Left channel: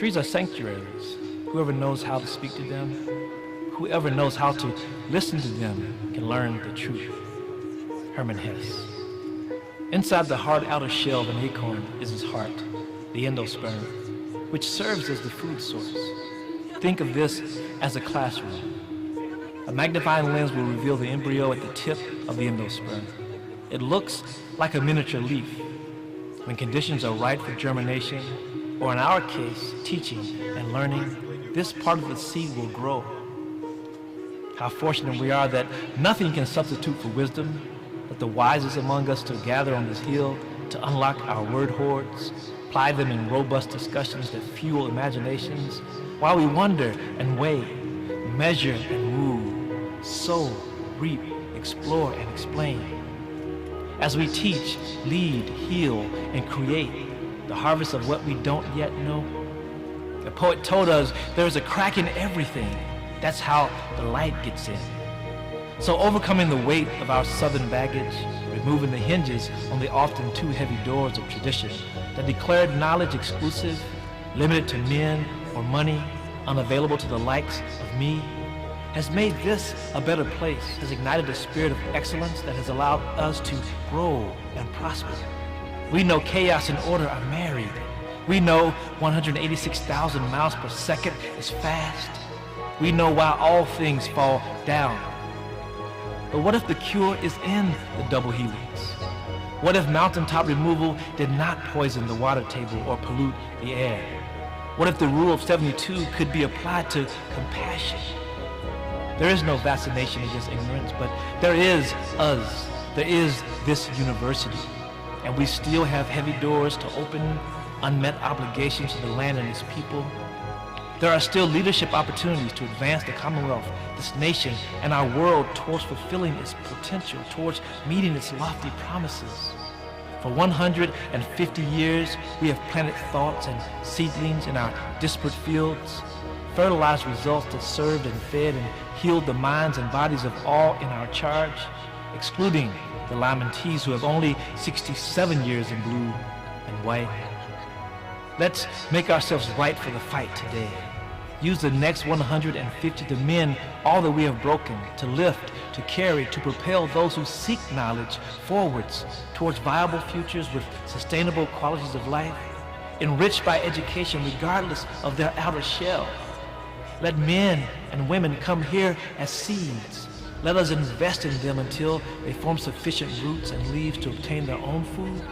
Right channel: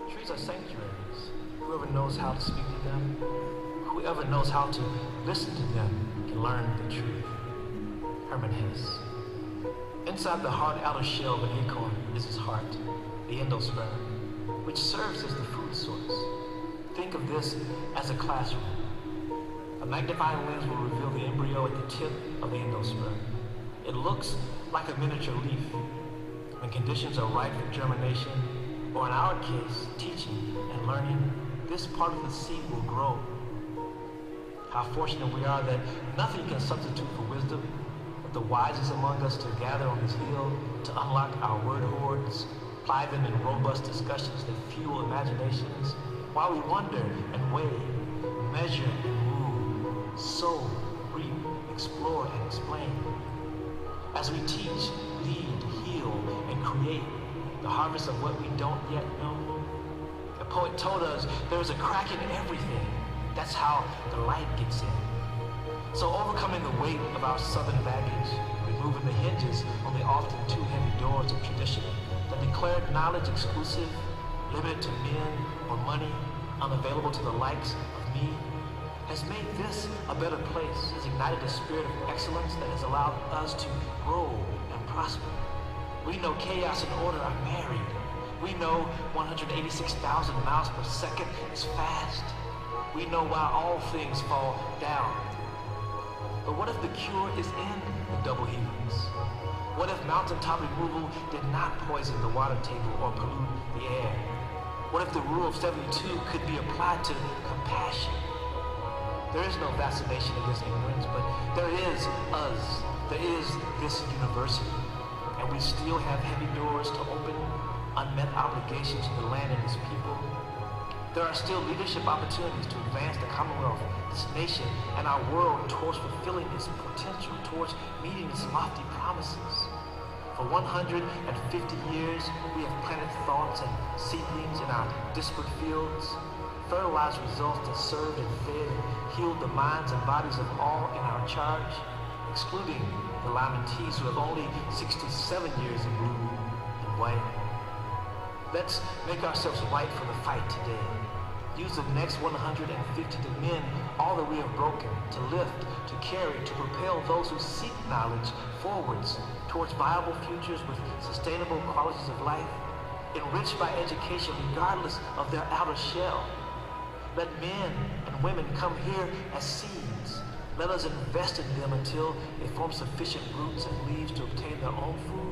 Trees are sanctuaries. Whoever knows how to speak to them, whoever knows how to listen to them can learn the truth. Herman Hesse. Inside the hard outer shell of the acorn is his heart, the endosperm, which serves as the food source. Think of this as a classroom. A magnifying lens will reveal the embryo at the tip of the endosperm. It looks like a miniature leaf. When conditions are right for germination, or in our case, teaching and learning, this part of the seed will grow. How fortunate we are that nothing can substitute for wisdom, but the wisest among us to gather on this hill to unlock our word hoards, apply them in robust discussions that fuel imaginations, while we wonder and weigh, measure and move, sow, reap, explore, and explain. As we teach, lead, heal, and create the harvest of what we don't yet know. The poet told us there is a crack in everything. That's how the light gets in. So overcoming the weight of our southern baggage, removing the hinges on the often too heavy doors of tradition that declared knowledge exclusive, limited to men or money, unavailable to the likes of me, has made this a better place, has ignited a spirit of excellence that has allowed us to grow and prosper. We know chaos and order are married. We know 186,000 miles per second is fast. We know why all things fall down. But what if the cure is in the double helix? What if mountaintop removal did not poison the water table or pollute the air? What if the rule of 72 could be applied to compassion? There is no vaccination against ignorance, but there is us. There is this university. And we still have heavy doors to open, unmet obligations to the land and its people. There are still leadership opportunities to advance the Commonwealth, this nation, and our world towards fulfilling its potential, towards meeting its lofty promises. For 150 years, we have planted thoughts and seedlings in our disparate fields, fertilized results that served and fed and healed the minds and bodies of all in our charge, excluding the Lamentees who have only 67 years in blue and white. Let's make ourselves right for the fight today. Use the next 150 to mend all that we have broken, to lift, to carry, to propel those who seek knowledge forwards towards viable futures with sustainable qualities of life, enriched by education regardless of their outer shell. Let men and women come here as seeds. Let us invest in them until they form sufficient roots and leaves to obtain their own food.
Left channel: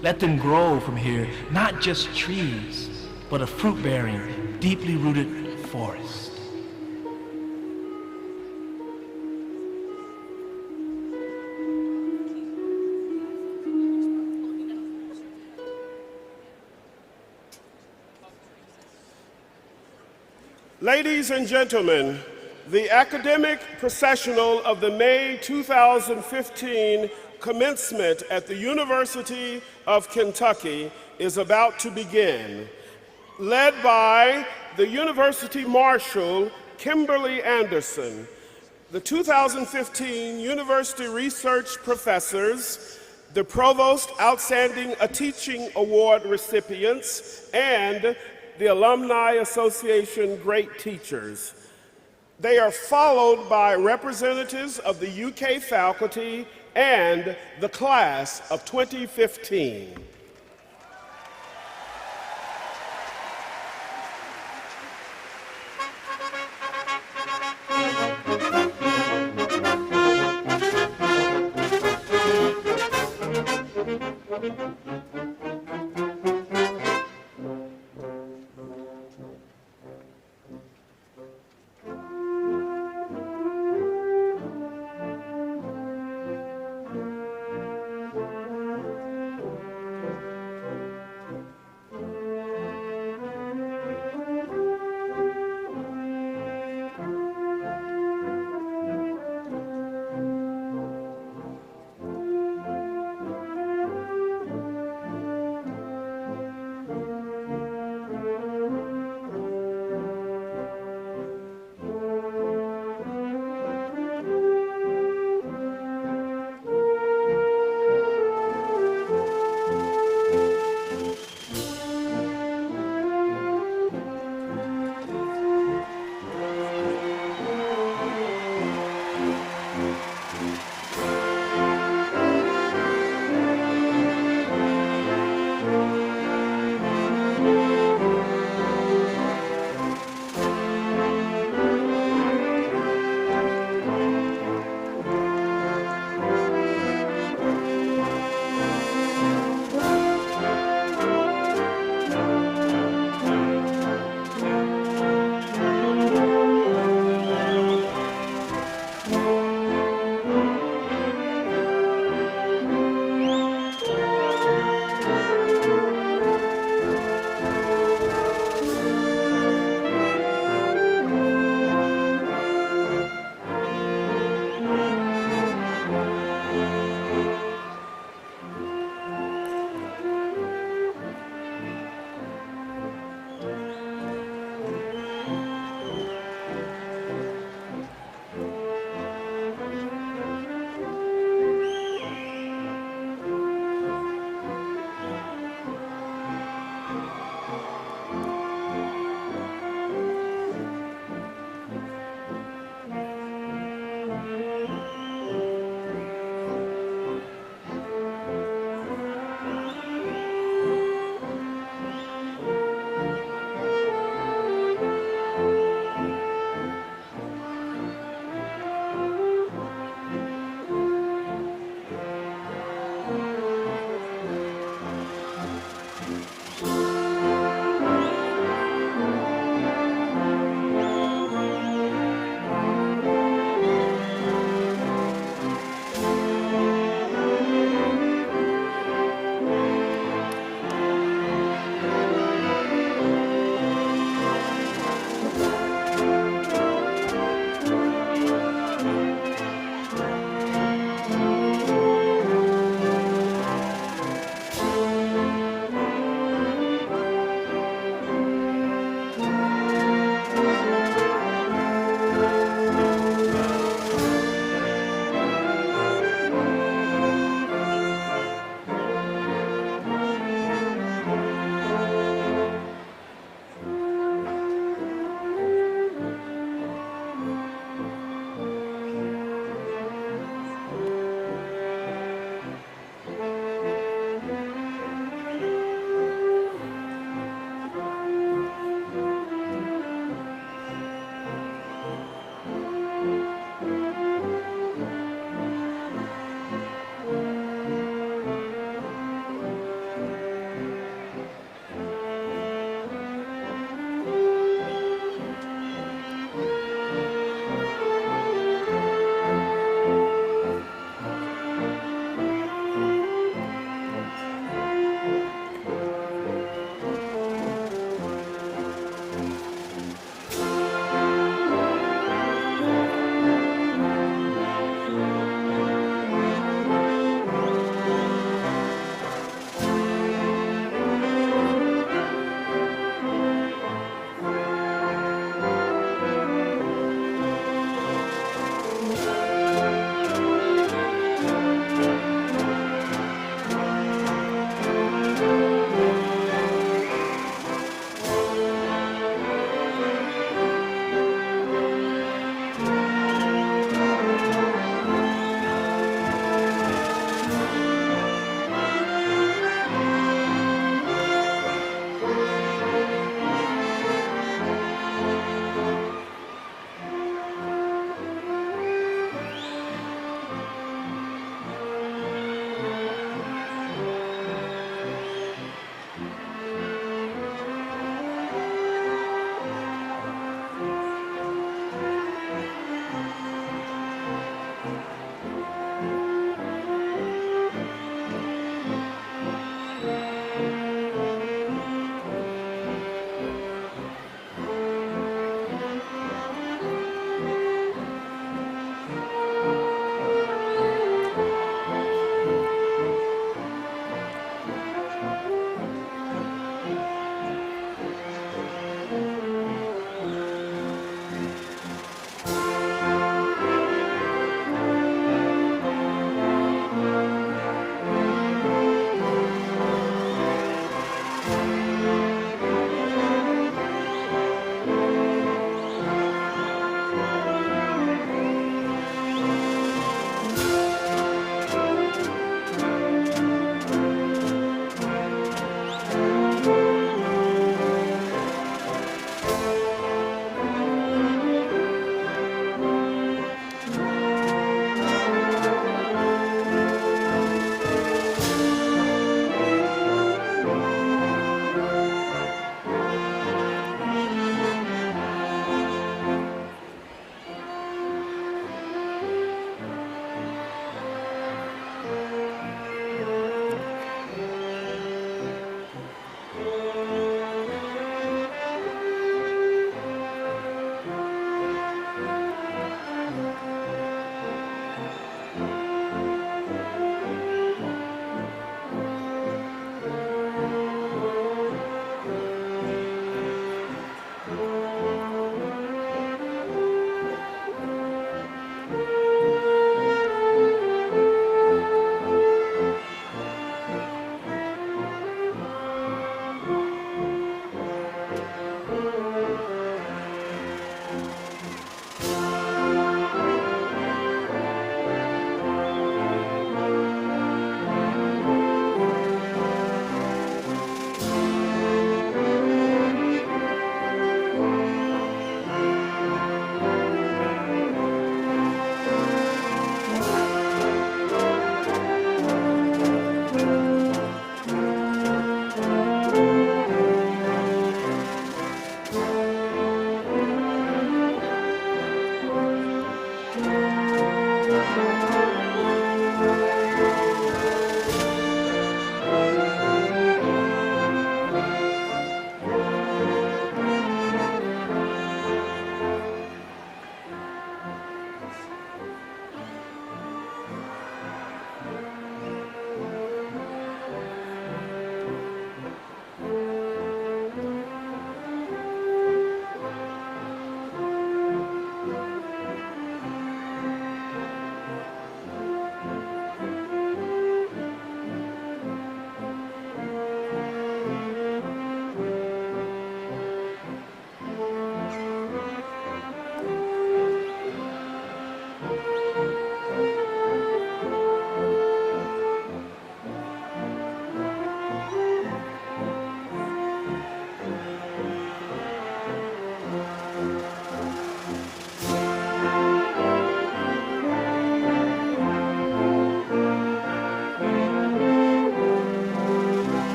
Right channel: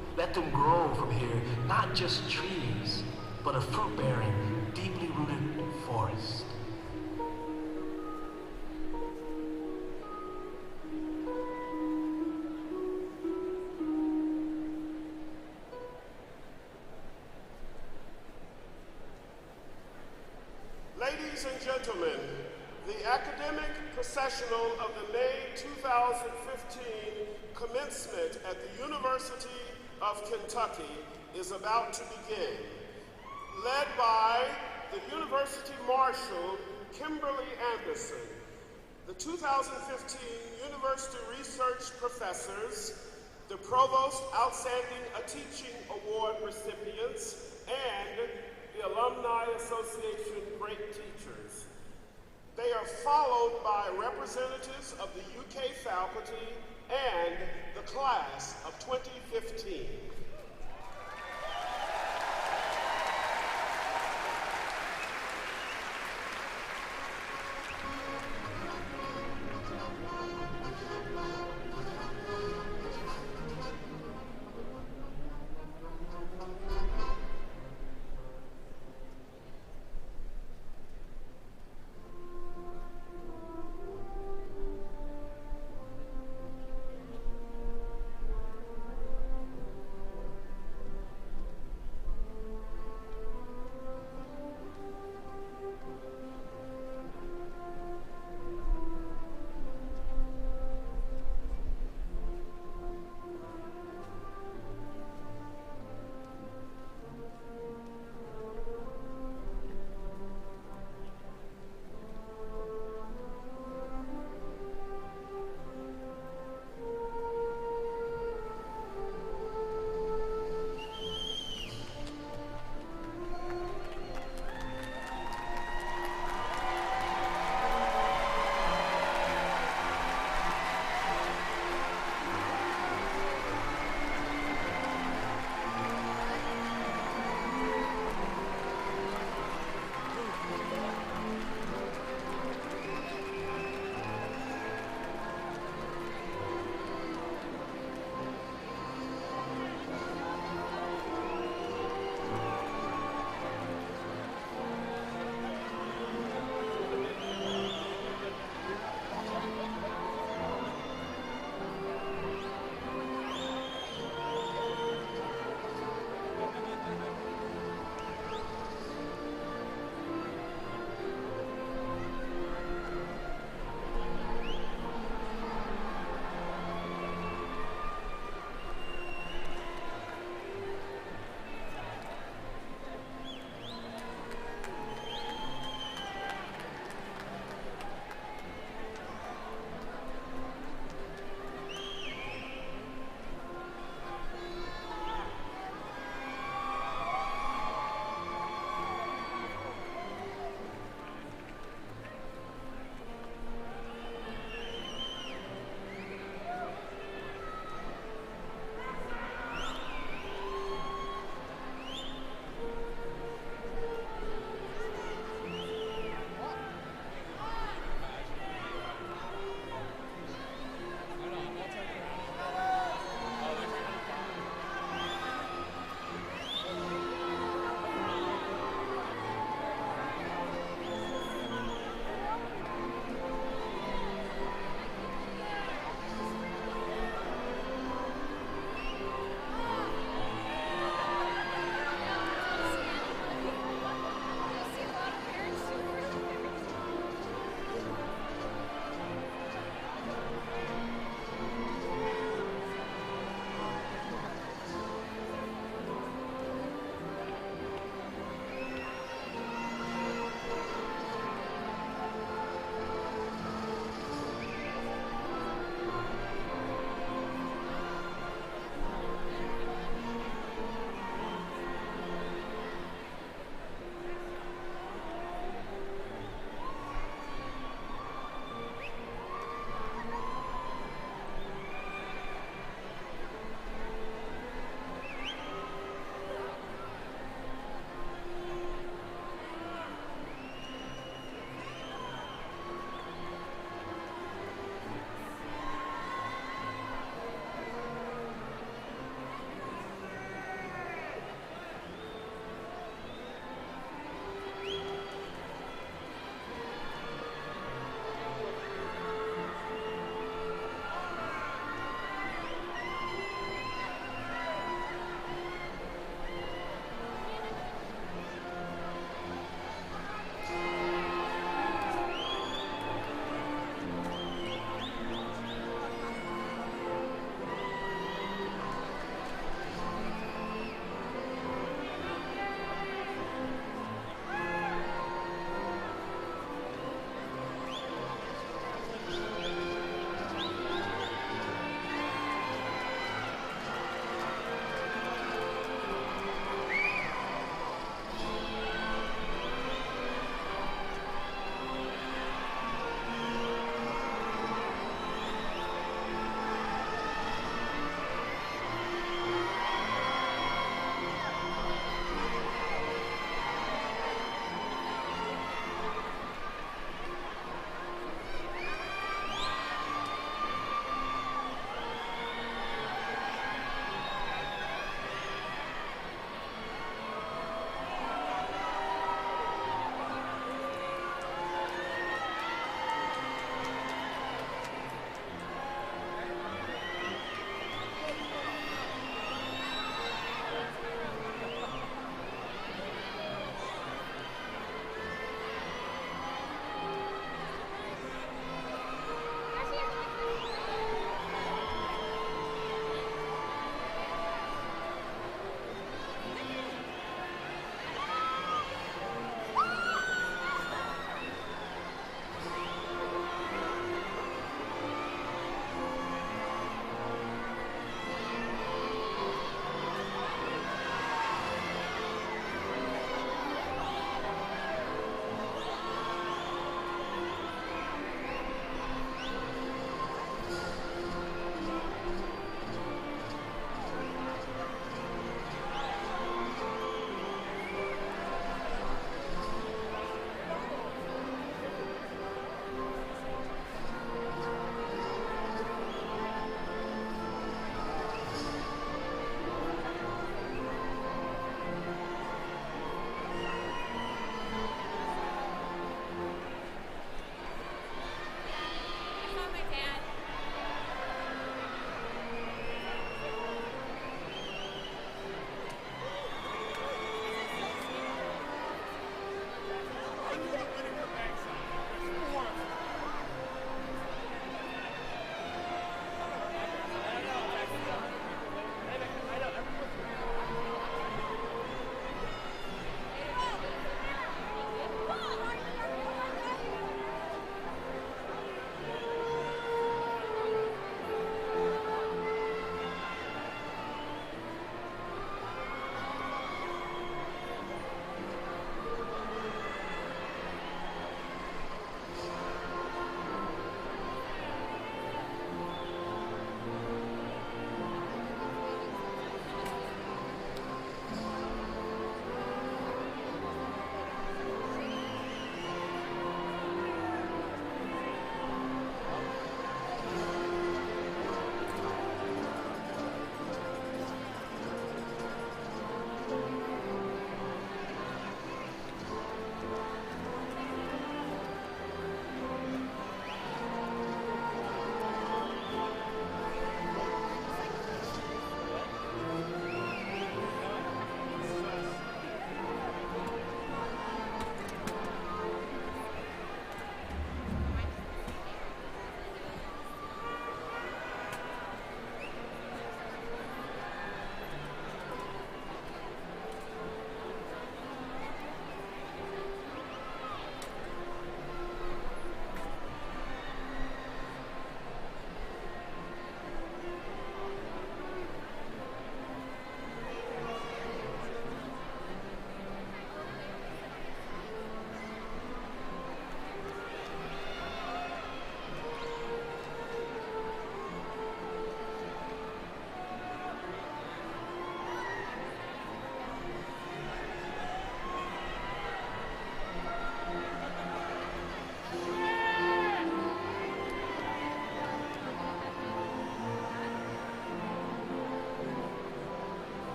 Let them grow from here, not just trees, but a fruit-bearing, deeply rooted forest. Ladies and gentlemen, the academic processional of the May 2015 commencement at the University of Kentucky is about to begin. Led by the University Marshal, Kimberly Anderson, the 2015 University Research Professors, the Provost Outstanding Teaching Award recipients, and the Alumni Association Great Teachers. They are followed by representatives of the UK faculty and the class of 2015.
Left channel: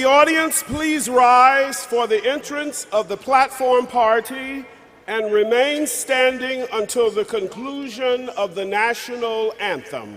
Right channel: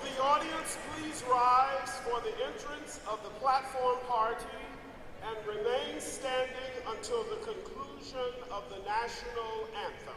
the audience please rise for the entrance of the platform party and remain standing until the conclusion of the national anthem.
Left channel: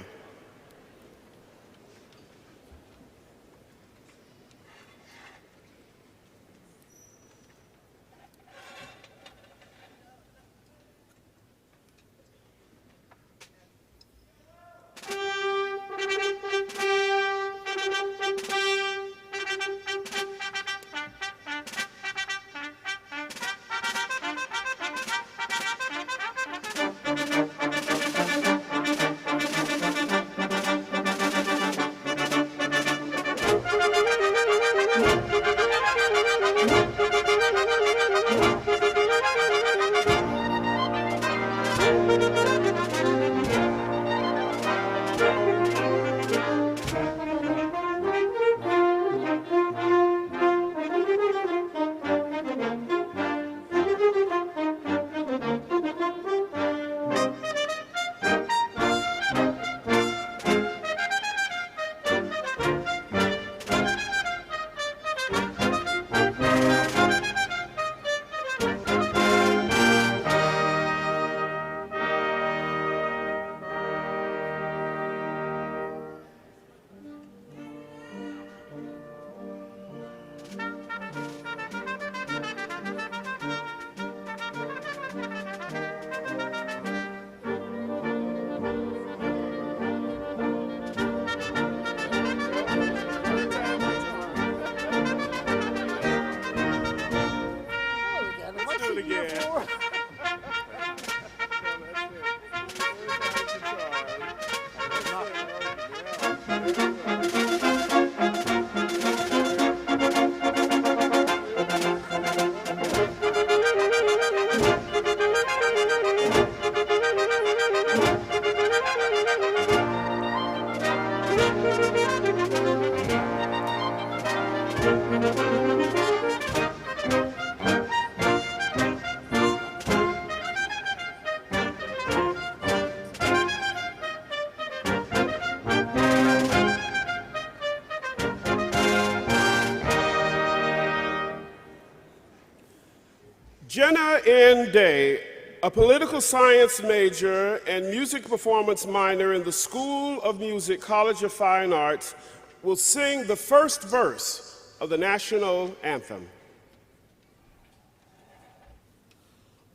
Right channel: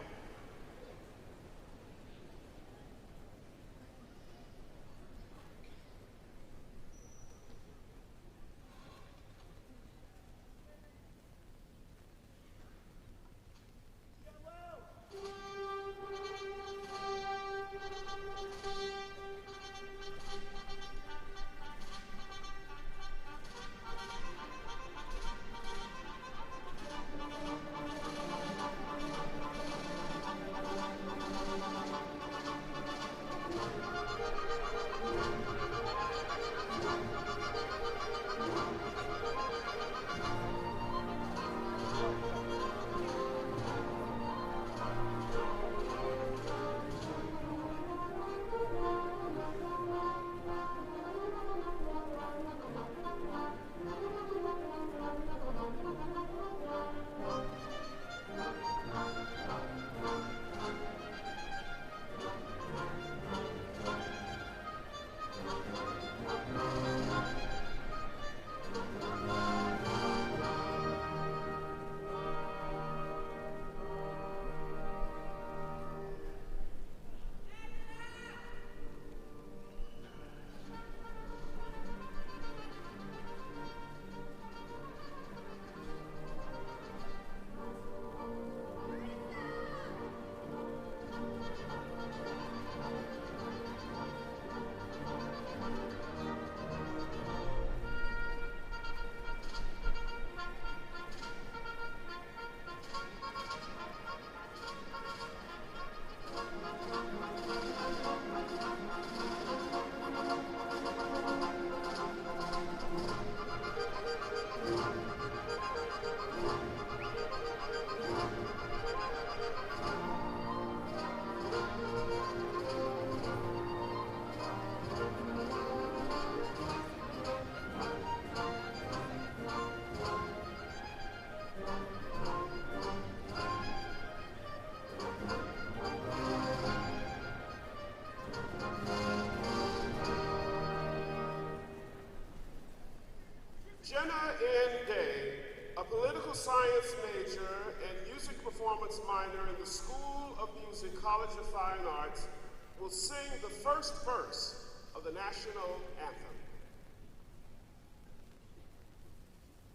Jenna N. Day, a political science major and music performance minor in the School of Music, College of Fine Arts, will sing the first verse of the national anthem.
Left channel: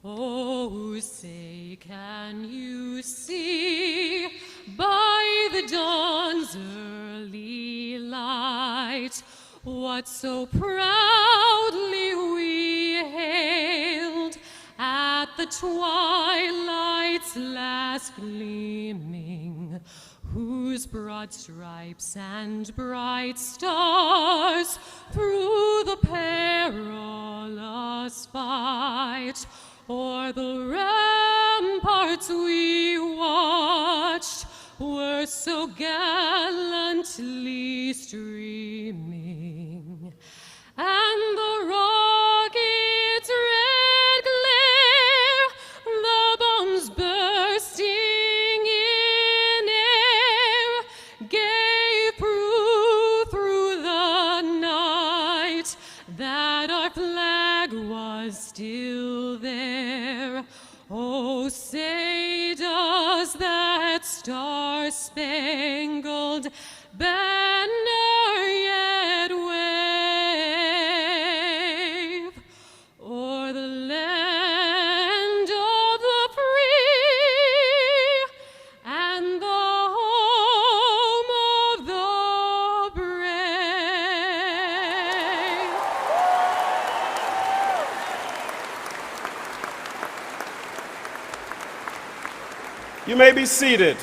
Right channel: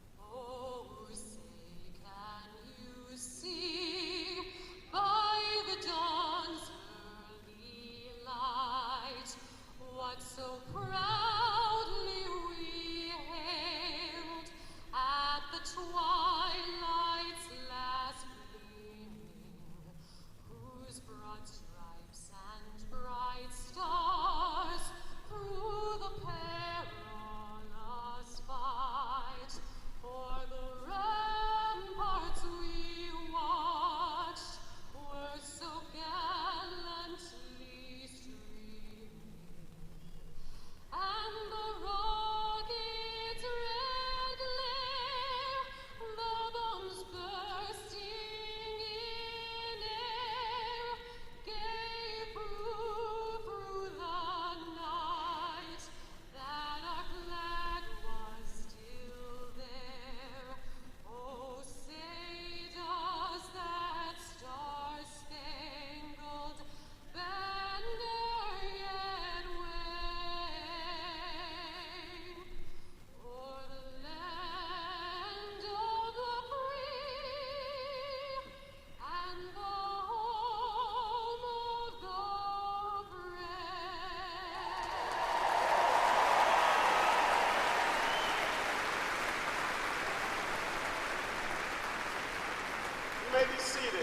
Oh, say, can you see by the dawn's early light what so proudly we hailed at the twilight's last gleaming, whose broad stripes and bright stars through the perilous fight o'er the ramparts we watched were so gallantly streaming, and the rocket's red glare, the bombs bursting in air, gave proof through the night that our flag was still there. Oh, say does that star-spangled banner yet wave o'er the land of the free and the home of the brave? You may be seated.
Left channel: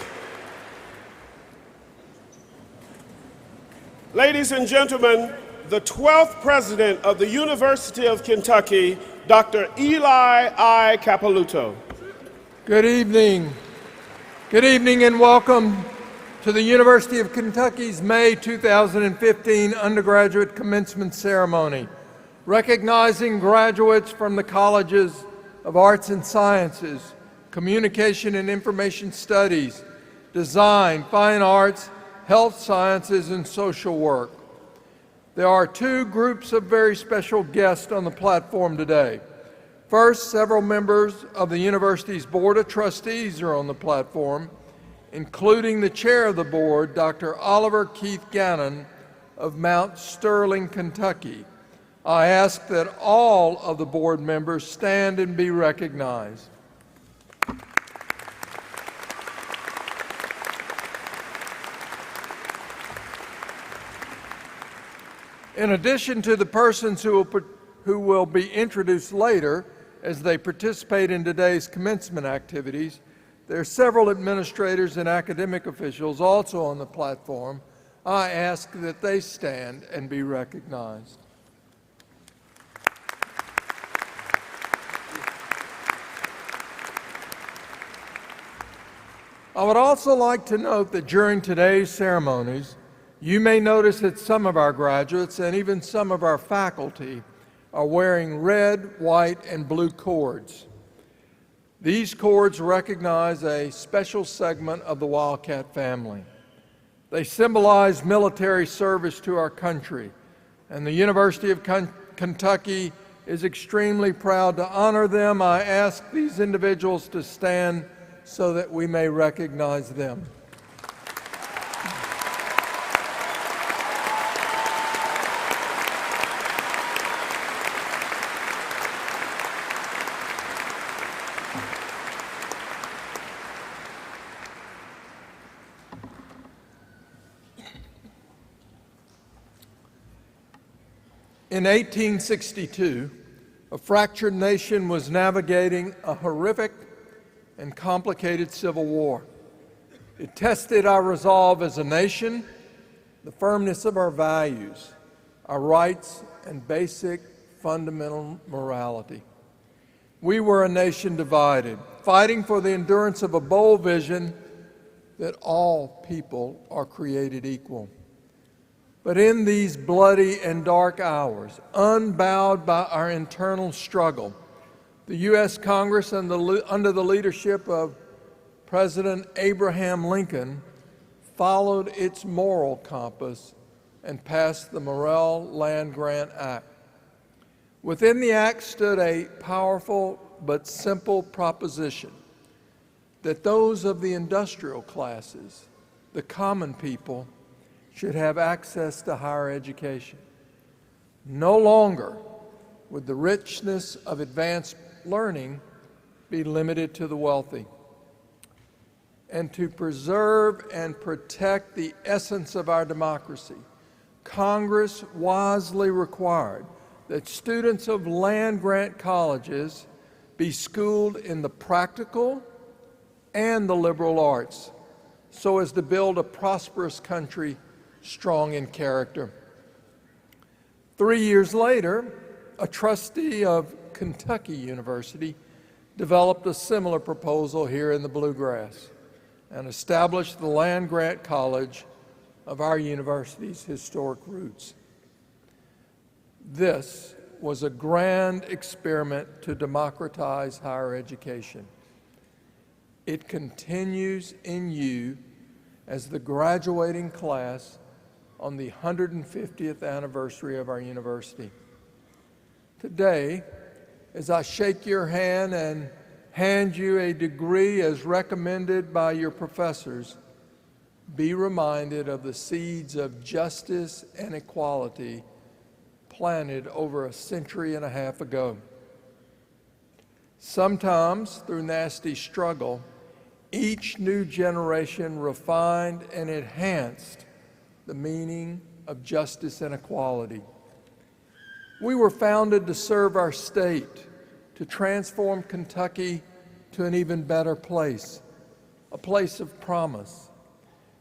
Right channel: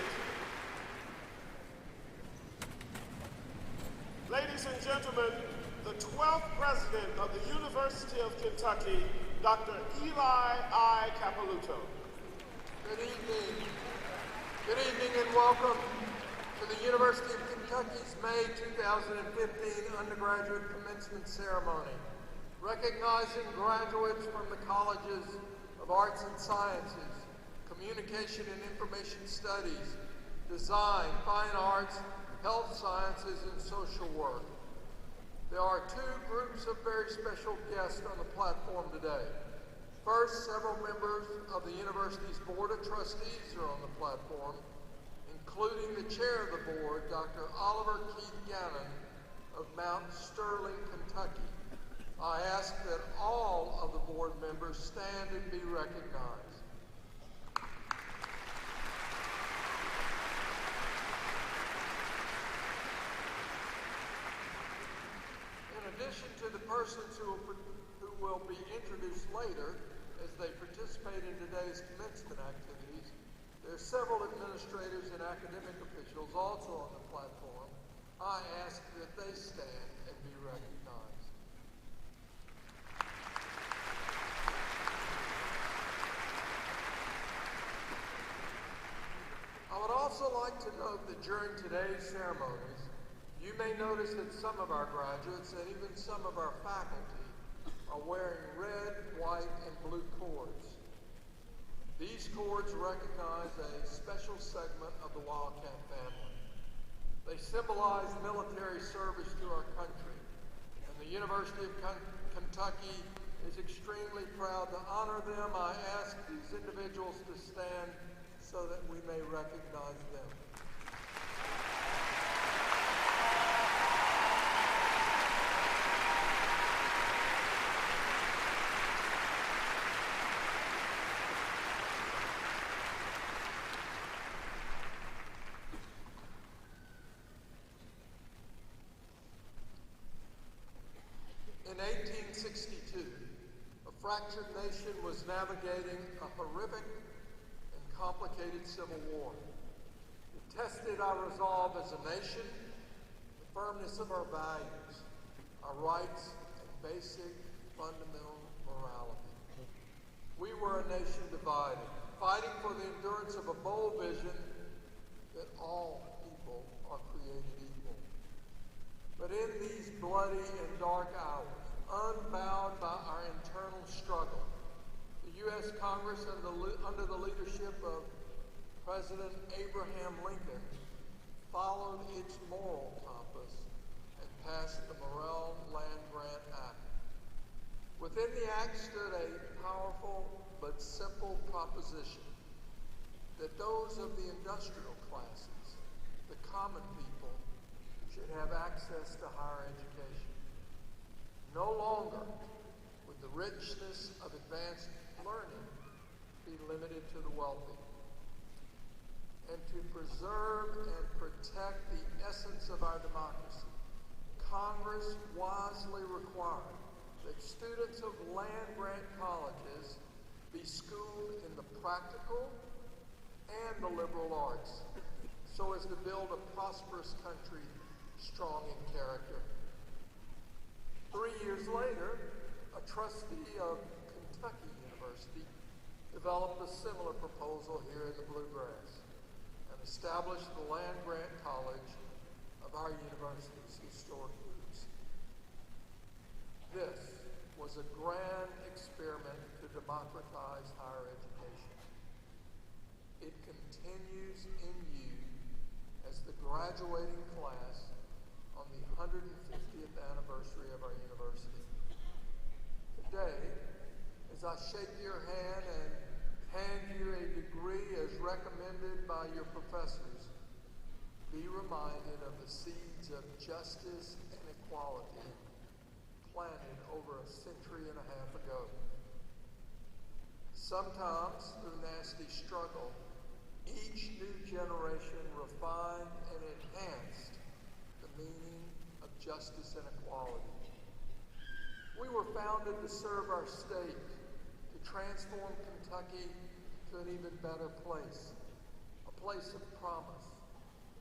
Ladies and gentlemen, the 12th president of the University of Kentucky, Dr. Eli I. Capilouto. Good evening. Good evening and welcome to the University of Kentucky's May 2015 Undergraduate Commencement Ceremony, recognizing graduates from the colleges of Arts and Sciences, Communication and Information Studies, Design, Fine Arts, Health Sciences, and Social Work. There are two groups of very special guests on the platform today. First, several members of the university's Board of Trustees are on the platform, including the chair of the board, Dr. Oliver Keith Gannon of Mount Sterling, Kentucky. I ask that all of the board members stand and be recognized. In addition to the persons who will be introduced later as they participate in today's commencement activities, there are several administrators and academic officials also on the platform. I ask that they stand and be recognized. I would also like to note that during today's ceremonies, you may notice that some of our graduates and even some of our faculty are wearing red, white, and blue cords. These cords recognize a special segment of the Wildcat family. They symbolize military service to our country, and the University of Kentucky is extremely proud to honor them. I ask these individuals to stand so that we may recognize them. In 1862, a fractured nation was navigating a horrific and complicated civil war. It tested our resolve as a nation, the firmness of our values, our rights, and basic fundamental morality. We were a nation divided, fighting for the endurance of a bold vision that all people are created equal. But in these bloody and dark hours, unbowed by our internal struggle, the U.S. Congress, under the leadership of President Abraham Lincoln, followed its moral compass and passed the Morrill Land Grant Act. Within the act stood a powerful but simple proposition that those of the industrial classes, the common people, should have access to higher education. No longer would the richness of advanced learning be limited to the wealthy. And to preserve and protect the essence of our democracy, Congress wisely required that students of land-grant colleges be schooled in the practical and the liberal arts so as to build a prosperous country strong in character. 3 years later, a trustee of Kentucky University developed a similar proposal here in the Bluegrass and established the land-grant college of our university's historic roots. This was a grand experiment to democratize higher education. It continues in you as the graduating class on the 150th anniversary of our university. Today, as I shake your hand and hand you a degree as recommended by your professors, be reminded of the seeds of justice and equality planted over a century and a half ago. Sometimes, through nasty struggle, each new generation refined and enhanced the meaning of justice and equality. We were founded to serve our state, to transform Kentucky to an even better place, a place of promise.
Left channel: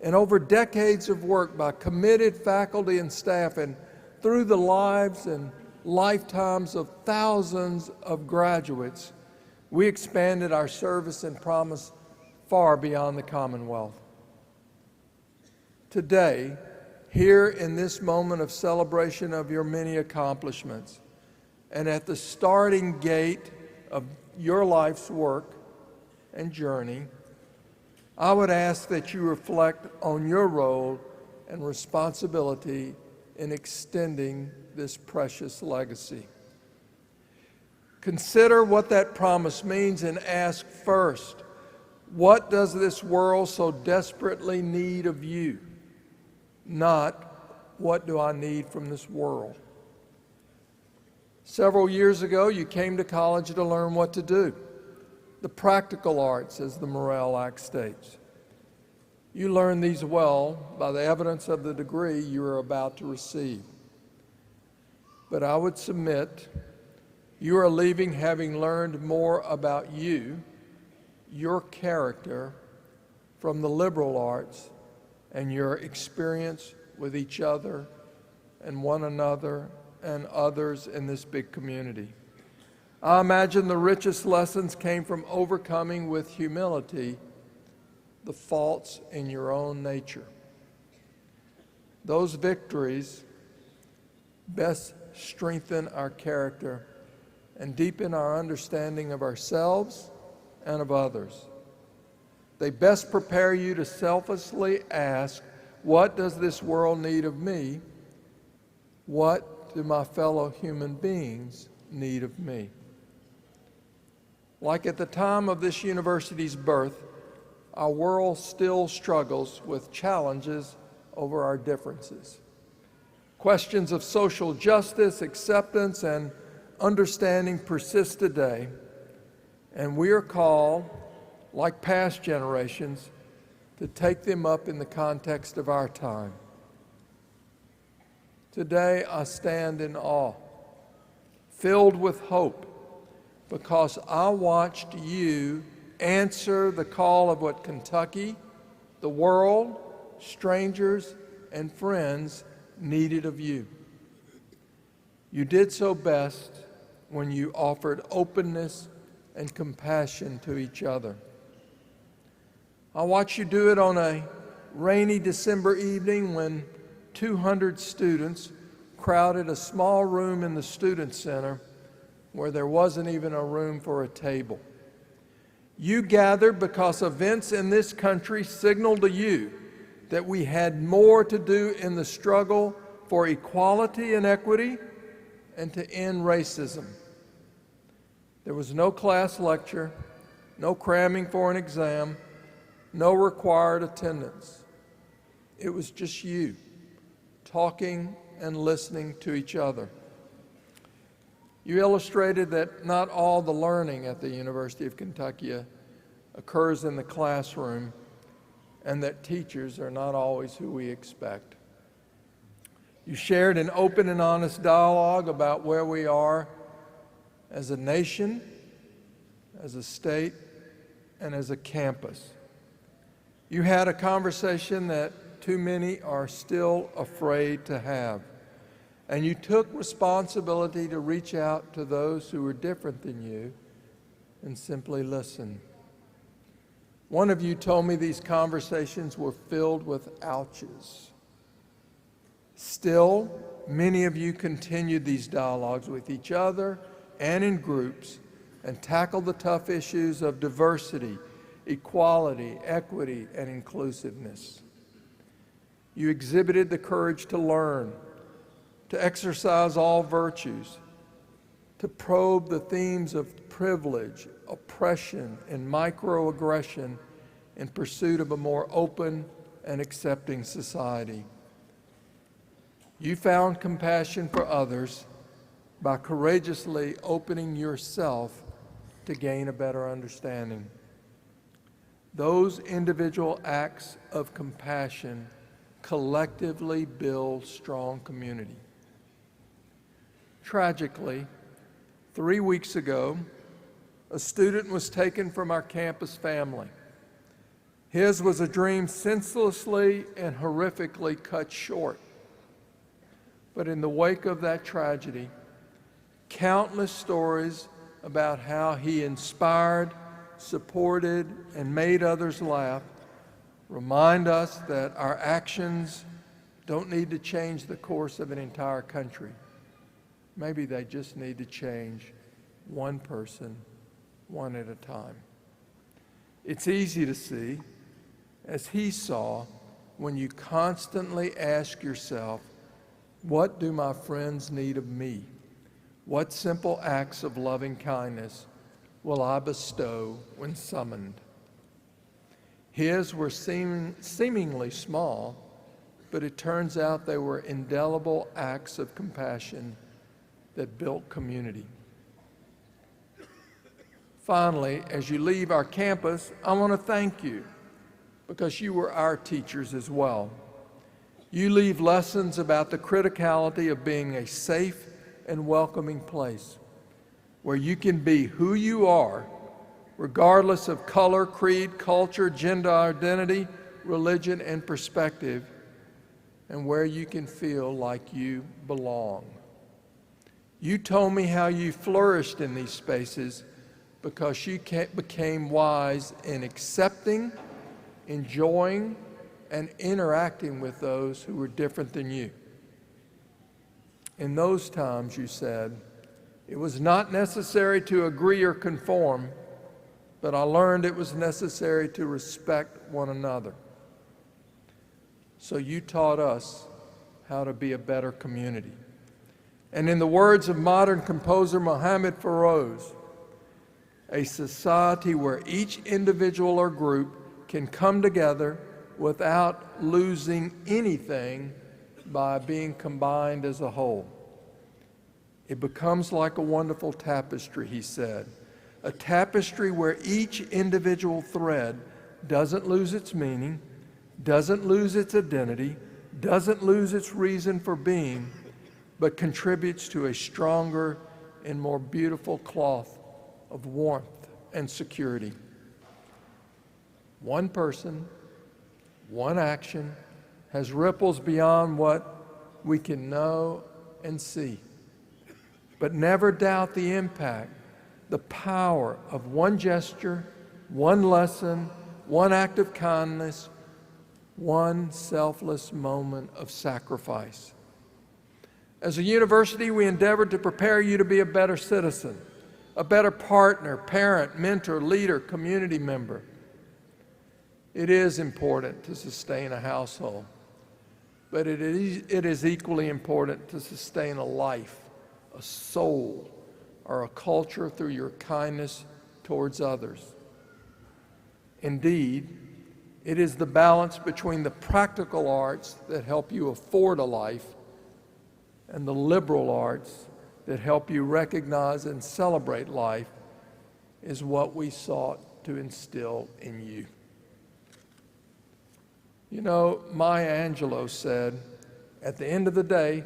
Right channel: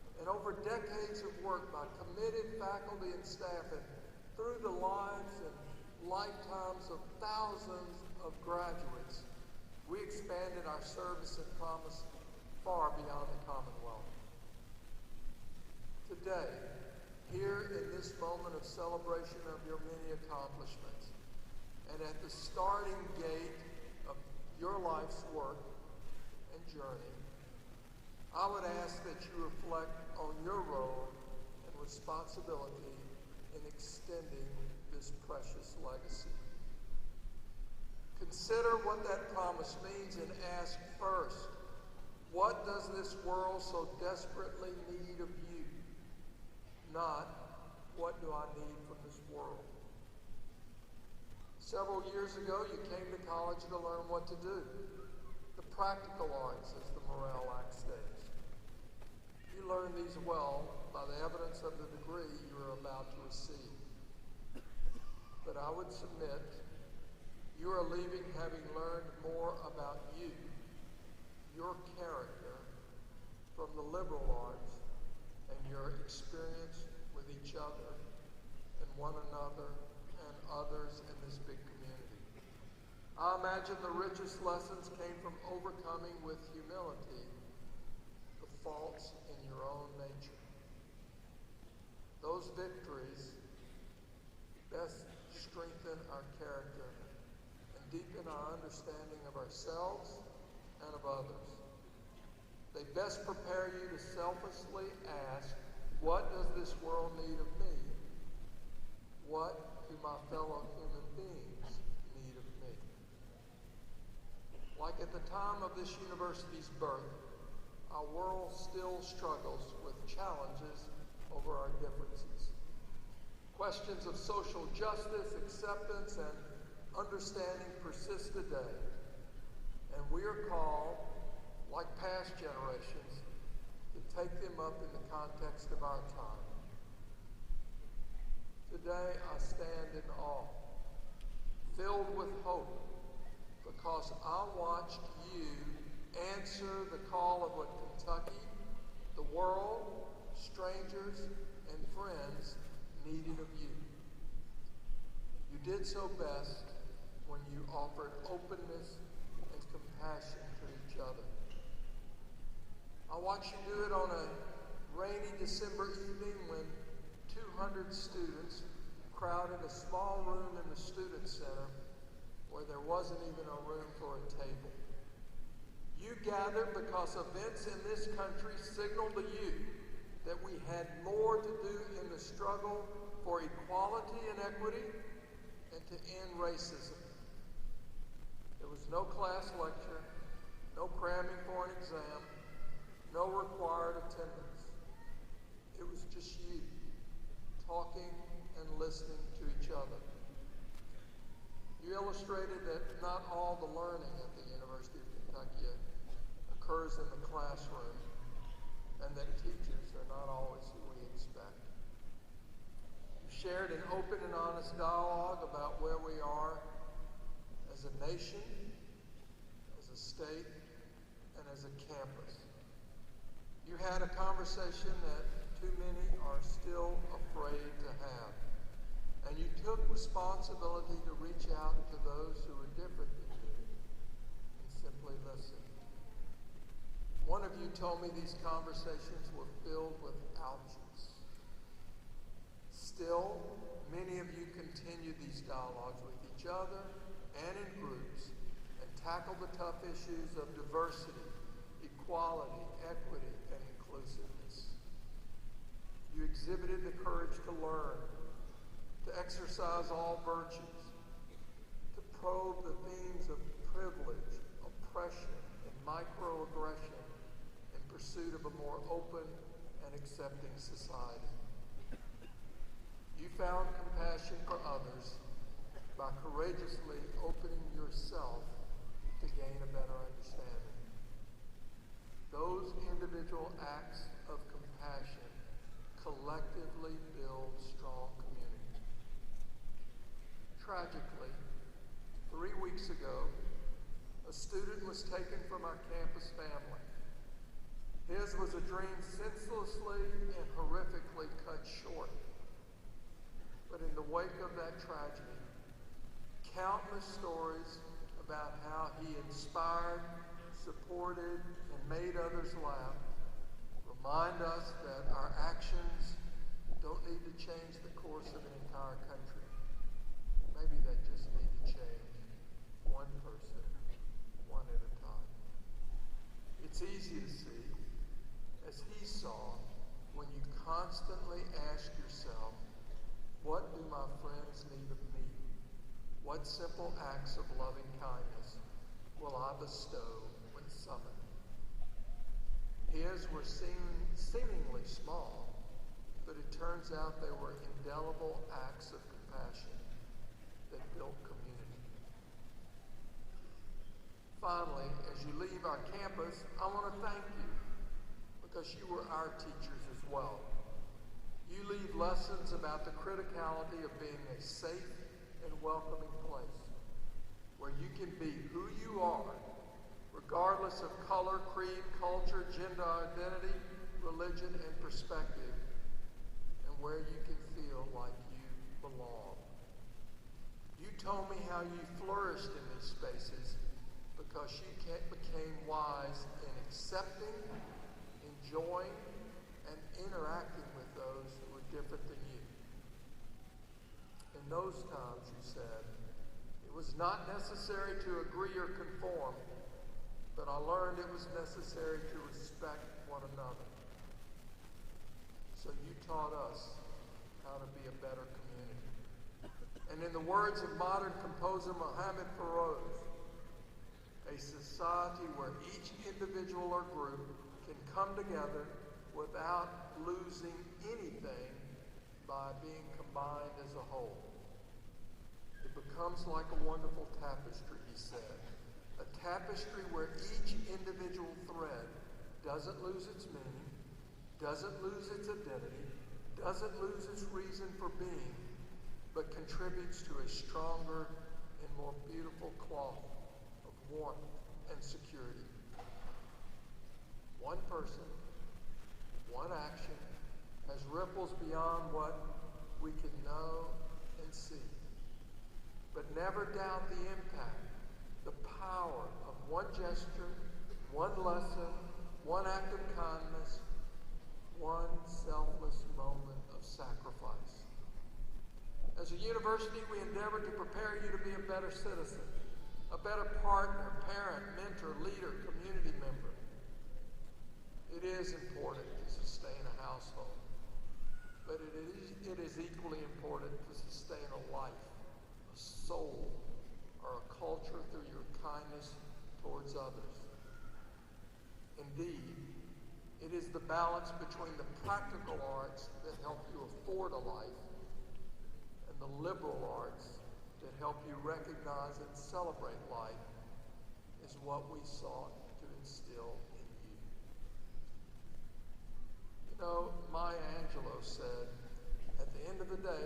And over decades of work by committed faculty and staff, and through the lives and lifetimes of thousands of graduates, we expanded our service and promise far beyond the Commonwealth. Today, here in this moment of celebration of your many accomplishments, and at the starting gate of your life's work and journey, I would ask that you reflect on your role and responsibility in extending this precious legacy. Consider what that promise means and ask first, what does this world so desperately need of you? Not, what do I need from this world? Several years ago, you came to college to learn what to do. The practical arts, as the Morale Act states. You learn these well by the evidence of the degree you are about to receive. But I would submit you are leaving having learned more about you, your character, from the liberal arts and your experience with each other and one another and others in this big community. I imagine the richest lessons came from overcoming with humility the faults in your own nature. Those victories best strengthen our character and deepen our understanding of ourselves and of others. They best prepare you to selflessly ask, what does this world need of me? What do my fellow human beings need of me? Like at the time of this university's birth, our world still struggles with challenges over our differences. Questions of social justice, acceptance, and understanding persist today, and we are called, like past generations, to take them up in the context of our time. Today, I stand in awe, filled with hope, because I watched you answer the call of what Kentucky, the world, strangers, and friends needed of you. You did so best when you offered openness and compassion to each other. I watched you do it on a rainy December evening when 200 students crowded a small room in the Student Center where there wasn't even a room for a table. You gathered because events in this country signaled to you that we had more to do in the struggle for equality and equity and to end racism. There was no class lecture, no cramming for an exam, no required attendance. It was just you, talking and listening to each other. You illustrated that not all the learning at the University of Kentucky occurs in the classroom, and that teachers are not always who we expect. You shared an open and honest dialogue about where we are as a nation, as a state, and as a campus. You had a conversation that too many are still afraid to have. And you took responsibility to reach out to those who were different than you and simply listen. One of you told me these conversations were filled with ouches. Still, many of you continued these dialogues with each other and in groups and tackled the tough issues of diversity, equality, equity, and inclusiveness. You exhibited the courage to learn, to exercise all virtues, to probe the themes of privilege, oppression, and microaggression in pursuit of a more open and accepting society. You found compassion for others by courageously opening yourself to gain a better understanding. Those individual acts of compassion collectively build strong community. Tragically, 3 weeks ago, a student was taken from our campus family. His was a dream senselessly and horrifically cut short. But in the wake of that tragedy, countless stories about how he inspired, supported, and made others laugh remind us that our actions don't need to change the course of an entire country. Maybe they just need to change one person, one at a time. It's easy to see, as he saw, when you constantly ask yourself, What do my friends need of me? What simple acts of loving kindness will I bestow when summoned? His were seemingly small, but it turns out they were indelible acts of compassion that built community. Finally, as you leave our campus, I want to thank you because you were our teachers as well. You leave lessons about the criticality of being a safe and welcoming place where you can be who you are, regardless of color, creed, culture, gender identity, religion, and perspective, and where you can feel like you belong. You told me how you flourished in these spaces because you became wise in accepting, enjoying, and interacting with those who were different than you. In those times, you said, it was not necessary to agree or conform, but I learned it was necessary to respect one another. So you taught us how to be a better community. And in the words of modern composer Mohammed Feroz, a society where each individual or group can come together without losing anything by being combined as a whole. It becomes like a wonderful tapestry, he said, a tapestry where each individual thread doesn't lose its meaning, doesn't lose its identity, doesn't lose its reason for being, but contributes to a stronger and more beautiful cloth of warmth and security. One person, one action has ripples beyond what we can know and see. But never doubt the impact, the power of one gesture, one lesson, one act of kindness, one selfless moment of sacrifice. As a university, we endeavored to prepare you to be a better citizen, a better partner, parent, mentor, leader, community member. It is important to sustain a household, but it is equally important to sustain a life, a soul, or a culture through your kindness towards others. Indeed, it is the balance between the practical arts that help you afford a life and the liberal arts that help you recognize and celebrate life is what we sought to instill in you. You know, Maya Angelou said, at the end of the day,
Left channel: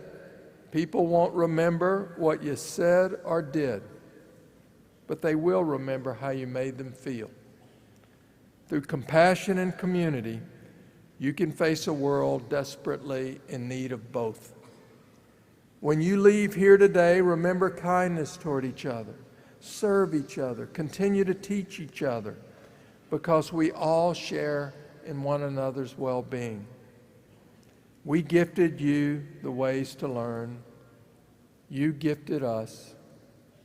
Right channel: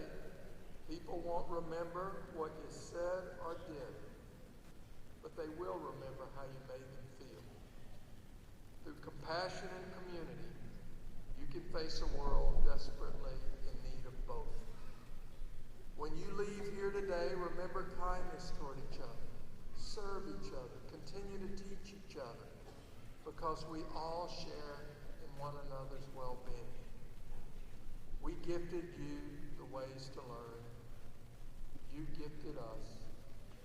people won't remember what you said or did, but they will remember how you made them feel. Through compassion and community, you can face a world desperately in need of both. When you leave here today, remember kindness toward each other, serve each other, continue to teach each other, because we all share in one another's well-being. We gifted you the ways to learn. You gifted us.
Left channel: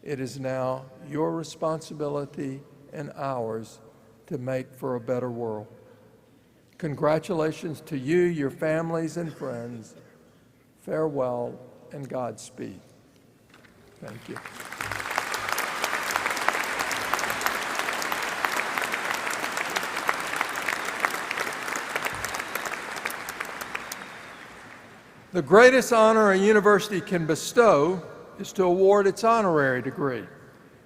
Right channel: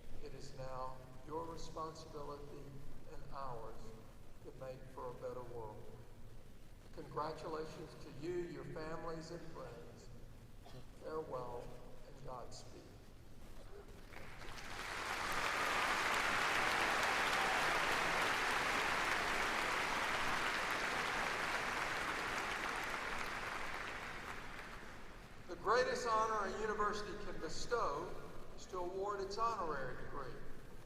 It is now your responsibility and ours to make for a better world. Congratulations to you, your families, and friends. Farewell and Godspeed. Thank you. The greatest honor a university can bestow is to award its honorary degree.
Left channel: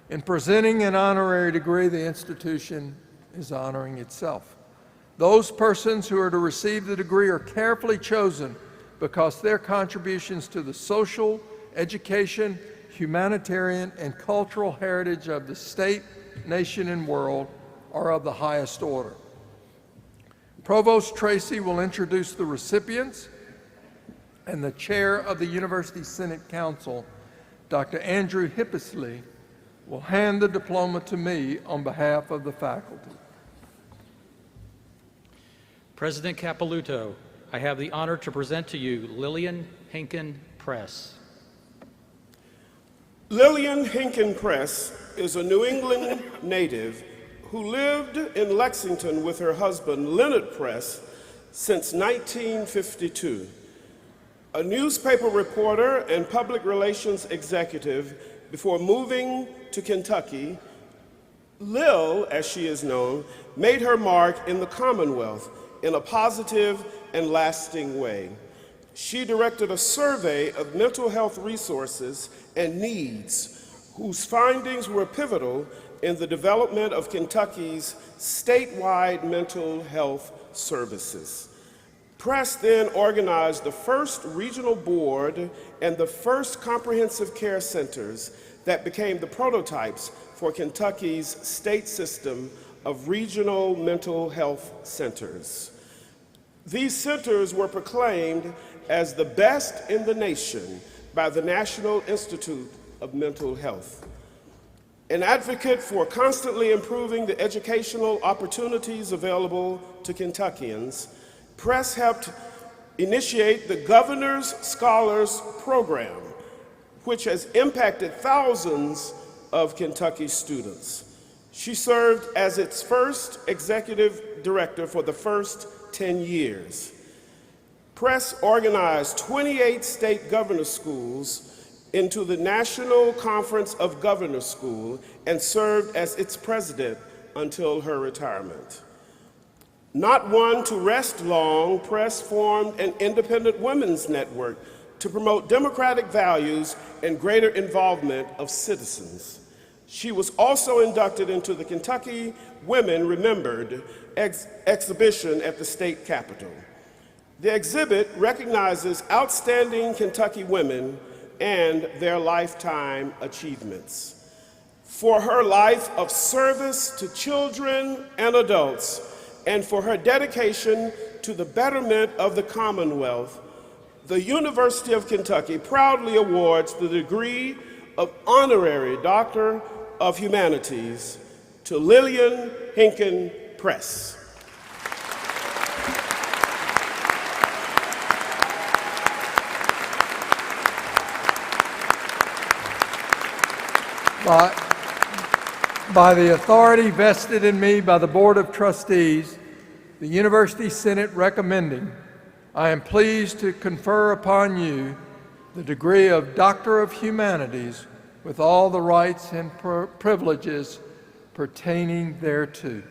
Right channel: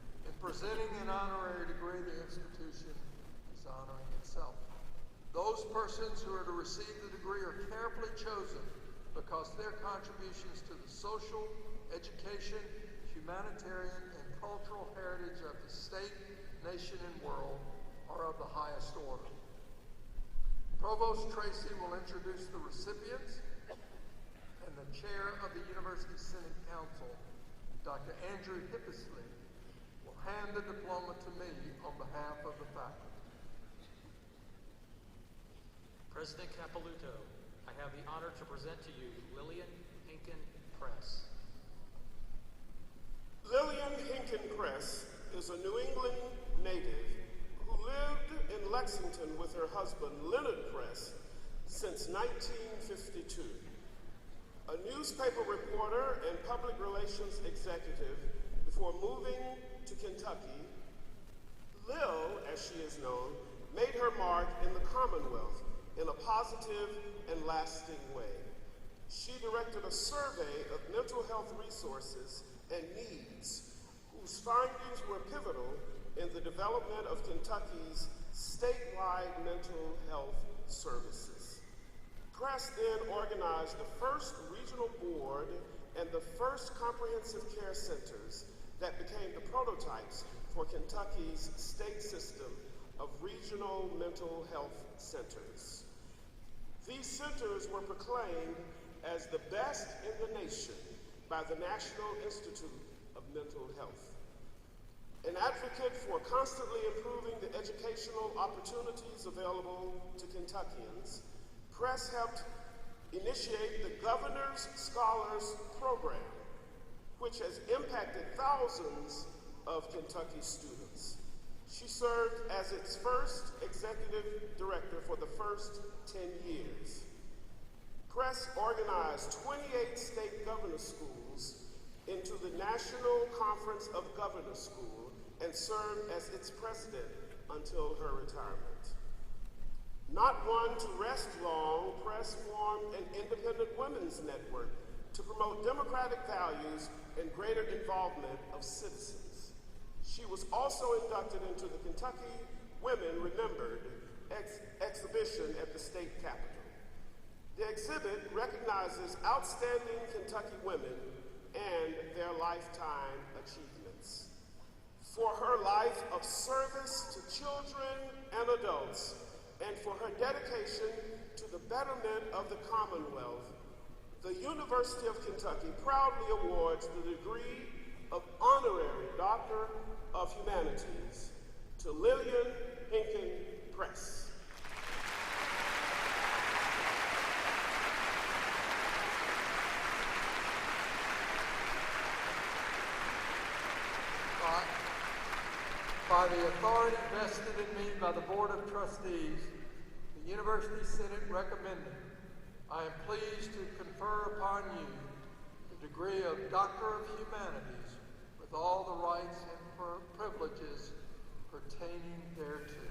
In presenting an honorary degree, the institution is honoring itself. Those persons who are to receive the degree are carefully chosen because their contributions to the social, education, humanitarian, and cultural heritage of the state, nation, and world are of the highest order. Provost Tracy will introduce the recipients, and the chair of the University Senate Council, Dr. Andrew Hippisley, will hand the diploma to me on behalf of the faculty. President Capilouto, I have the honor to present to you Lillian Hinken Press. Lillian Hinken Press is a New England native who lived in Lexington with her husband, Leonard Press, since 1952. A newspaper reporter and public relations executive before moving to Kentucky, Lil, as she is known, made her mark in the Commonwealth in a positive and lasting way. She directed a survey of mental health resources and needs, whose findings were pivotal in the development of Kentucky's statewide mental health services. Press then organized the first regional board and the first comprehensive care centers that became the prototypes for Kentucky's state system of regional mental health centers. These centers were proclaimed as the best in the nation by the National Institute of Mental Health. An advocate for constantly improving the educational opportunities available to Kentuckians, Press helped initiate the Governor's Scholars Program, which has impacted thousands of Kentucky students. She served as its first executive director for the first 10 years. Press organized 28 state governor schools into the National Conference of Governors School and served as its president until her retirement. Not one to rest long, Press formed an independent women's network to promote democratic values and greater involvement of citizens. She was also inducted into the Kentucky Women Remembered exhibition at the state capitol. The exhibit recognizes outstanding Kentucky women and their lifetime achievements. For her life of service to children and adults, and for her dedication to the betterment of the Commonwealth, the University of Kentucky proudly awards the degree of Honorary Doctor of Humanities to Lillian Hinken Press. By the authority vested in me by the Board of Trustees, the University Senate recommending, I am pleased to confer upon you the degree of Doctor of Humanities with all the rights and privileges pertaining thereto.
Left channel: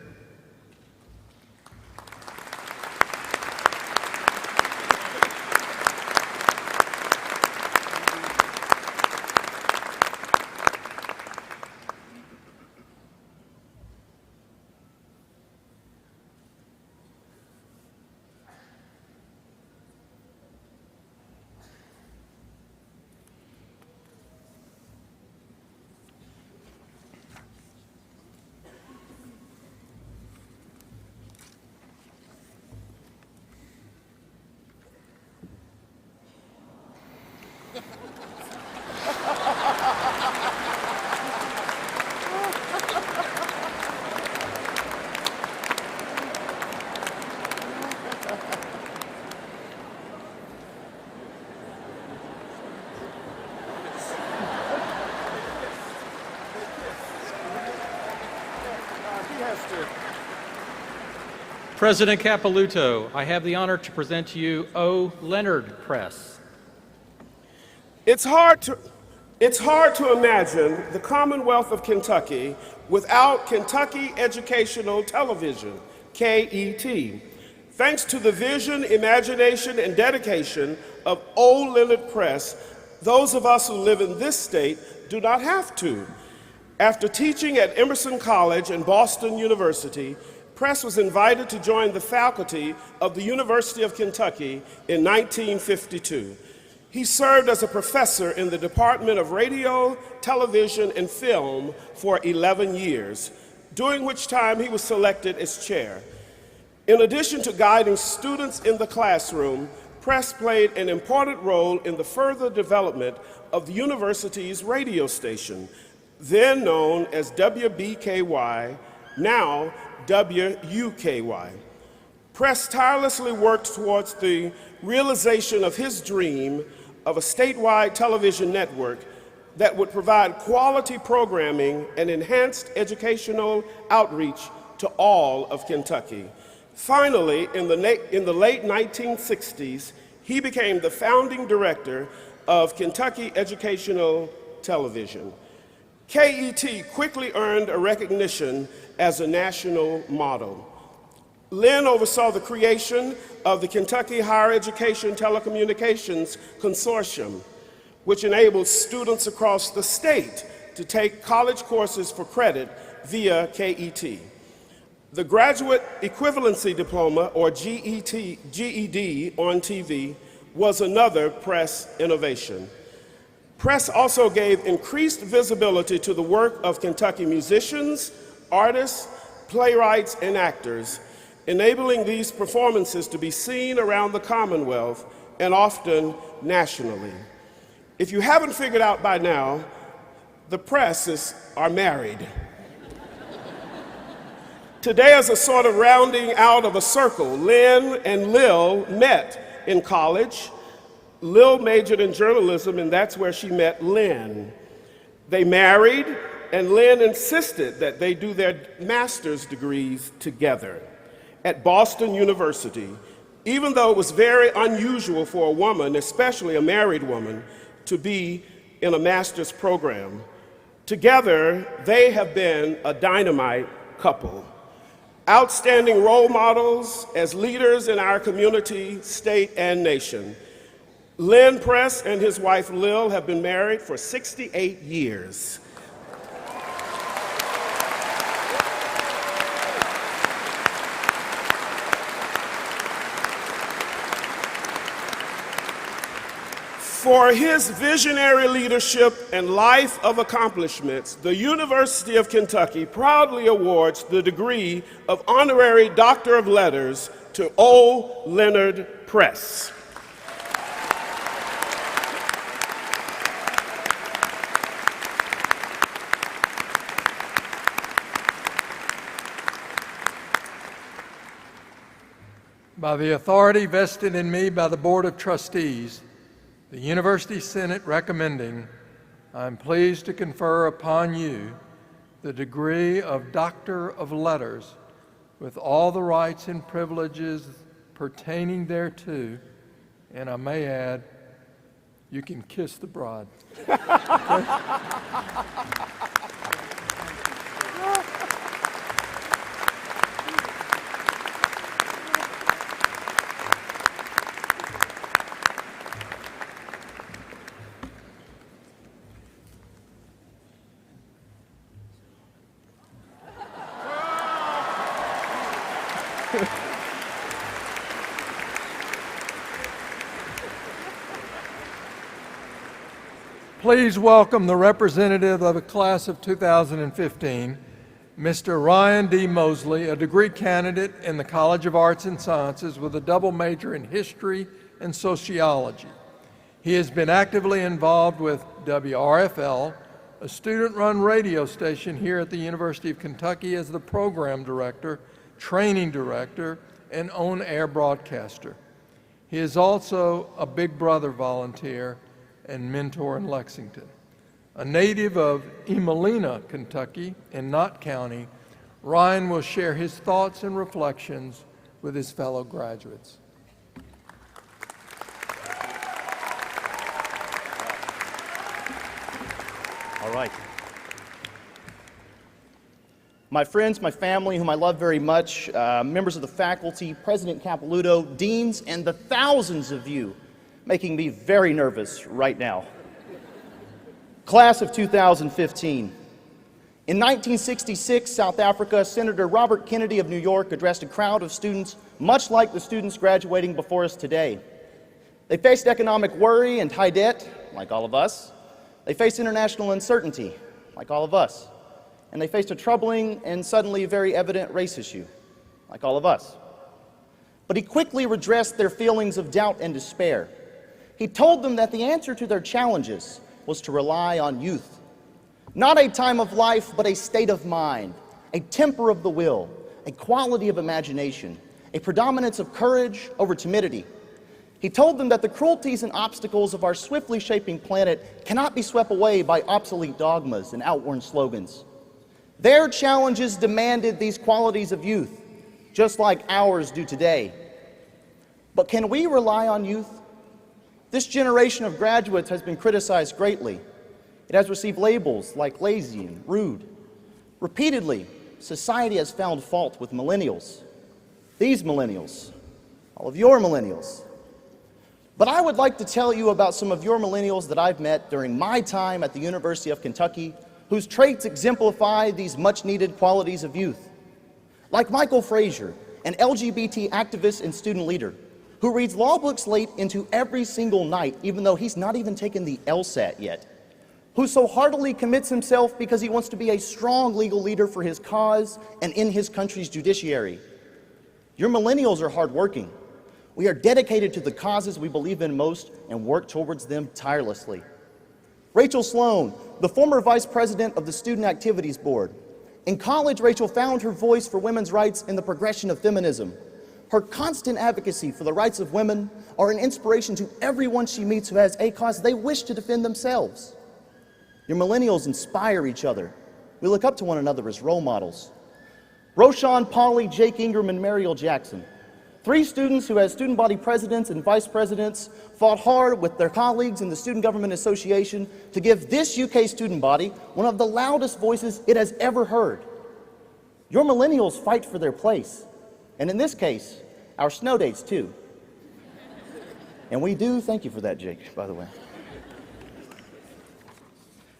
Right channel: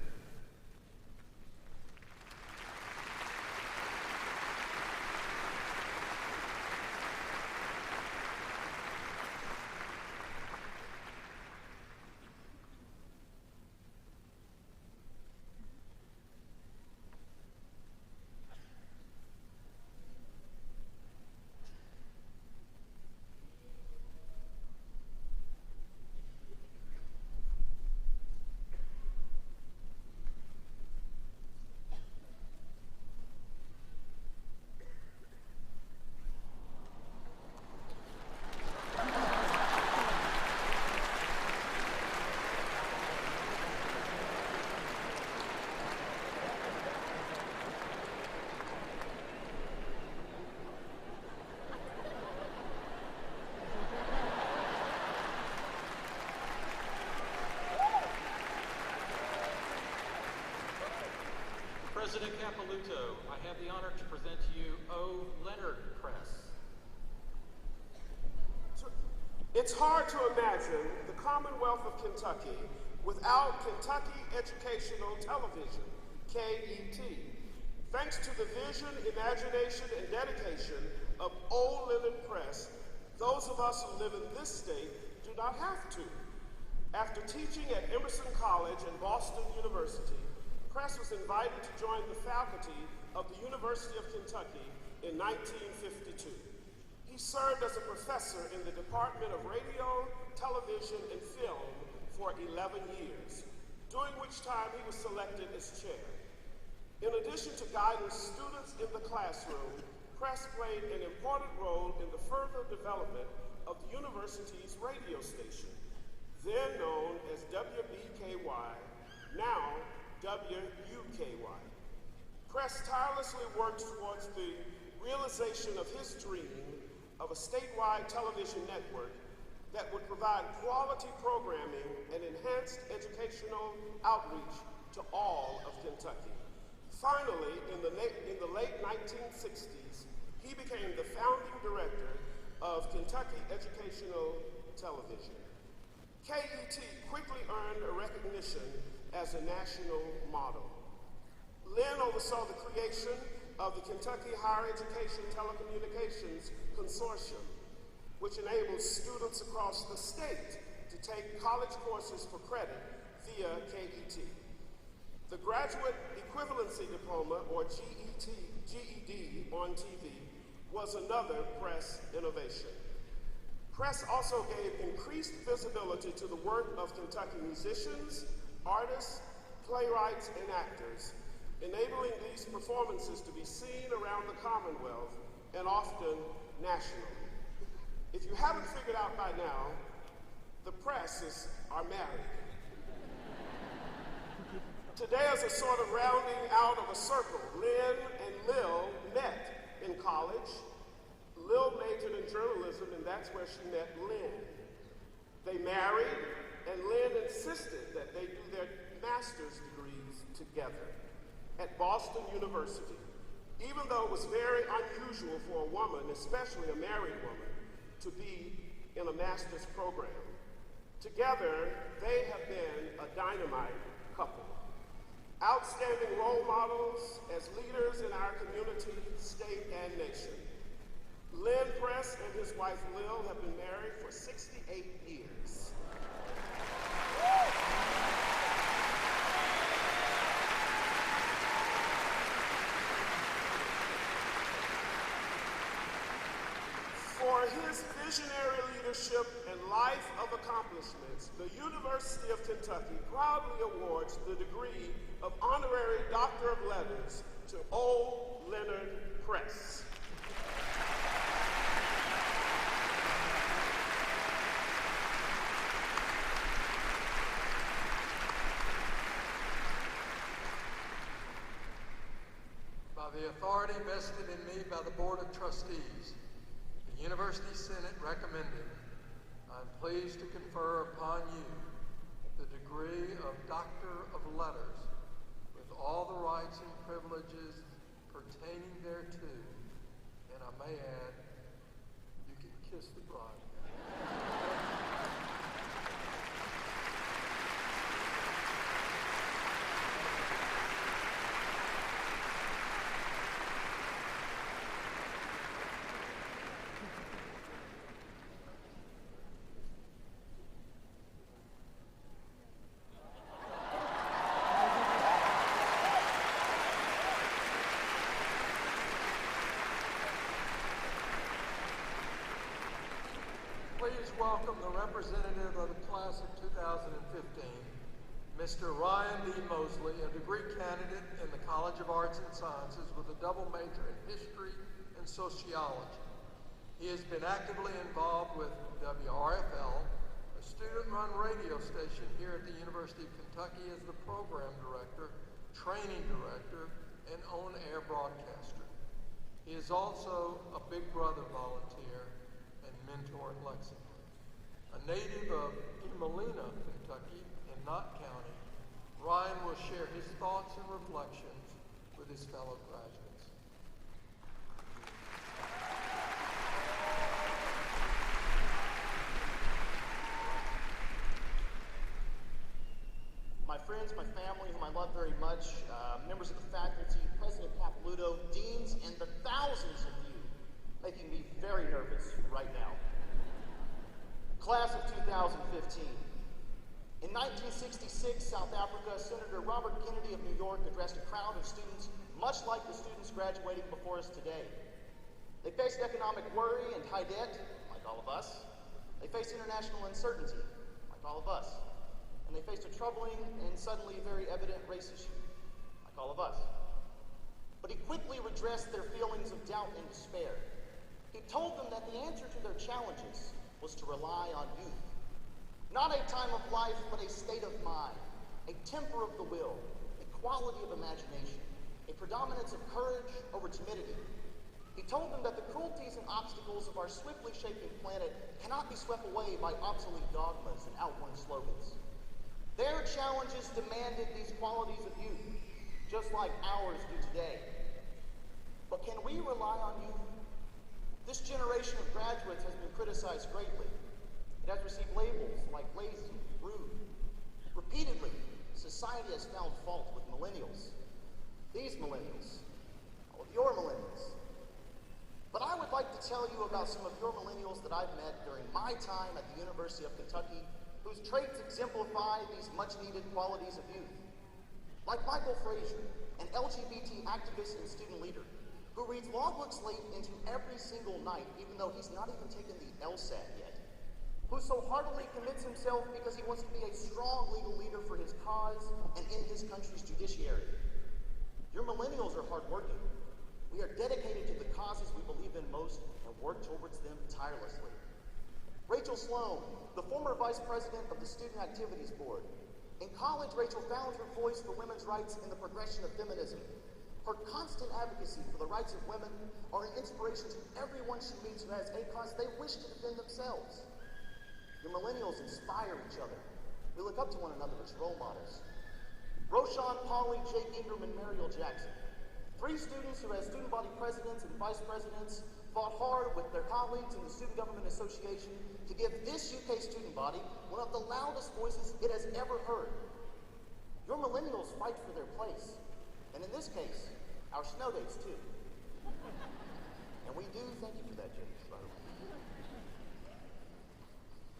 President Capilouto, I have the honor to present to you O. Leonard Press. It's hard to imagine the Commonwealth of Kentucky without Kentucky Educational Television, KET. Thanks to the vision, imagination, and dedication of O. Leonard Press, those of us who live in this state do not have to. After teaching at Emerson College and Boston University, Press was invited to join the faculty of the University of Kentucky in 1952. He served as a professor in the Department of Radio, Television, and Film for 11 years, during which time he was selected as chair. In addition to guiding students in the classroom, Press played an important role in the further development of the university's radio station, then known as WBKY, now WUKY. Press tirelessly worked towards the realization of his dream of a statewide television network that would provide quality programming and enhanced educational outreach to all of Kentucky. Finally, in the late 1960s, he became the founding director of Kentucky Educational Television. KET quickly earned a recognition as a national model. Lynn oversaw the creation of the Kentucky Higher Education Telecommunications Consortium, which enables students across the state to take college courses for credit via KET. The Graduate Equivalency Diploma, or GED on TV, was another press innovation. Press also gave increased visibility to the work of Kentucky musicians, artists, playwrights, and actors, enabling these performances to be seen around the Commonwealth and often nationally. If you haven't figured out by now, the Presses are married. Today, as a sort of rounding out of a circle, Lynn and Lil met in college. Lil majored in journalism, and that's where she met Lynn. They married, and Lynn insisted that they do their master's degrees together at Boston University, even though it was very unusual for a woman, especially a married woman, to be in a master's program. Together, they have been a dynamite couple. Outstanding role models as leaders in our community, state, and nation. Lynn Press and his wife Lil have been married for 68 years. For his visionary leadership and life of accomplishments, the University of Kentucky proudly awards the degree of Honorary Doctor of Letters to O. Leonard Press. By the authority vested in me by the Board of Trustees, the University Senate recommending, I'm pleased to confer upon you the degree of Doctor of Letters with all the rights and privileges pertaining thereto, and I may add, you can kiss the bride. Okay? Please welcome the representative of the class of 2015, Mr. Ryan D. Mosley, a degree candidate in the College of Arts and Sciences with a double major in history and sociology. He has been actively involved with WRFL, a student-run radio station here at the University of Kentucky, as the program director, training director, and on-air broadcaster. He is also a Big Brother volunteer and mentor in Lexington. A native of Emelina, Kentucky, in Knott County, Ryan will share his thoughts and reflections with his fellow graduates. All right. My friends, my family, whom I love very much, members of the faculty, President Capilouto, deans, and the thousands of you making me very nervous right now. Class of 2015. In 1966, South Africa, Senator Robert Kennedy of New York addressed a crowd of students much like the students graduating before us today. They faced economic worry and high debt, like all of us. They faced international uncertainty, like all of us. And they faced a troubling and suddenly very evident race issue, like all of us. But he quickly redressed their feelings of doubt and despair. He told them that the answer to their challenges was to rely on youth. Not a time of life, but a state of mind, a temper of the will, a quality of imagination, a predominance of courage over timidity. He told them that the cruelties and obstacles of our swiftly shaping planet cannot be swept away by obsolete dogmas and outworn slogans. Their challenges demanded these qualities of youth, just like ours do today. But can we rely on youth This generation of graduates has been criticized greatly. It has received labels like lazy and rude. Repeatedly, society has found fault with millennials. These millennials, all of your millennials. But I would like to tell you about some of your millennials that I've met during my time at the University of Kentucky, whose traits exemplify these much-needed qualities of youth. Like Michael Frazier, an LGBT activist and student leader, who reads law books late into every single night, even though he's not even taken the LSAT yet, who so heartily commits himself because he wants to be a strong legal leader for his cause and in his country's judiciary. Your millennials are hardworking. We are dedicated to the causes we believe in most and work towards them tirelessly. Rachel Sloan, the former vice president of the Student Activities Board. In college, Rachel found her voice for women's rights in the progression of feminism. Her constant advocacy for the rights of women are an inspiration to everyone she meets who has a cause they wish to defend themselves. Your millennials inspire each other. We look up to one another as role models. Roshan, Polly, Jake Ingram, and Mariel Jackson. 3 students who, as student body presidents and vice presidents, fought hard with their colleagues in the Student Government Association to give this UK student body one of the loudest voices it has ever heard. Your millennials fight for their place. And in this case, our snow dates too. And we do thank you for that, Jake, by the way.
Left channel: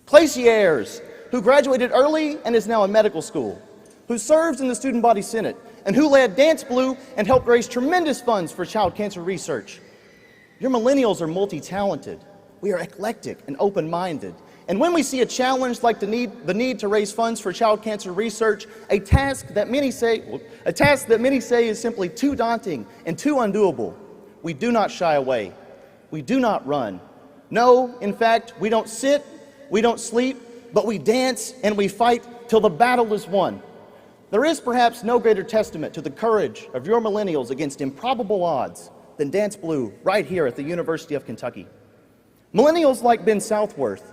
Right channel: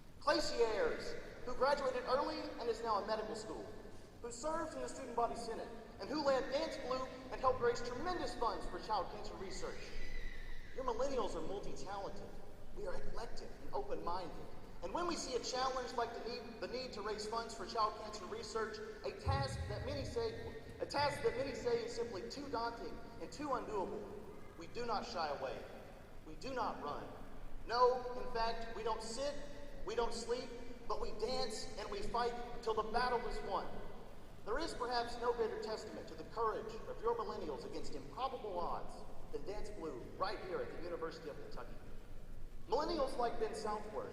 Claciers, who graduated early and is now in medical school, who serves in the Student Body Senate, and who led Dance Blue and helped raise tremendous funds for child cancer research. Your millennials are multi-talented. We are eclectic and open-minded. And when we see a challenge like the need to raise funds for child cancer research, a task that many say is simply too daunting and too undoable, we do not shy away. We do not run. No, in fact, we don't sit, we don't sleep, but we dance and we fight till the battle is won. There is perhaps no greater testament to the courage of your millennials against improbable odds than Dance Blue right here at the University of Kentucky. Millennials like Ben Southworth,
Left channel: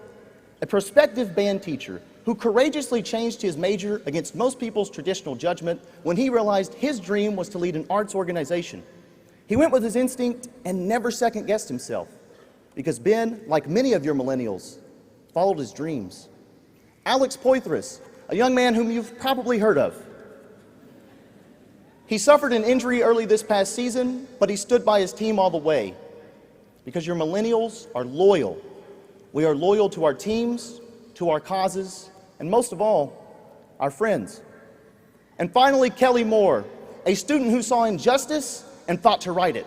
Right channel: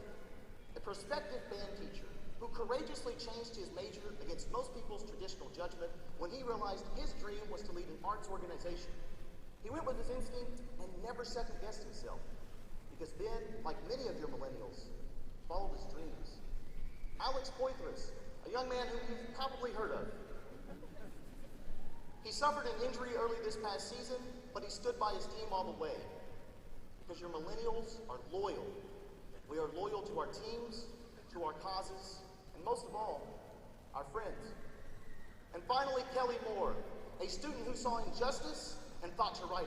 a prospective band teacher who courageously changed his major against most people's traditional judgment when he realized his dream was to lead an arts organization. He went with his instinct and never second-guessed himself, because Ben, like many of your millennials, followed his dreams. Alex Poitras, a young man whom you've probably heard of. He suffered an injury early this past season, but he stood by his team all the way, because your millennials are loyal. We are loyal to our teams, to our causes, and most of all, our friends. And finally, Kelly Moore, a student who saw injustice and fought to right it,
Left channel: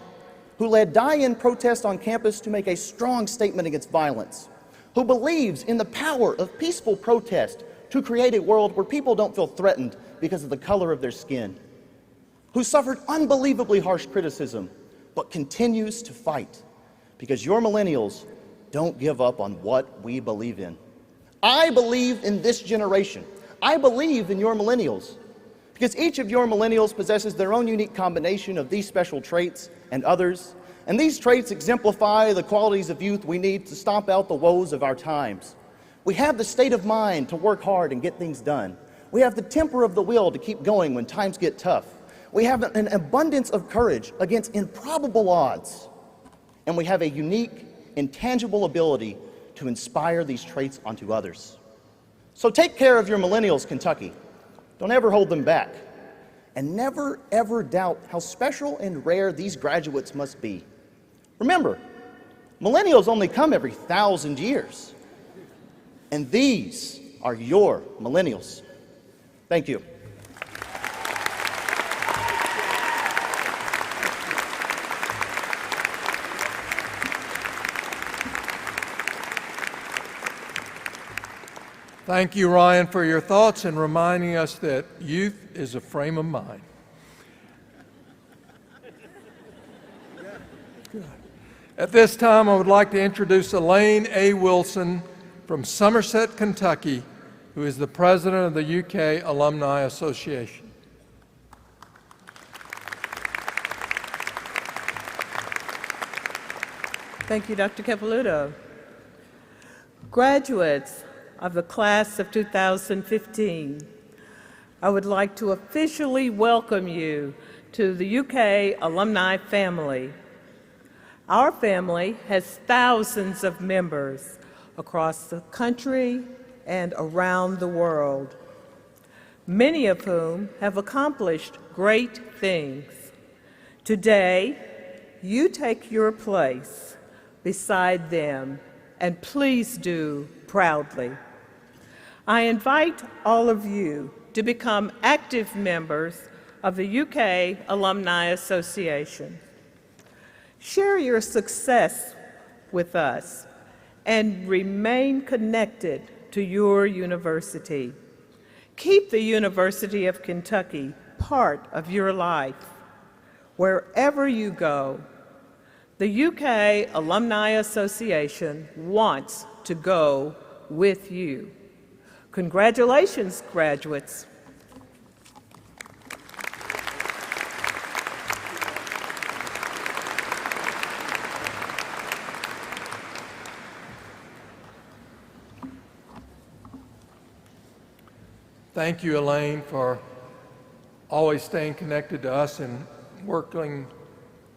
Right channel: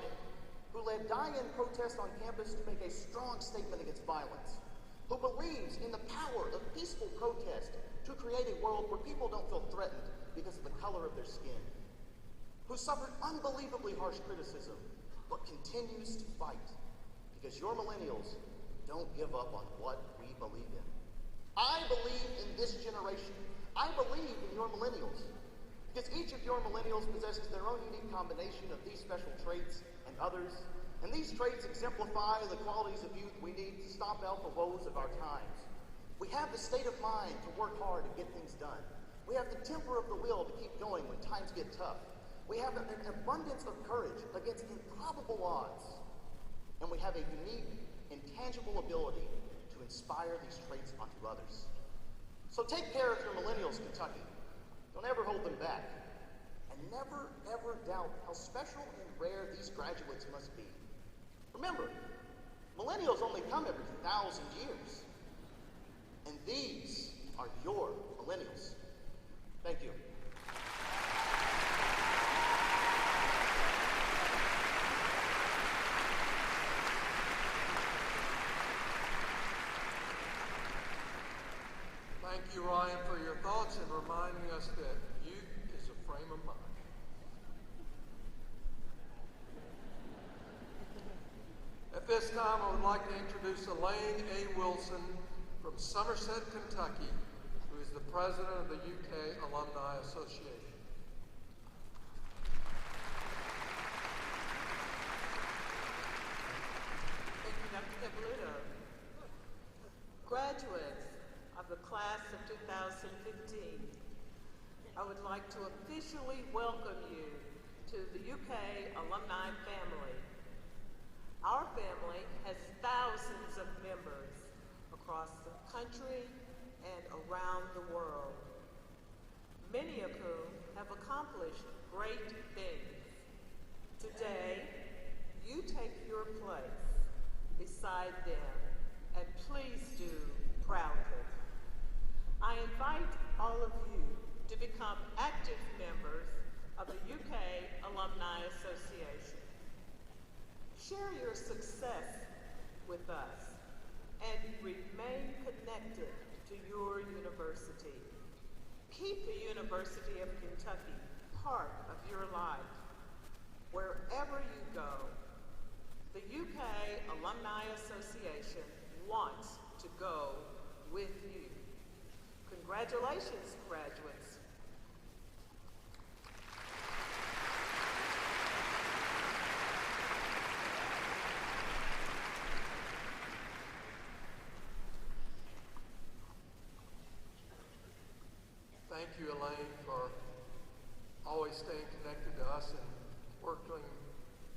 who led die-in protests on campus to make a strong statement against violence, who believes in the power of peaceful protest to create a world where people don't feel threatened because of the color of their skin, who suffered unbelievably harsh criticism, but continues to fight, because your millennials don't give up on what we believe in. I believe in this generation. I believe in your millennials, because each of your millennials possesses their own unique combination of these special traits and others, and these traits exemplify the qualities of youth we need to stomp out the woes of our times. We have the state of mind to work hard and get things done. We have the temper of the will to keep going when times get tough. We have an abundance of courage against improbable odds, and we have a unique, intangible ability to inspire these traits onto others. So take care of your millennials, Kentucky. Don't ever hold them back. And never, ever doubt how special and rare these graduates must be. Remember, millennials only come every 1,000 years. And these are your millennials. Thank you. Thank you, Ryan, for your thoughts and reminding us that youth is a frame of mind. At this time, I would like to introduce Elaine A. Wilson from Somerset, Kentucky, who is the president of the UK Alumni Association. Thank you, Dr. Capelouto. Graduates of the class of 2015, I would like to officially welcome you to the UK alumni family. Our family has thousands of members across the country and around the world, many of whom have accomplished great things. Today, you take your place beside them, and please do proudly. I invite all of you to become active members of the UK Alumni Association. Share your success with us and remain connected to your university. Keep the University of Kentucky part of your life. Wherever you go, the UK Alumni Association wants to go with you. Congratulations, graduates. Thank you, Elaine, for always staying connected to us and working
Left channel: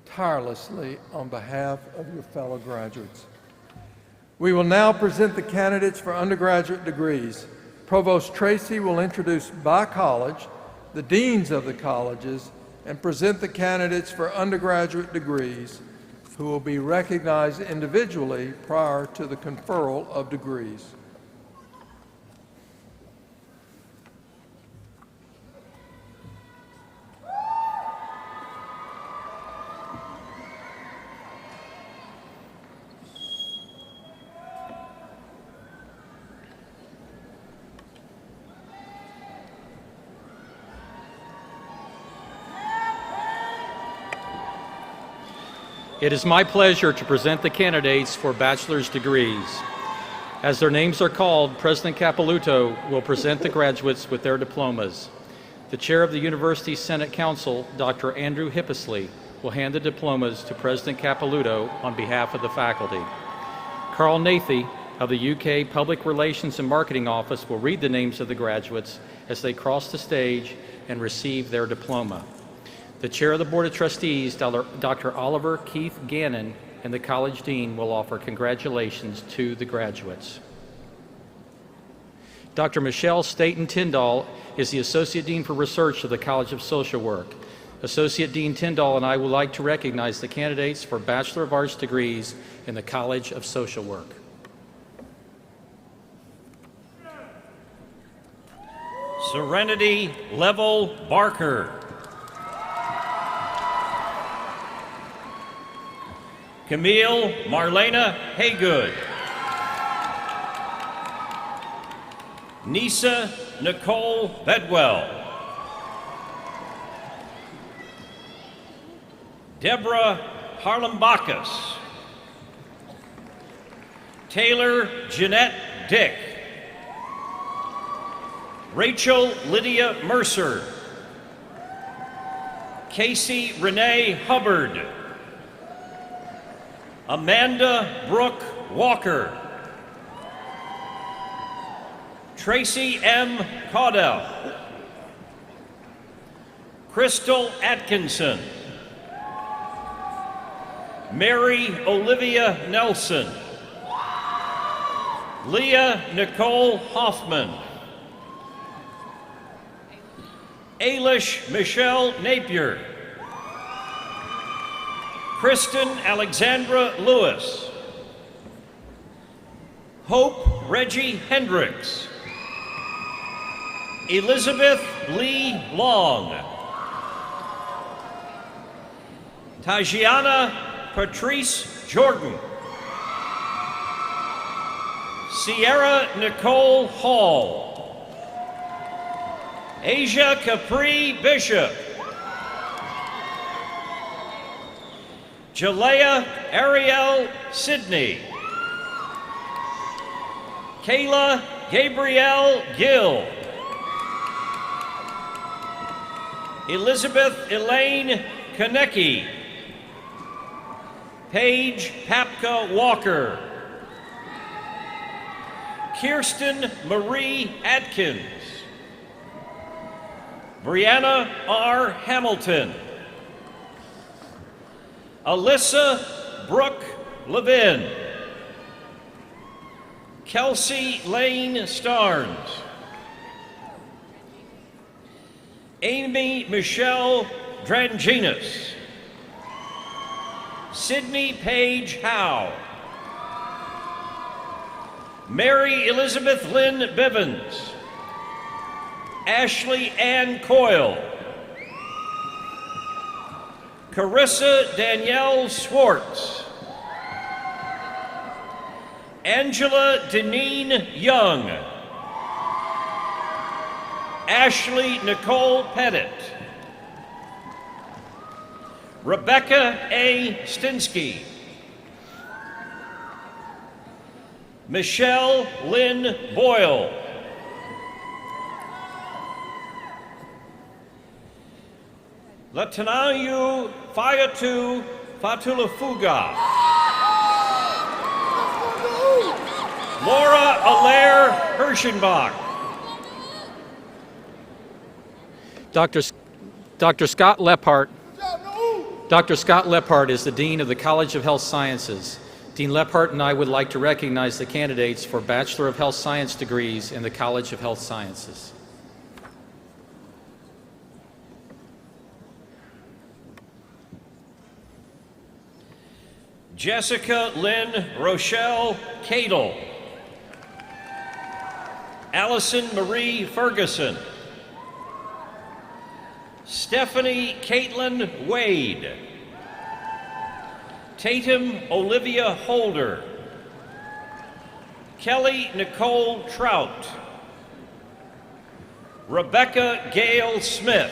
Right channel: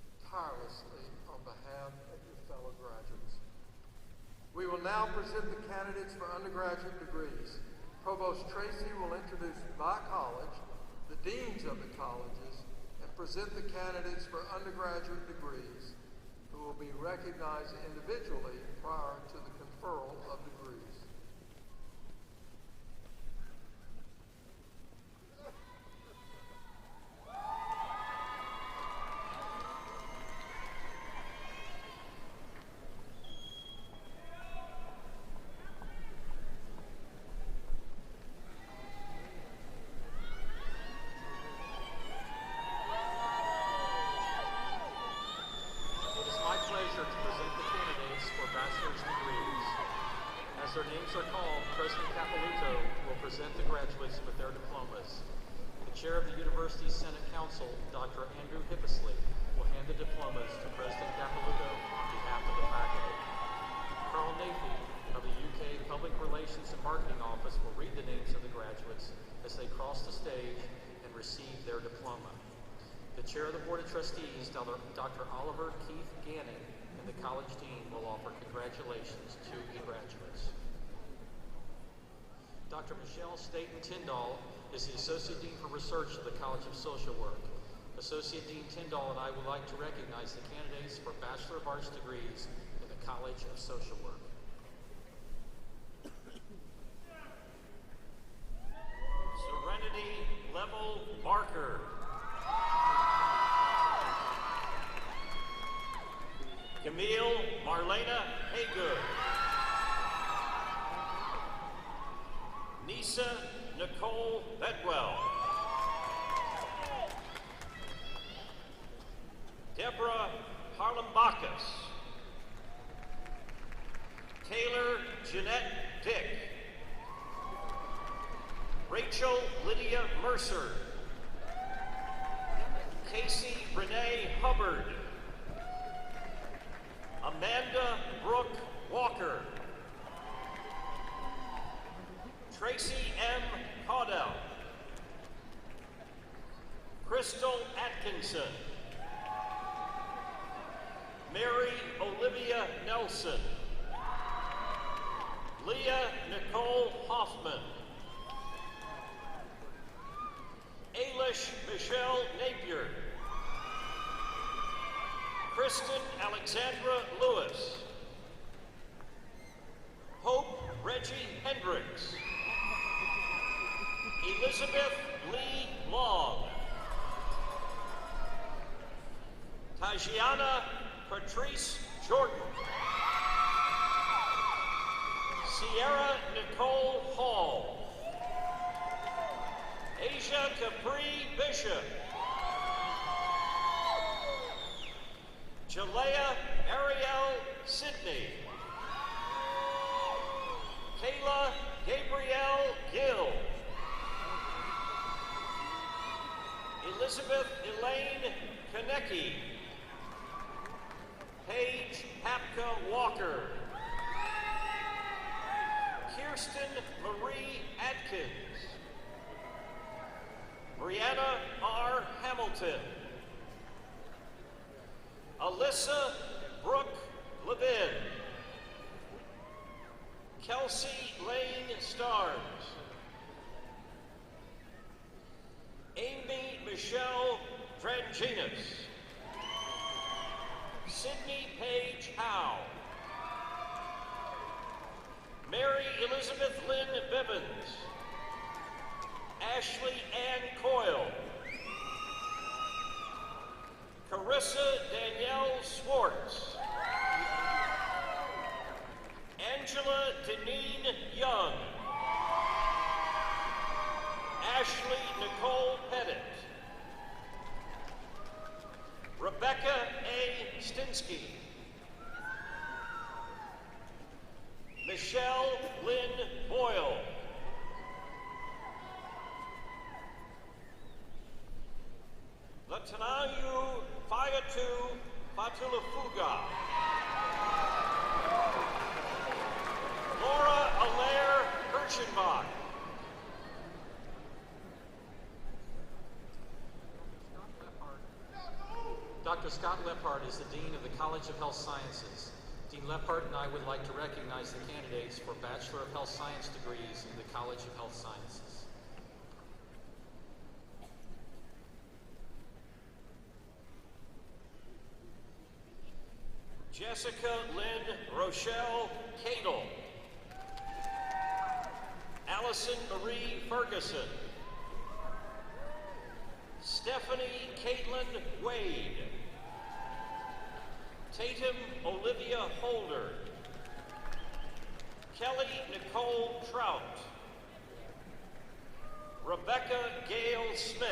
tirelessly on behalf of your fellow graduates. We will now present the candidates for undergraduate degrees. Provost Tracy will introduce by college the deans of the colleges and present the candidates for undergraduate degrees, who will be recognized individually prior to the conferral of degrees. It is my pleasure to present the candidates for bachelor's degrees. As their names are called, President Capilouto will present the graduates with their diplomas. The chair of the University Senate Council, Dr. Andrew Hippisley, will hand the diplomas to President Capilouto on behalf of the faculty. Carl Nathy of the UK Public Relations and Marketing Office will read the names of the graduates as they cross the stage and receive their diploma. The chair of the Board of Trustees, Dr. Oliver Keith Gannon, and the college dean will offer congratulations to the graduates. Dr. Michelle Staten Tyndall is the Associate Dean for Research of the College of Social Work. Associate Dean Tyndall and I would like to recognize the candidates for Bachelor of Arts degrees in the College of Social Work. Serenity Level Barker. Camille Marlena Haygood. Nisa Nicole Bedwell. Deborah Harlem-Bacchus. Taylor Jeanette Dick. Rachel Lydia Mercer. Casey Renee Hubbard. Amanda Brooke Walker. Tracy M. Caudell. Crystal Atkinson. Mary Olivia Nelson. Leah Nicole Hoffman. Ailish Michelle Napier. Kristen Alexandra Lewis. Hope Reggie Hendricks. Elizabeth Lee Long. Tajiana Patrice Jordan. Sierra Nicole Hall. Asia Capri Bishop. Jalea Ariel Sidney. Kayla Gabrielle Gill. Elizabeth Elaine Konecki. Paige Hapka Walker. Kirsten Marie Atkins. Brianna R. Hamilton. Alyssa Brooke Levin. Kelsey Lane Starnes. Amy Michelle Dranginas. Sydney Paige Howe. Mary Elizabeth Lynn Bivens. Ashley Ann Coyle. Carissa Danielle Swartz. Angela Deneen Young. Ashley Nicole Pettit. Rebecca A. Stinsky. Michelle Lynn Boyle. Latanayu Fayatu Fatulafuga. Laura Allaire Hirschenbach. Dr. Scott Lephart. Dr. Scott Lephart is the Dean of the College of Health Sciences. Dean Lephart and I would like to recognize the candidates for Bachelor of Health Science degrees in the College of Health Sciences. Jessica Lynn Rochelle Cadle. Allison Marie Ferguson. Stephanie Caitlin Wade. Tatum Olivia Holder. Kelly Nicole Trout. Rebecca Gail Smith.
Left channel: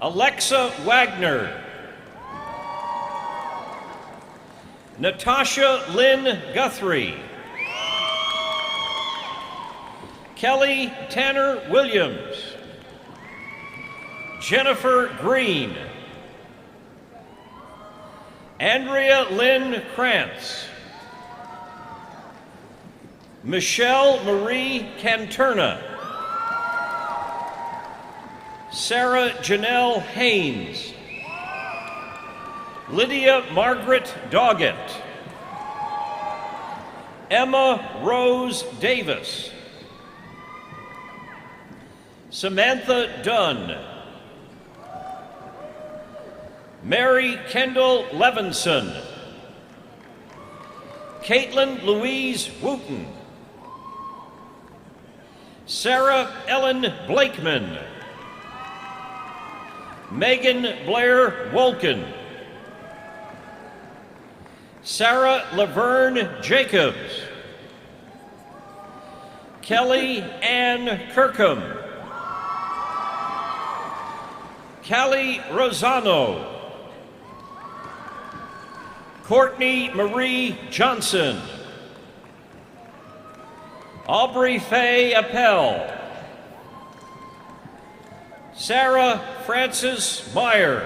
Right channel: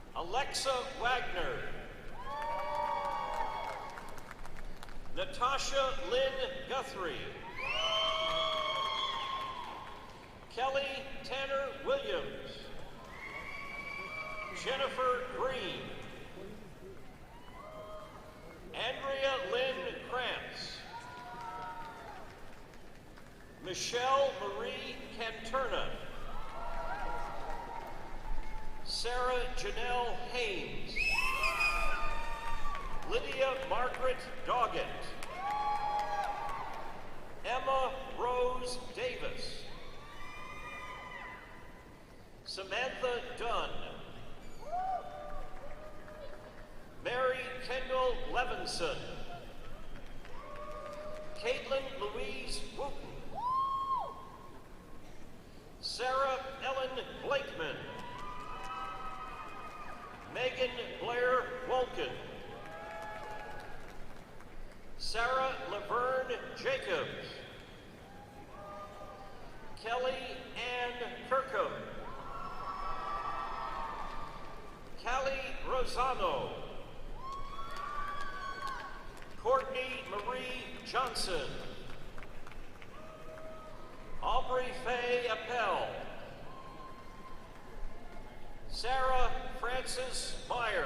Alexa Wagner. Natasha Lynn Guthrie. Kelly Tanner Williams. Jennifer Green. Andrea Lynn Krantz. Michelle Marie Canterna. Sarah Janelle Haynes. Lydia Margaret Doggett. Emma Rose Davis. Samantha Dunn. Mary Kendall Levinson. Caitlin Louise Wooten. Sarah Ellen Blakeman. Megan Blair Wolkin. Sarah Laverne Jacobs. Kelly Ann Kirkham. Callie Rosano. Courtney Marie Johnson. Aubrey Faye Appel. Sarah Frances Meyer.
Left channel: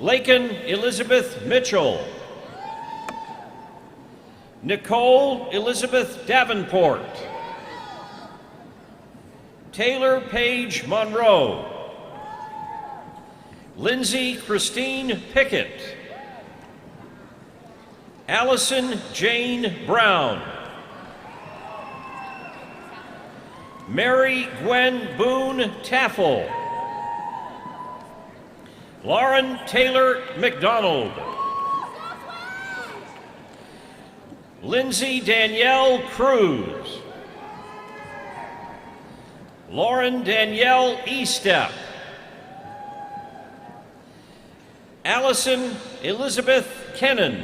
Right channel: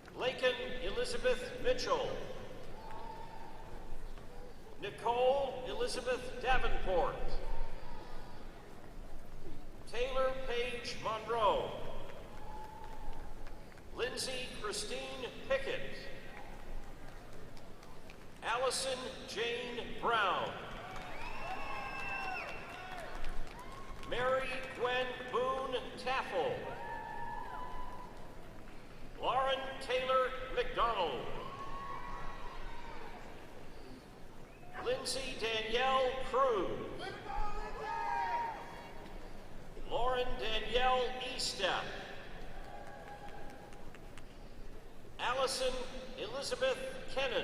Lakin Elizabeth Mitchell. Nicole Elizabeth Davenport. Taylor Paige Monroe. Lindsay Christine Pickett. Allison Jane Brown. Mary Gwen Boone Taffel. Lauren Taylor McDonald. Lindsay Danielle Cruz. Lauren Danielle Estep. Allison Elizabeth Kennan.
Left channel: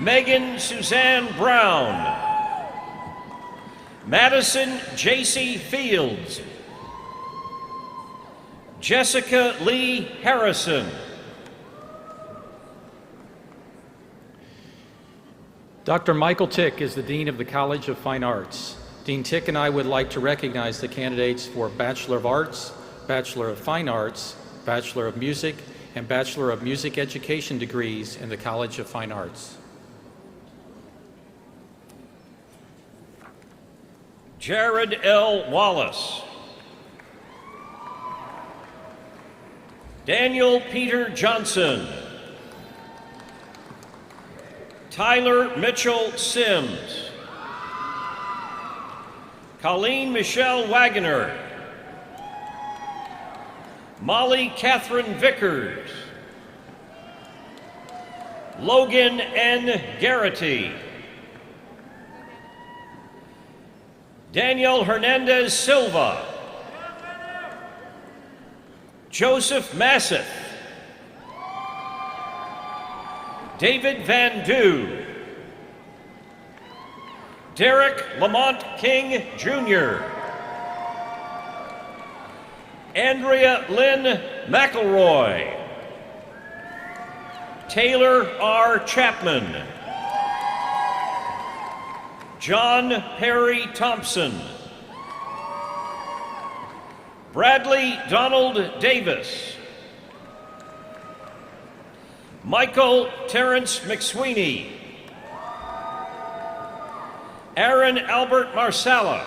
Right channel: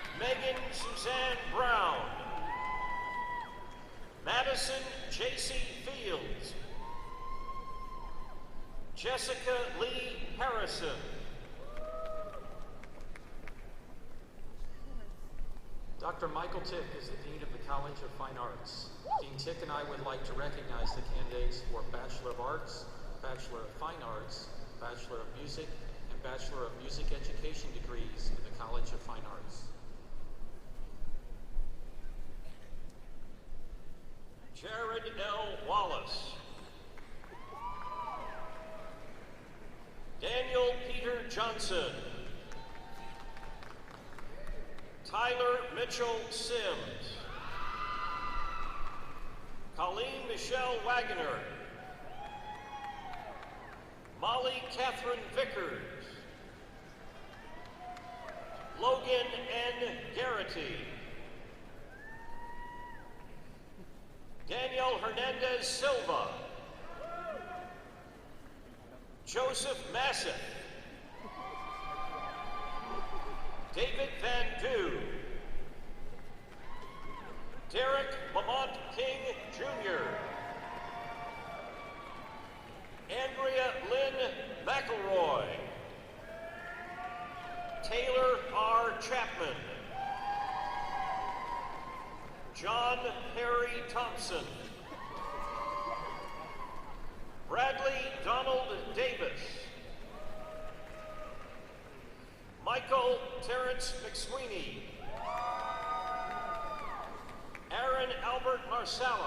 Megan Suzanne Brown. Madison J.C. Fields. Jessica Lee Harrison. Dr. Michael Tick is the Dean of the College of Fine Arts. Dean Tick and I would like to recognize the candidates for Bachelor of Arts, Bachelor of Fine Arts, Bachelor of Music, and Bachelor of Music Education degrees in the College of Fine Arts. Jared L. Wallace. Daniel Peter Johnson. Tyler Mitchell Sims. Colleen Michelle Wagoner. Molly Catherine Vickers. Logan N. Garrity. Daniel Hernandez Silva. Joseph Massett. David Van Dew. Derek Lamont King, Jr. Andrea Lynn McElroy. Taylor R. Chapman. John Perry Thompson. Bradley Donald Davis. Michael Terrence McSweeney. Aaron Albert Marsala.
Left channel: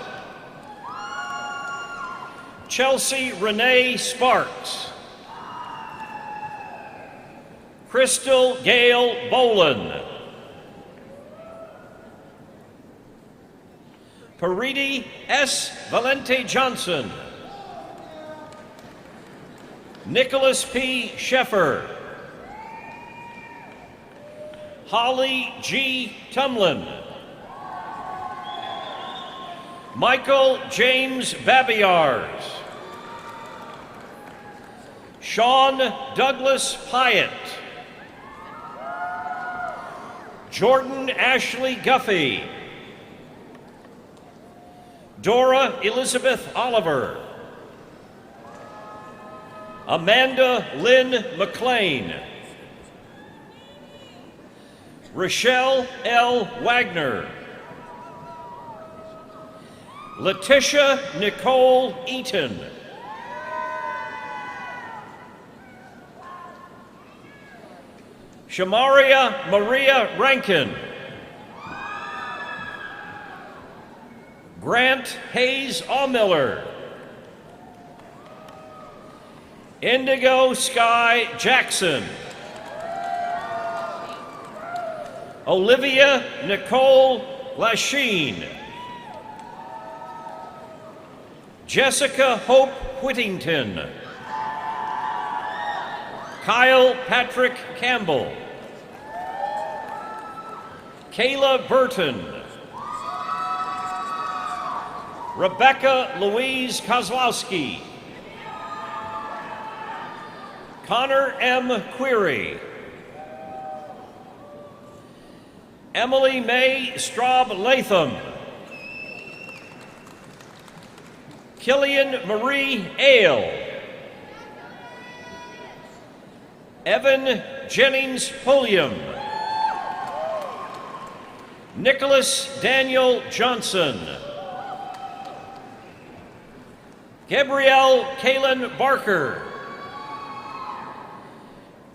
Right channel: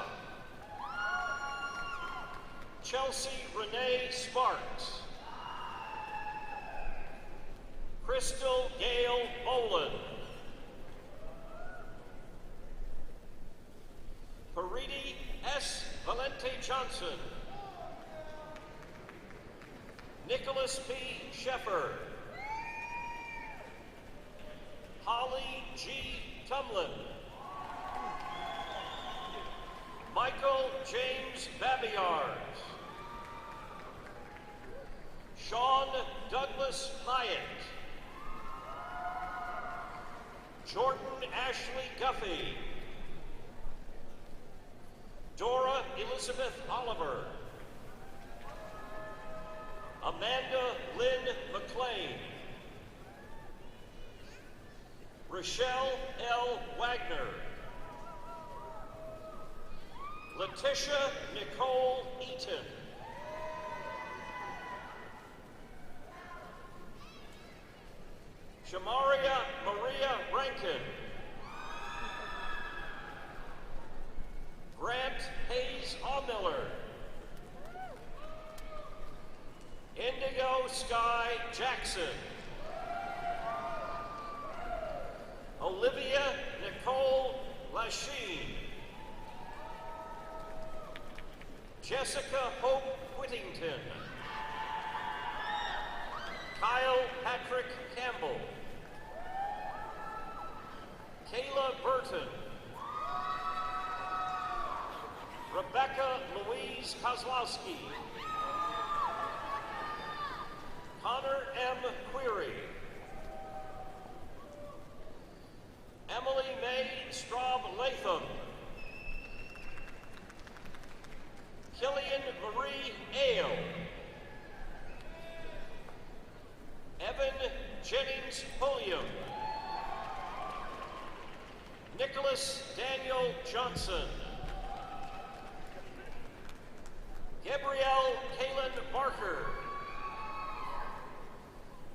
Chelsea Renee Sparks. Crystal Gail Boland. Paridi S. Valente Johnson. Nicholas P. Sheffer. Holly G. Tumlin. Michael James Babiars. Sean Douglas Hyatt. Jordan Ashley Guffey. Dora Elizabeth Oliver. Amanda Lynn McLean. Rochelle L. Wagner. Letitia Nicole Eaton. Shamaria Maria Rankin. Grant Hayes Allmiller. Indigo Sky Jackson. Olivia Nicole Lachine. Jessica Hope Whittington. Kyle Patrick Campbell. Kayla Burton. Rebecca Louise Kozlowski. Connor M. Query. Emily Mae Straub Latham. Killian Marie Ale. Evan Jennings Pulliam. Nicholas Daniel Johnson. Gabrielle Kaylin Barker.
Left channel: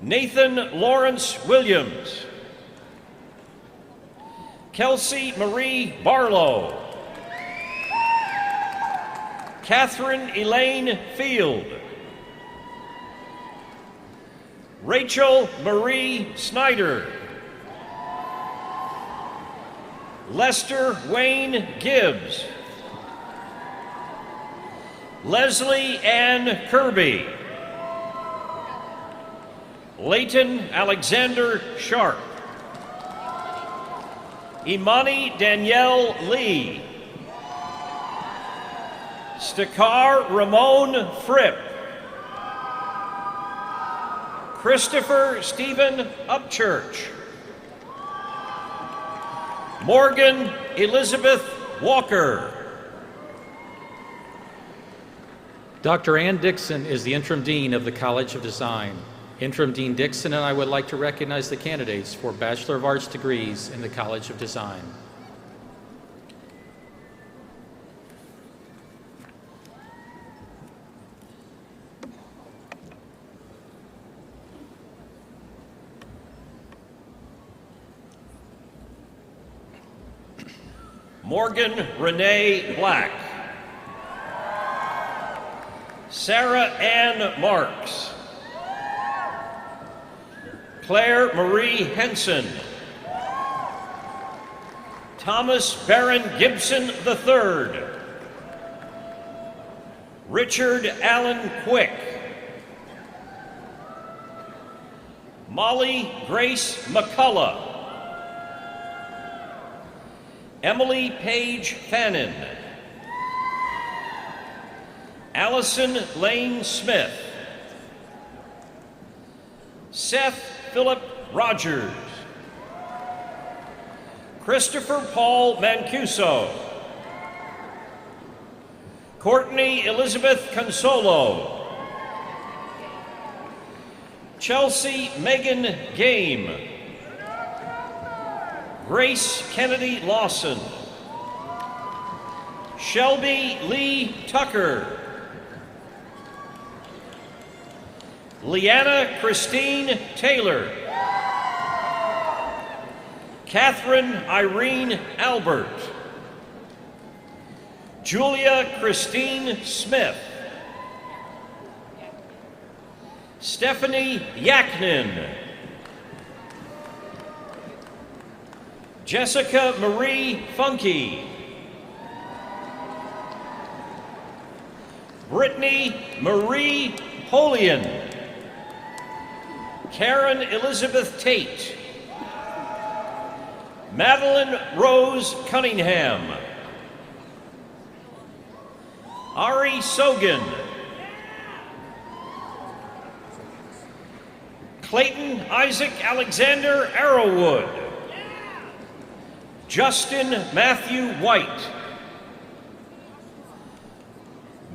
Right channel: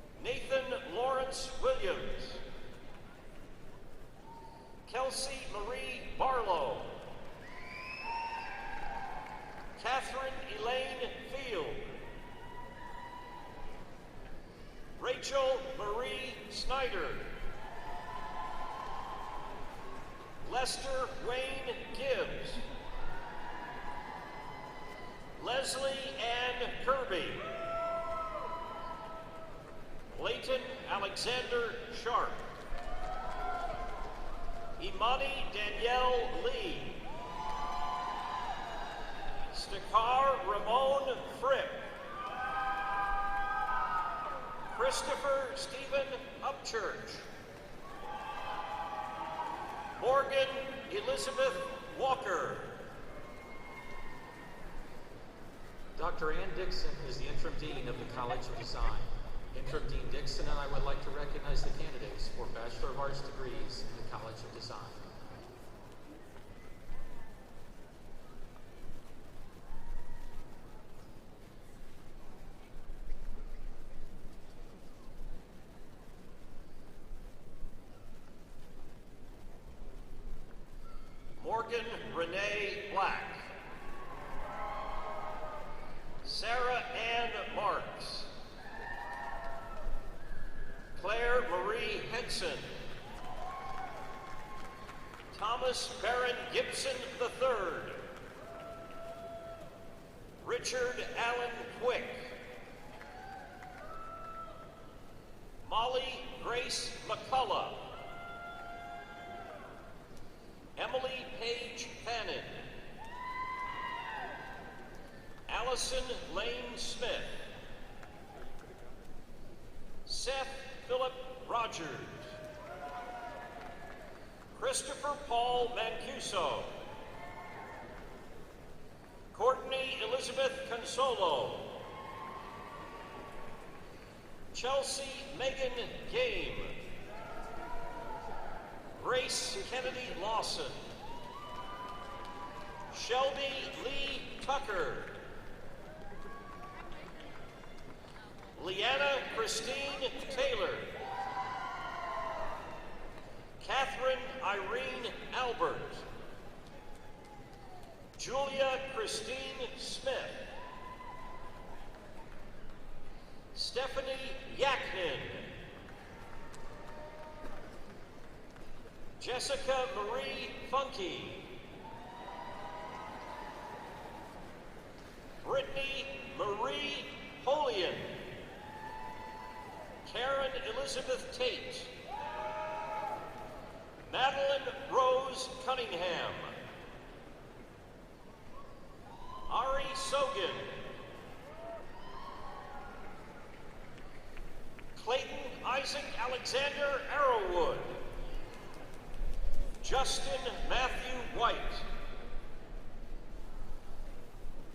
Nathan Lawrence Williams. Kelsey Marie Barlow. Catherine Elaine Field. Rachel Marie Snyder. Lester Wayne Gibbs. Leslie Ann Kirby. Leighton Alexander Sharp. Imani Danielle Lee. Stakar Ramon Fripp. Christopher Stephen Upchurch. Morgan Elizabeth Walker. Dr. Ann Dixon is the Interim Dean of the College of Design. Interim Dean Dixon and I would like to recognize the candidates for Bachelor of Arts degrees in the College of Design. Morgan Renee Black. Sarah Ann Marks. Claire Marie Henson. Thomas Barron Gibson III. Richard Allen Quick. Molly Grace McCullough. Emily Page Fannin. Allison Lane Smith. Seth Philip Rogers. Christopher Paul Mancuso. Courtney Elizabeth Consolo. Chelsea Megan Game. Grace Kennedy Lawson. Shelby Lee Tucker. Leanna Christine Taylor. Catherine Irene Albert. Julia Christine Smith. Stephanie Yaknin. Jessica Marie Funky. Brittany Marie Holian. Karen Elizabeth Tate. Madeline Rose Cunningham. Ari Sogan. Clayton Isaac Alexander Arrowwood. Justin Matthew White.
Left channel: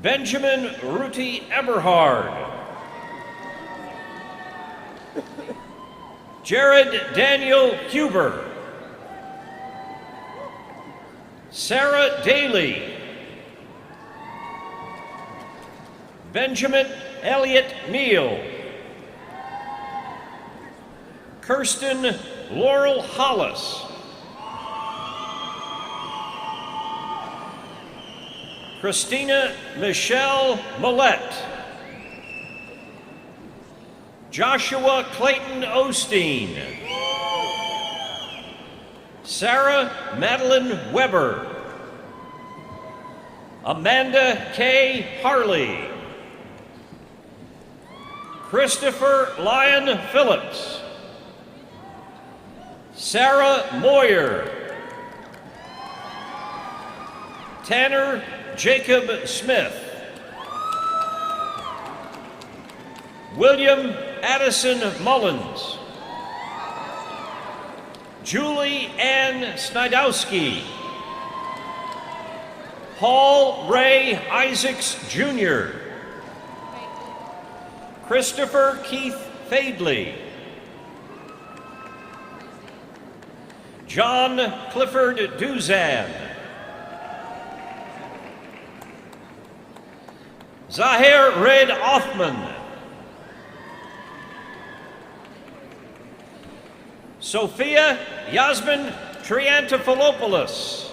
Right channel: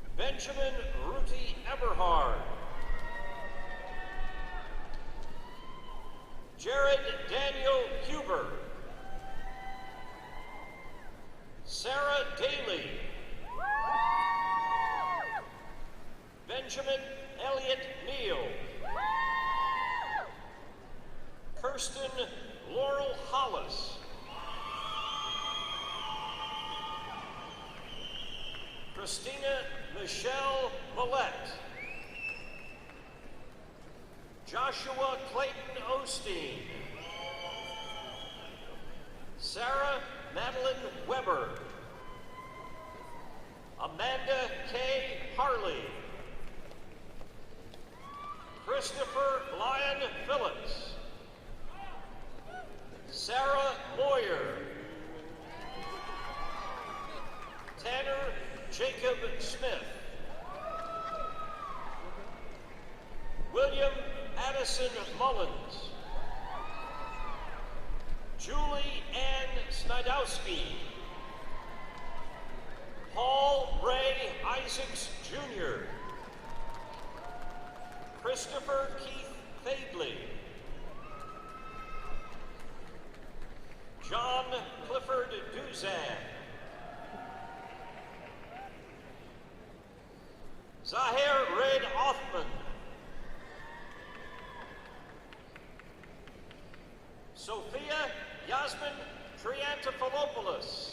Benjamin Ruti Eberhard. Jared Daniel Huber. Sarah Daly. Benjamin Elliott Neal. Kirsten Laurel Hollis. Christina Michelle Millette. Joshua Clayton Osteen. Sarah Madeline Weber. Amanda K. Harley. Christopher Lyon Phillips. Sarah Moyer. Tanner Jacob Smith. William Addison Mullins. Julie Ann Snidowski. Paul Ray Isaacs Jr. Christopher Keith Fadley. John Clifford Duzan. Zahir Red Othman. Sophia Yasmin Triantafilopoulos.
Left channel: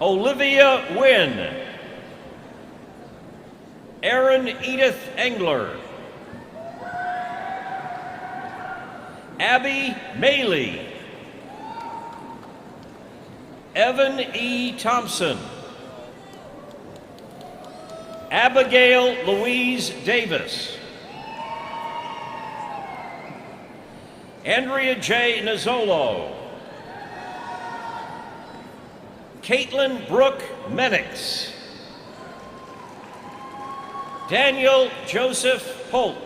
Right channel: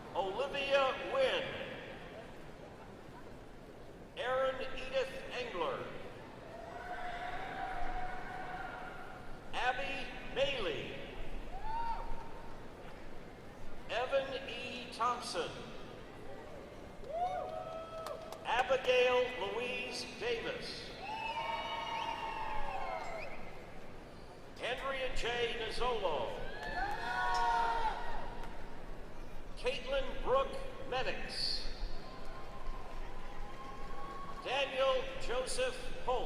Olivia Wynn. Erin Edith Engler. Abby Maley. Evan E. Thompson. Abigail Louise Davis. Andrea J. Nizzolo. Caitlin Brooke Menix. Daniel Joseph Polk.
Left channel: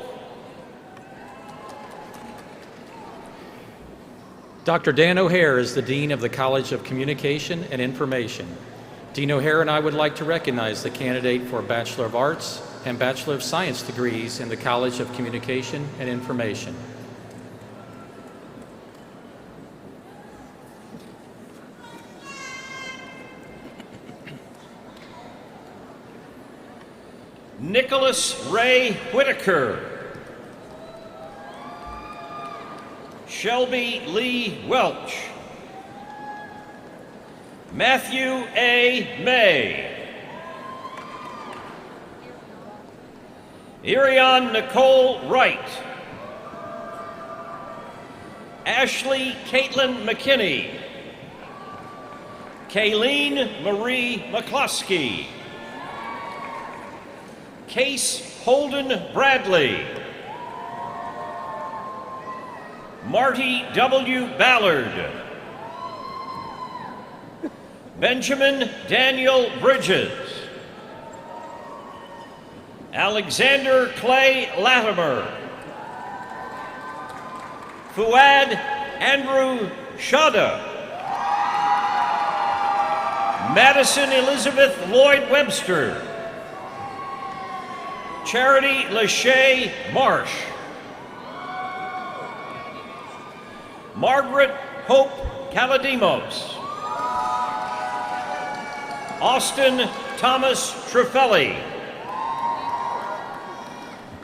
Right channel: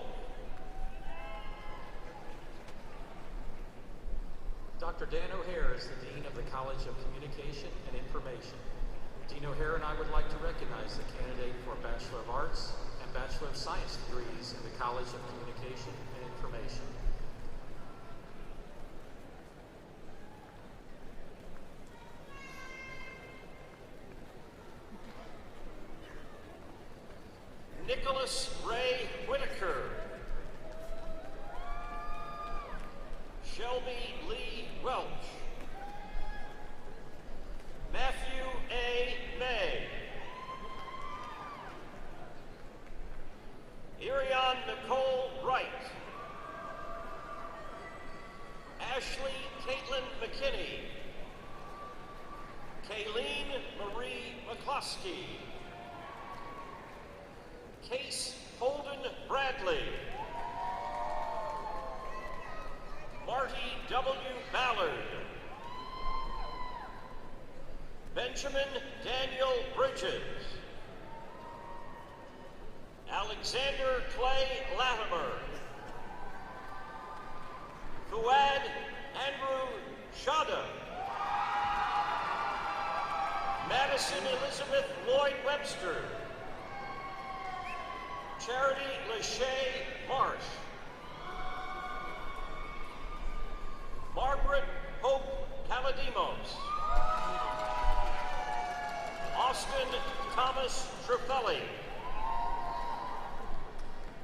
Dr. Dan O'Hare is the Dean of the College of Communication and Information. Dean O'Hare and I would like to recognize the candidate for Bachelor of Arts and Bachelor of Science degrees in the College of Communication and Information. Nicholas Ray Whitaker. Shelby Lee Welch. Matthew A. May. Irion Nicole Wright. Ashley Caitlin McKinney. Kayleen Marie McCluskey. Case Holden Bradley. Marty W. Ballard. Benjamin Daniel Bridges. Alexander Clay Latimer. Fuad Andrew Shada. Madison Elizabeth Lloyd Webster. Charity Lachey Marsh. Margaret Hope Kaladimos. Austin Thomas Truffelli.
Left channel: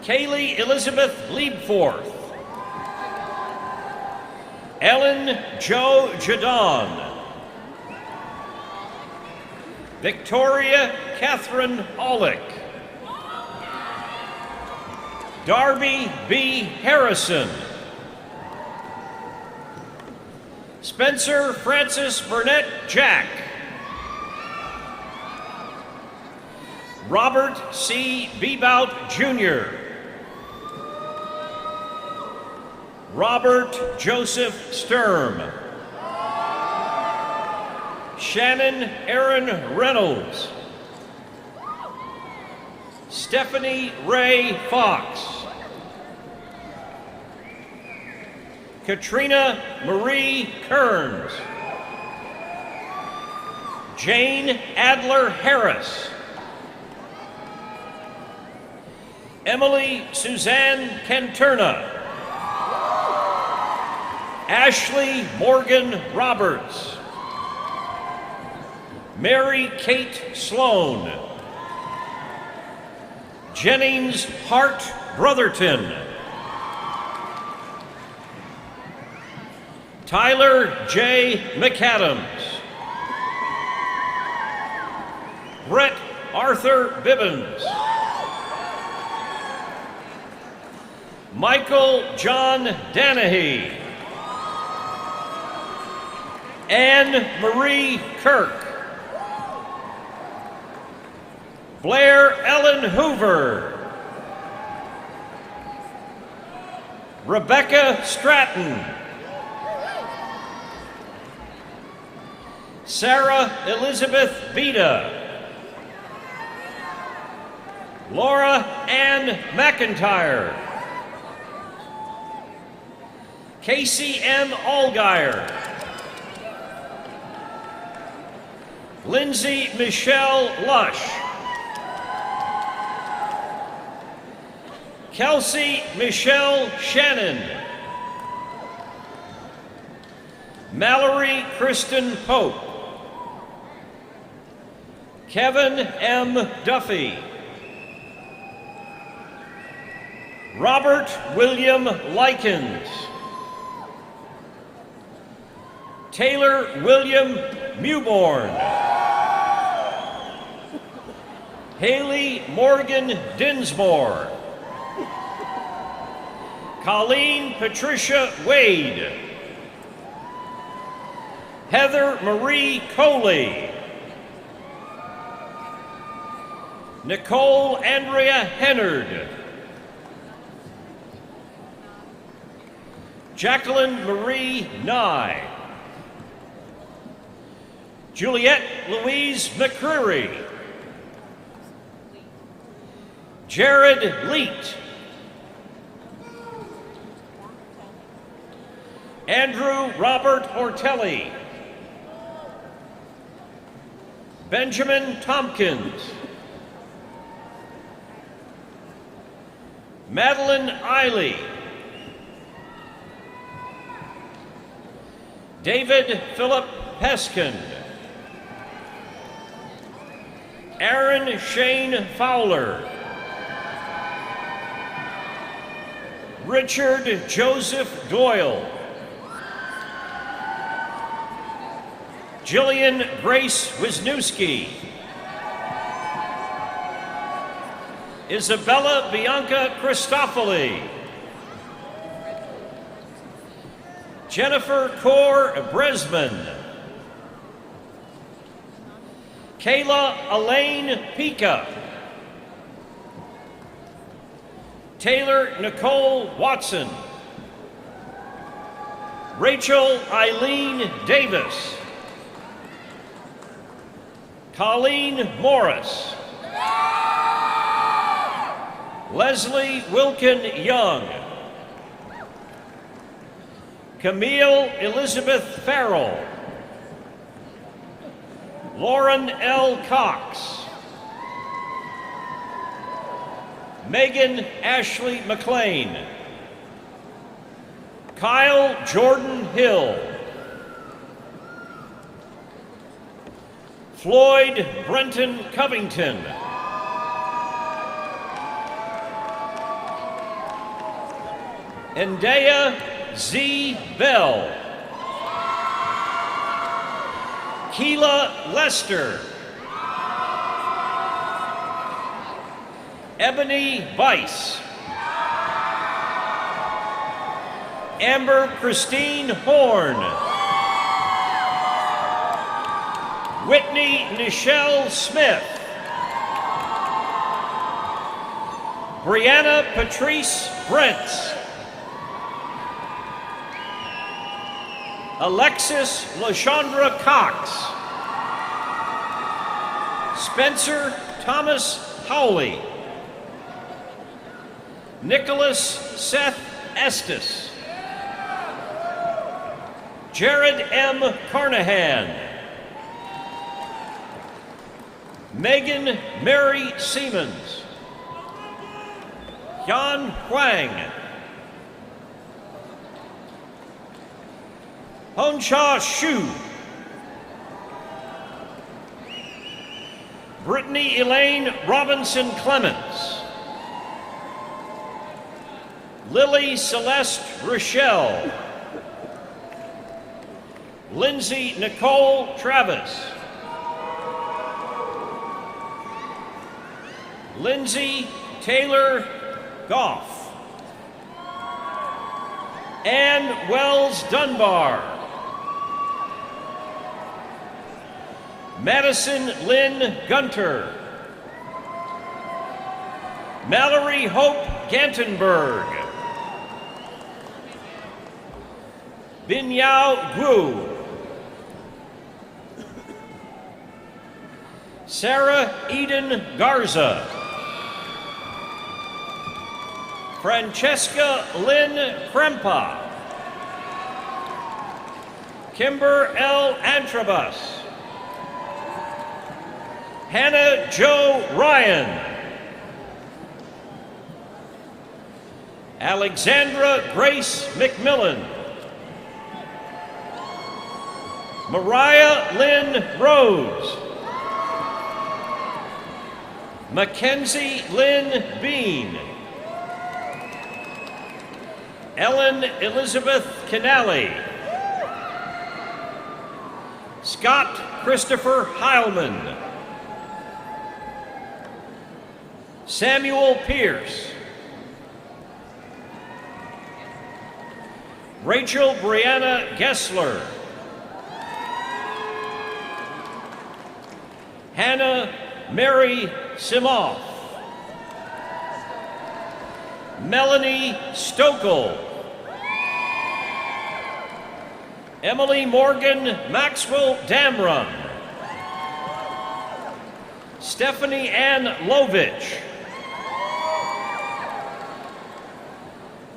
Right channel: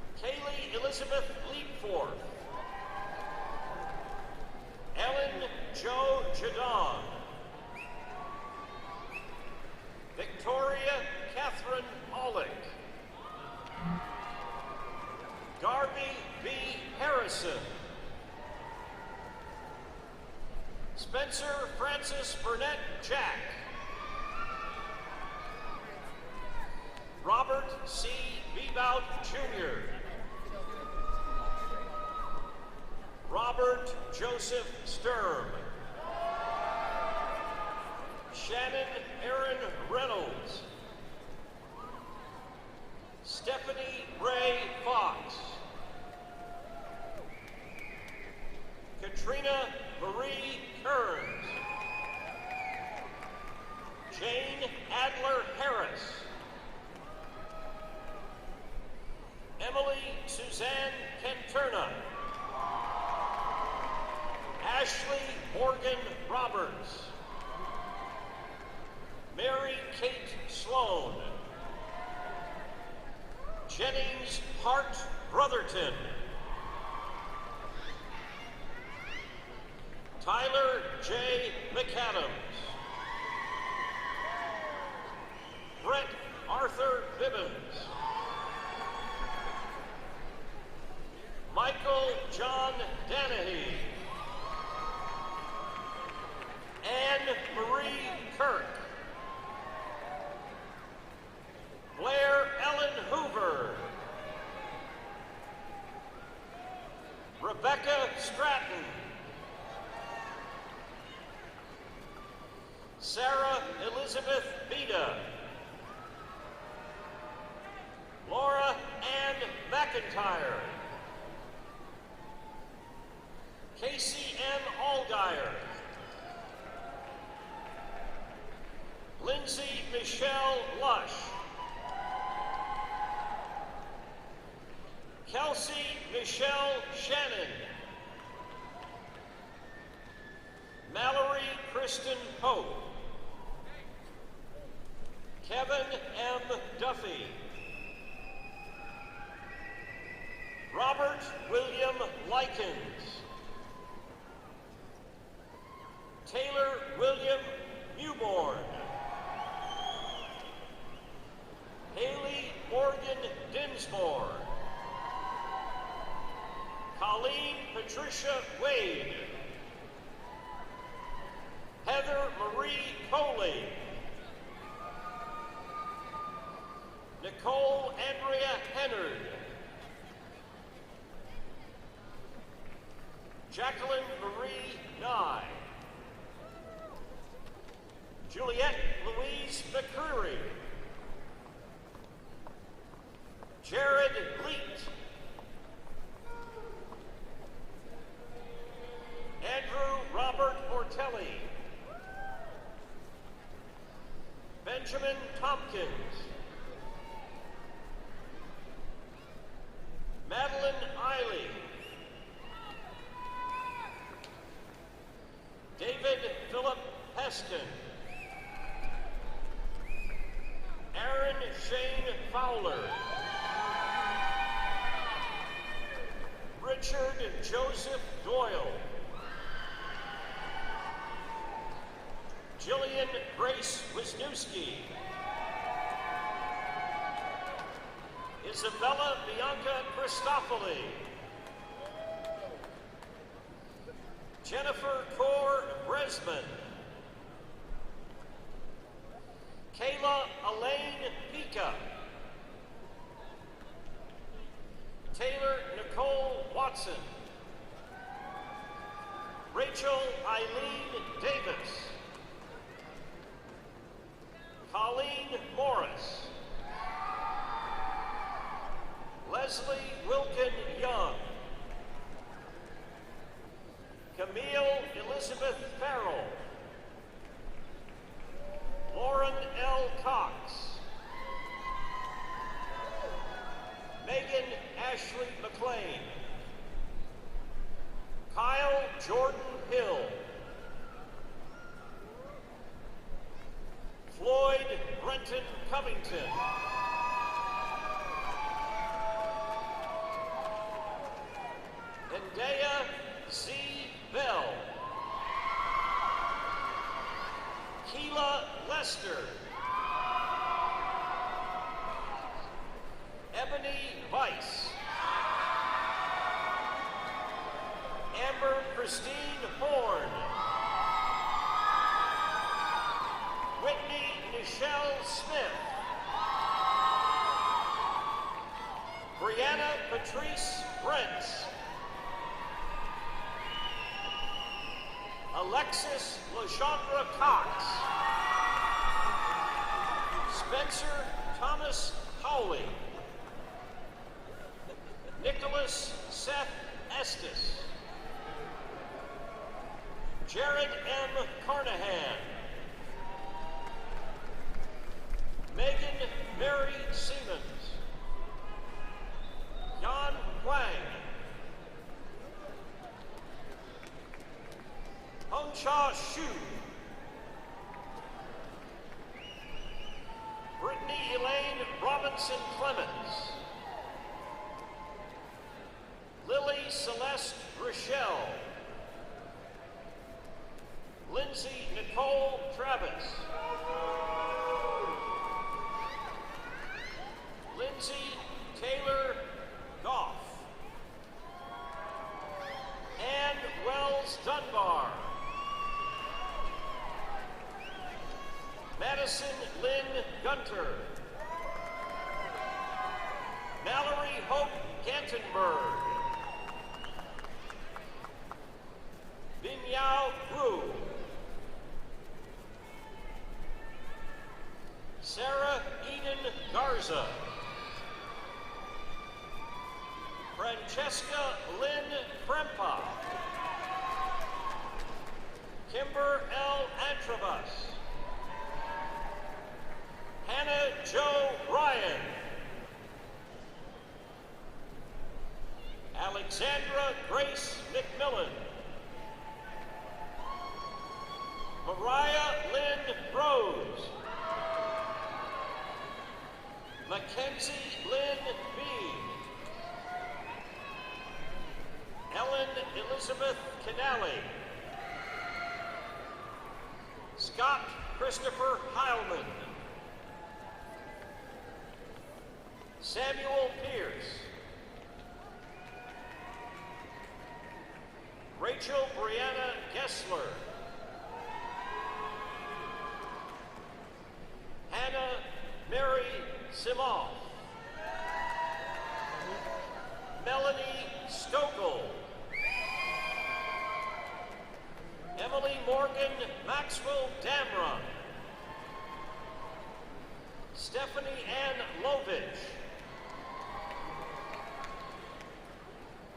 Kaylee Elizabeth Liebforth. Ellen Jo Jadon. Victoria Catherine Aulick. Darby B. Harrison. Spencer Francis Burnett Jack. Robert C. Bebout Jr. Robert Joseph Sturm. Shannon Aaron Reynolds. Stephanie Ray Fox. Katrina Marie Kearns. Jane Adler Harris. Emily Suzanne Canturna. Ashley Morgan Roberts. Mary Kate Sloan. Jennings Hart Brotherton. Tyler J. McAdams. Brett Arthur Bibbins. Michael John Danahy. Anne Marie Kirk. Blair Ellen Hoover. Rebecca Stratton. Sarah Elizabeth Beda. Laura Ann McIntyre. Casey M. Allgaier. Lindsay Michelle Lush. Kelsey Michelle Shannon. Mallory Kristen Pope. Kevin M. Duffy. Robert William Likens. Taylor William Mewborn. Haley Morgan Dinsmore. Colleen Patricia Wade. Heather Marie Coley. Nicole Andrea Hennard. Jacqueline Marie Nye. Juliette Louise McCreary. Jared Leet. Andrew Robert Ortelli. Benjamin Tompkins. Madeline Eiley. David Philip Peskin. Aaron Shane Fowler. Richard Joseph Doyle. Jillian Grace Wisniewski. Isabella Bianca Christofoli. Jennifer Kaur Bresman. Kayla Elaine Pica. Taylor Nicole Watson. Rachel Eileen Davis. Colleen Morris. Leslie Wilkin Young. Camille Elizabeth Farrell. Lauren L. Cox. Megan Ashley McLean. Kyle Jordan Hill. Floyd Brenton Covington. Endaya Z. Bell. Keela Lester. Ebony Weiss. Amber Christine Horn. Whitney Nichelle Smith. Brianna Patrice Brents. Alexis LaShondra Cox. Spencer Thomas Howley. Nicholas Seth Estes. Jared M. Carnahan. Megan Mary Siemens. Yan Huang. Honsha Shu. Brittany Elaine Robinson Clements. Lily Celeste Rochelle. Lindsay Nicole Travis. Lindsay Taylor Goff. Ann Wells Dunbar. Madison Lynn Gunter. Mallory Hope Gantenberg. Binyao Gu. Sarah Eden Garza. Francesca Lynn Krempa. Kimber L. Antrobus. Hannah Jo Ryan. Alexandra Grace McMillan. Mariah Lynn Rose. Mackenzie Lynn Bean. Ellen Elizabeth Canali. Scott Christopher Heilman. Samuel Pierce. Rachel Brianna Gessler. Hannah Mary Simoff. Melanie Stokel. Emily Morgan Maxwell Damron. Stephanie Ann Lovich.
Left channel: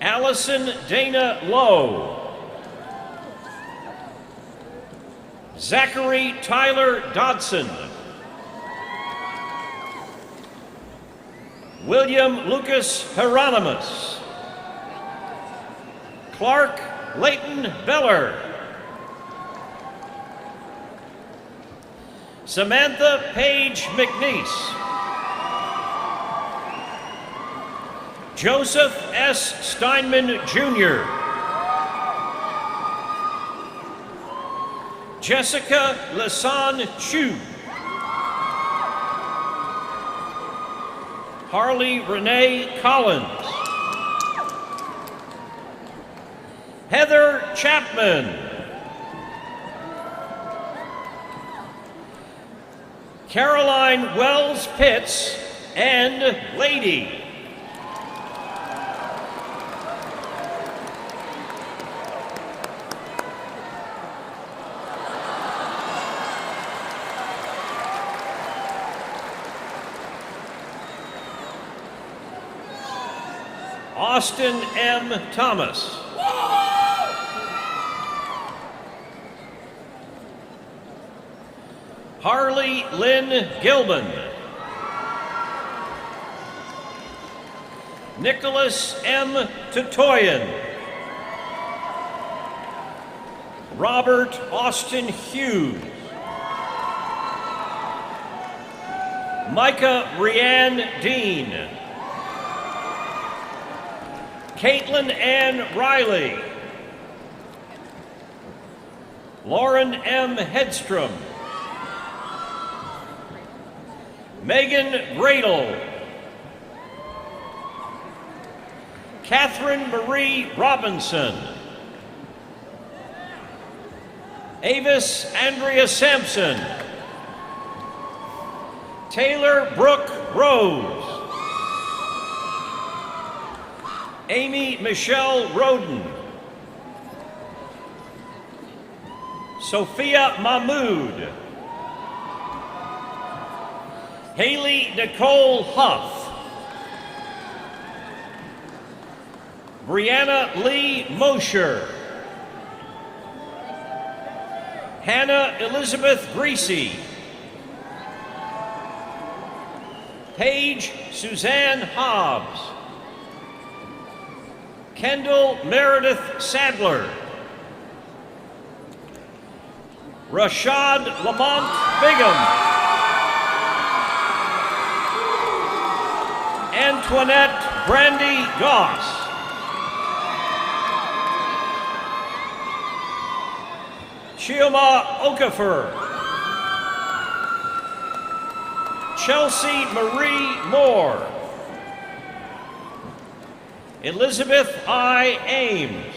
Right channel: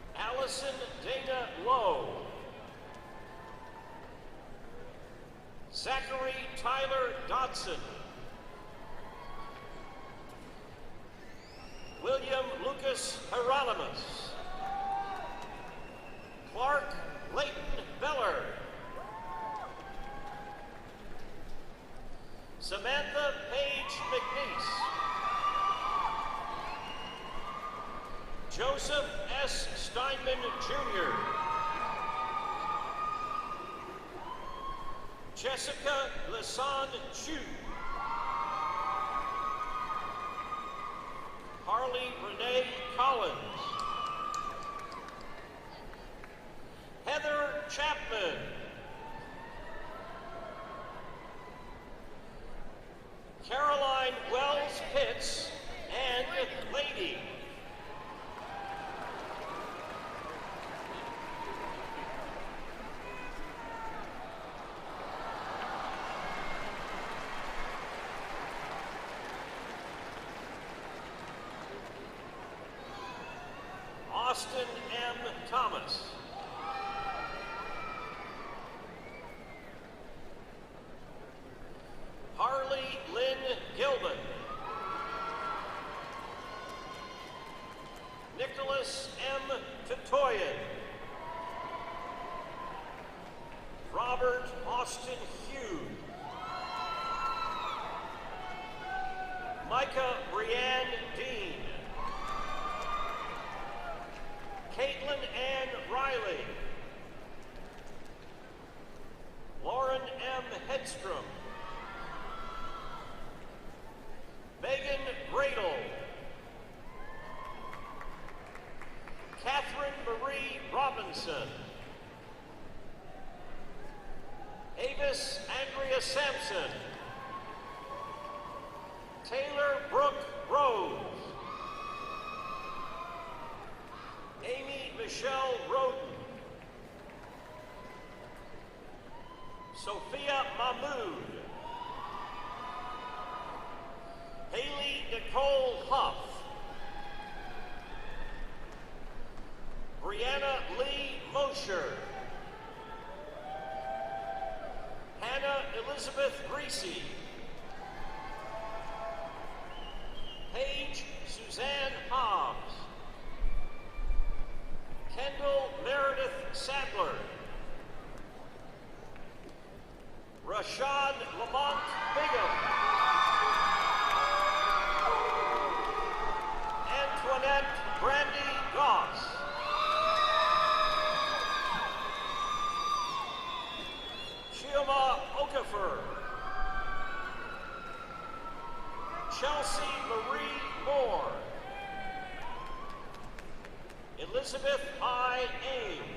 Allison Dana Lowe. Zachary Tyler Dodson. William Lucas Hieronymus. Clark Leighton Beller. Samantha Page McNeese. Joseph S. Steinman Jr. Jessica Lasan Chu. Harley Renee Collins. Heather Chapman. Caroline Wells Pitts and Lady. Austin M. Thomas. Harley Lynn Gilman. Nicholas M. Tutoyan. Robert Austin Hughes. Micah Rianne Dean. Caitlin Ann Riley. Lauren M. Hedstrom. Megan Gradle. Catherine Marie Robinson. Avis Andrea Sampson. Taylor Brooke Rose. Amy Michelle Roden. Sophia Mahmood. Haley Nicole Huff. Brianna Lee Mosher. Hannah Elizabeth Greasy. Paige Suzanne Hobbs. Kendall Meredith Sadler. Rashad Lamont Bigham. Antoinette Brandy Goss. Chioma Okafor. Chelsea Marie Moore. Elizabeth I. Ames.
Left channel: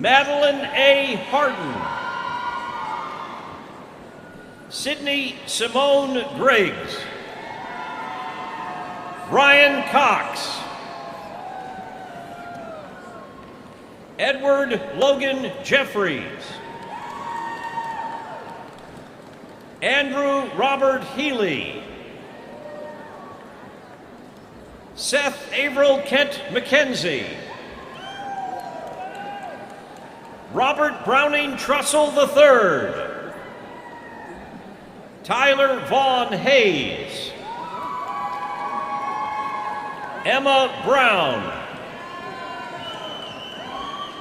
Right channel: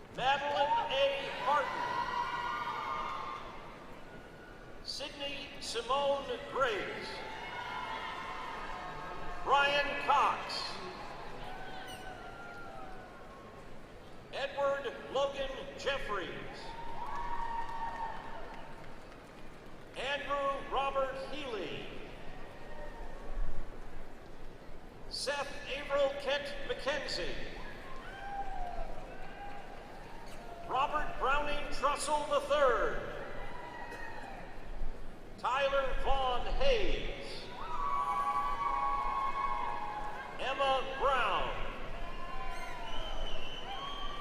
Madeline A. Harden. Sydney Simone Griggs. Ryan Cox. Edward Logan Jeffries. Andrew Robert Healy. Seth Averill Kent McKenzie. Robert Browning Trussell III. Tyler Vaughn Hayes. Emma Brown.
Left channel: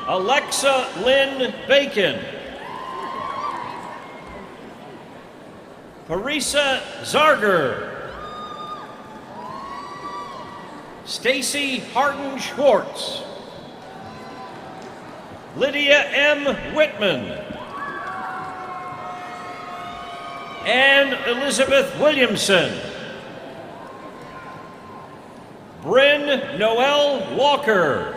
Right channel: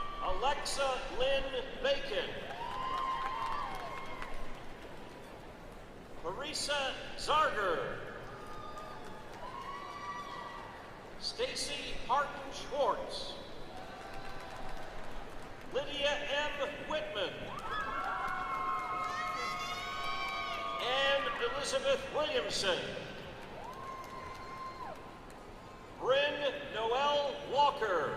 Alexa Lynn Bacon. Parisa Zarger. Stacy Harden Schwartz. Lydia M. Whitman. and Elizabeth Williamson. Bryn Noel Walker.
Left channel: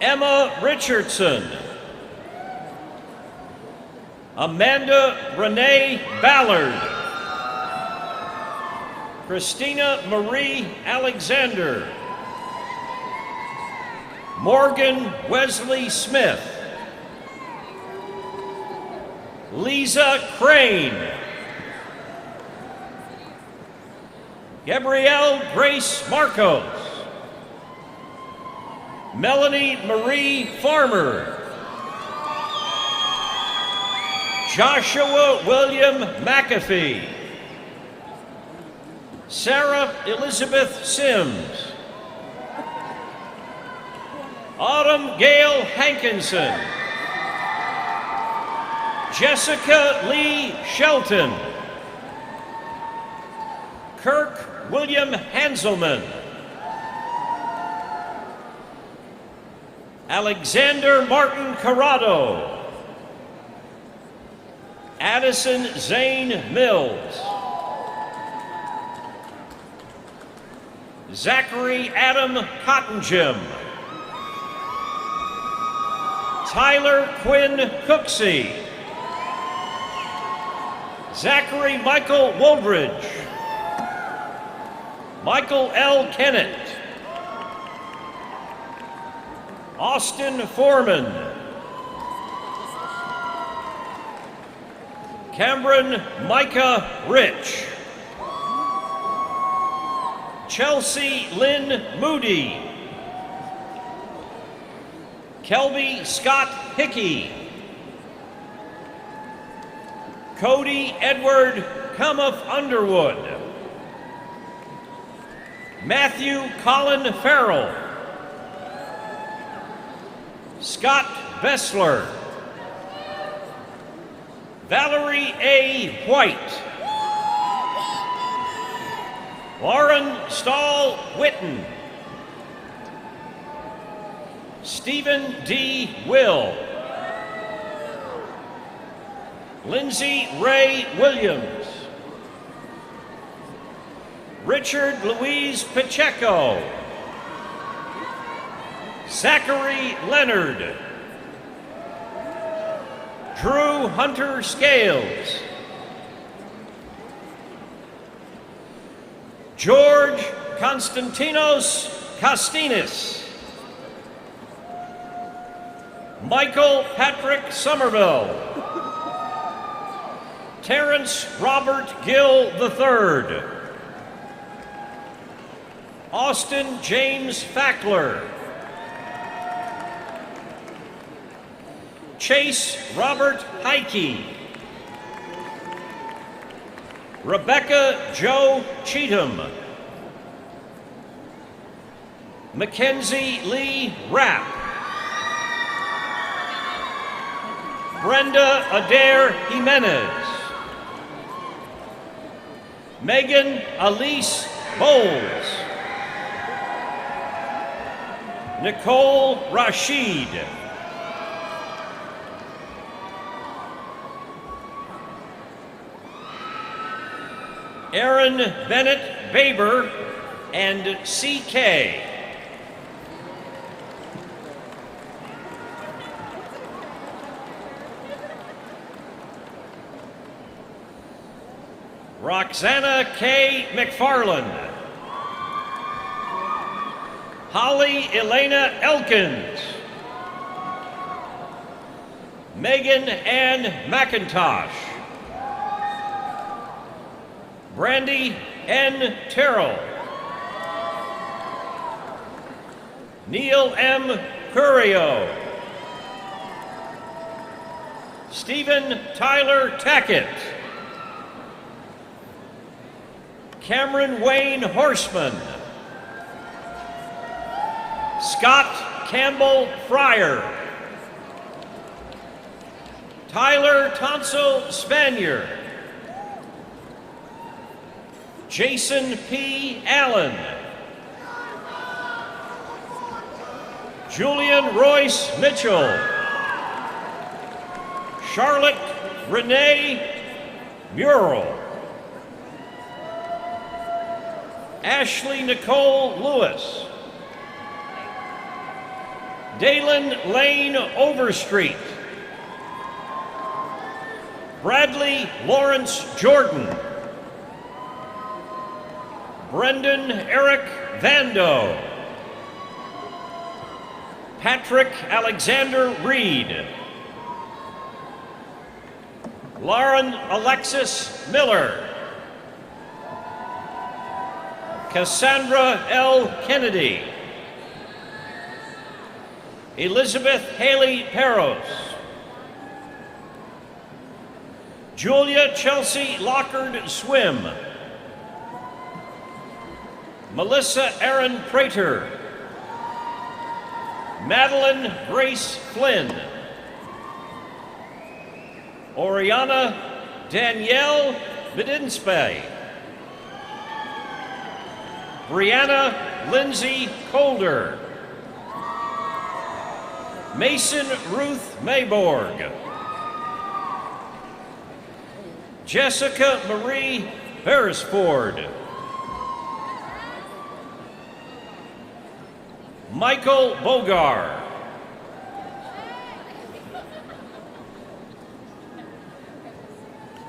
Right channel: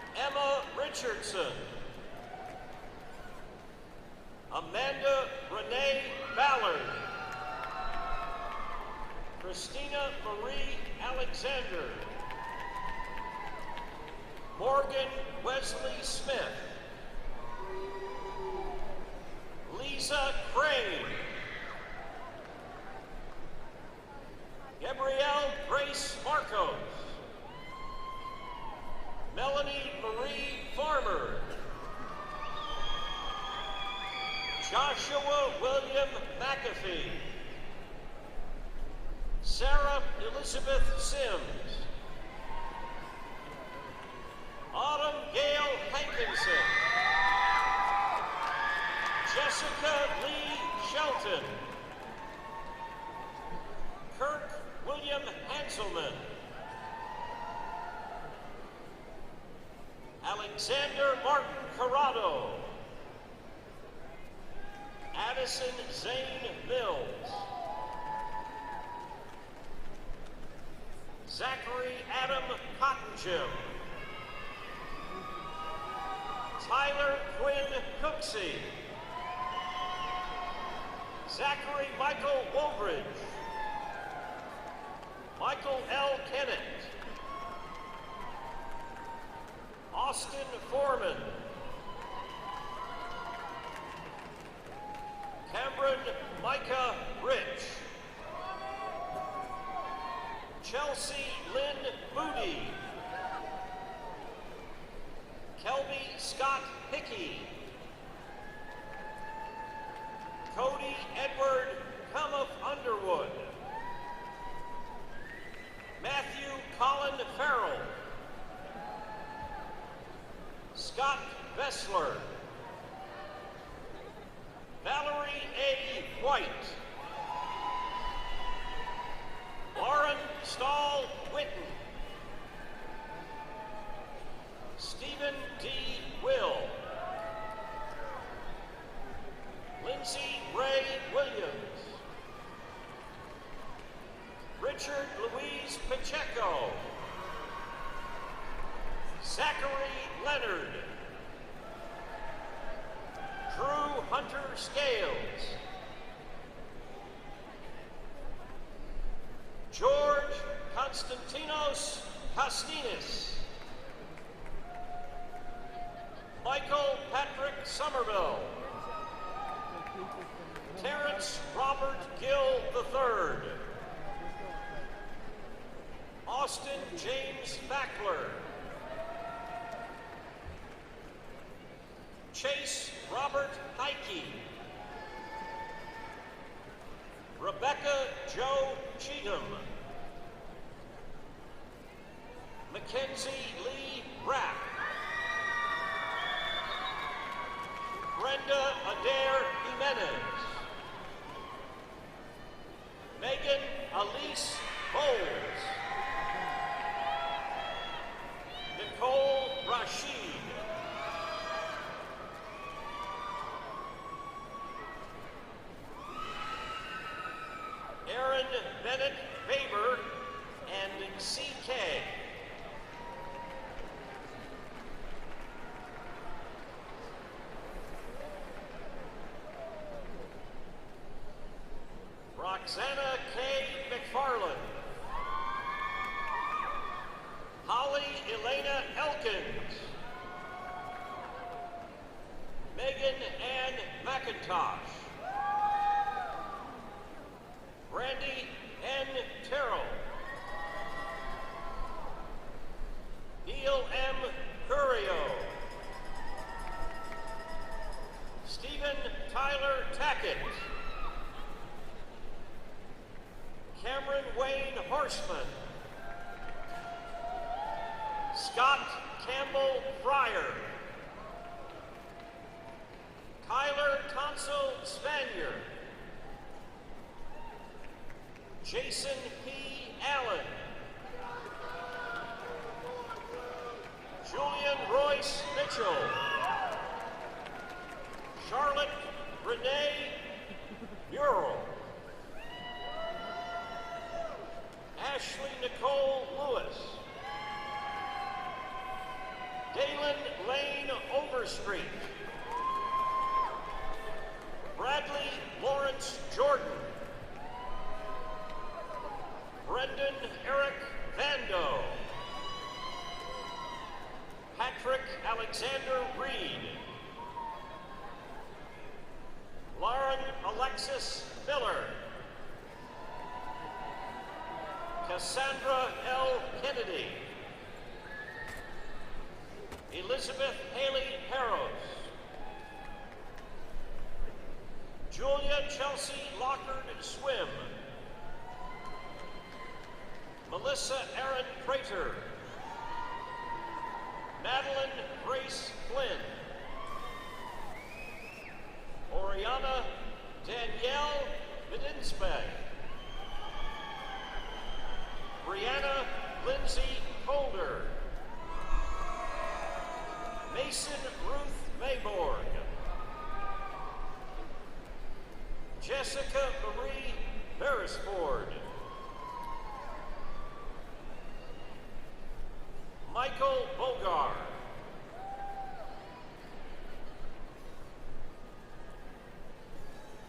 Emma Richardson. Amanda Renee Ballard. Christina Marie Alexander. Morgan Wesley Smith. Lisa Crane. Gabrielle Grace Marcos. Melanie Marie Farmer. Joshua William McAfee. Sarah Elizabeth Sims. Autumn Gail Hankinson. Jessica Lee Shelton. Kirk William Hanselman. Alexander Martin Corrado. Adam Addison Zane Mills. Zachary Adam Cottingem. Tyler Quinn Cooksey. Zachary Michael Woldridge. Michael L. Kennett. Austin Foreman. Cameron Micah Rich. Chelsea Lynn Moody. Kelby Scott Hickey. Cody Edward Cummuff Underwood. Matthew Colin Farrell. Scott Bessler. Valerie A. White. Lauren Stahl Whitten. Stephen D. Will. Lindsay Ray Williams. Richard Louise Pacheco. Zachary Leonard. Drew Hunter Scales. George Konstantinos Kostinis. Michael Patrick Somerville. Terrence Robert Gill III. Austin James Fackler. Chase Robert Heike. Rebecca Jo Cheatham. Mackenzie Lee Rapp. Brenda Adair Jimenez. Megan Elise Bowles. Nicole Rashid. Aaron Bennett Baber and C.K. Roxana K. McFarland. Holly Elena Elkins. Megan Ann McIntosh. Brandy N. Terrell. Neil M. Curio. Stephen Tyler Tackett. Cameron Wayne Horseman. Scott Campbell Fryer. Tyler Tonso Spanier. Jason P. Allen. Julian Royce Mitchell. Charlotte Renee Murrell. Ashley Nicole Lewis. Dalen Lane Overstreet. Bradley Lawrence Jordan. Brendan Eric Vando. Patrick Alexander Reed. Lauren Alexis Miller. Cassandra L. Kennedy. Elizabeth Haley Peros. Julia Chelsea Lockard Swim. Melissa Aaron Prater. Madeline Grace Flynn. Oriana Danielle Medinspe. Brianna Lindsay Colder. Mason Ruth Mayborg. Jessica Marie Beresford. Michael Bogar.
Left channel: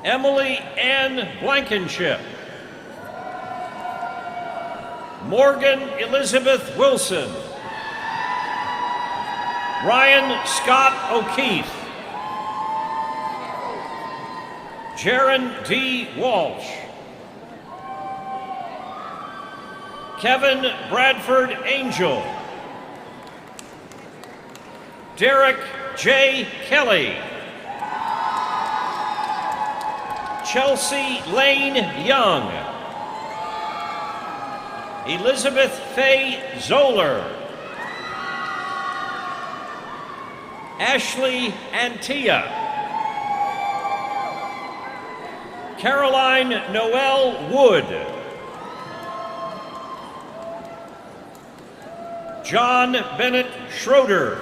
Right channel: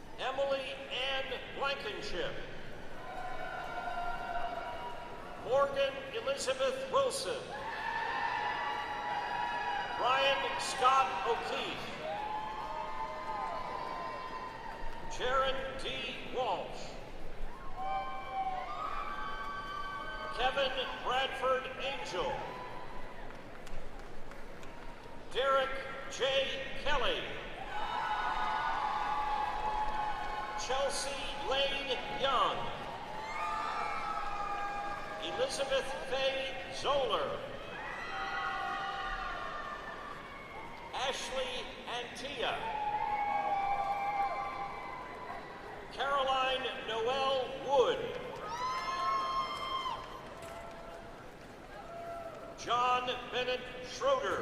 Emily Ann Blankenship. Morgan Elizabeth Wilson. Ryan Scott O'Keefe. Jaron D. Walsh. Kevin Bradford Angel. Derek J. Kelly. Chelsea Lane Young. Elizabeth Faye Zoller. Ashley Antia. Caroline Noel Wood. John Bennett Schroeder.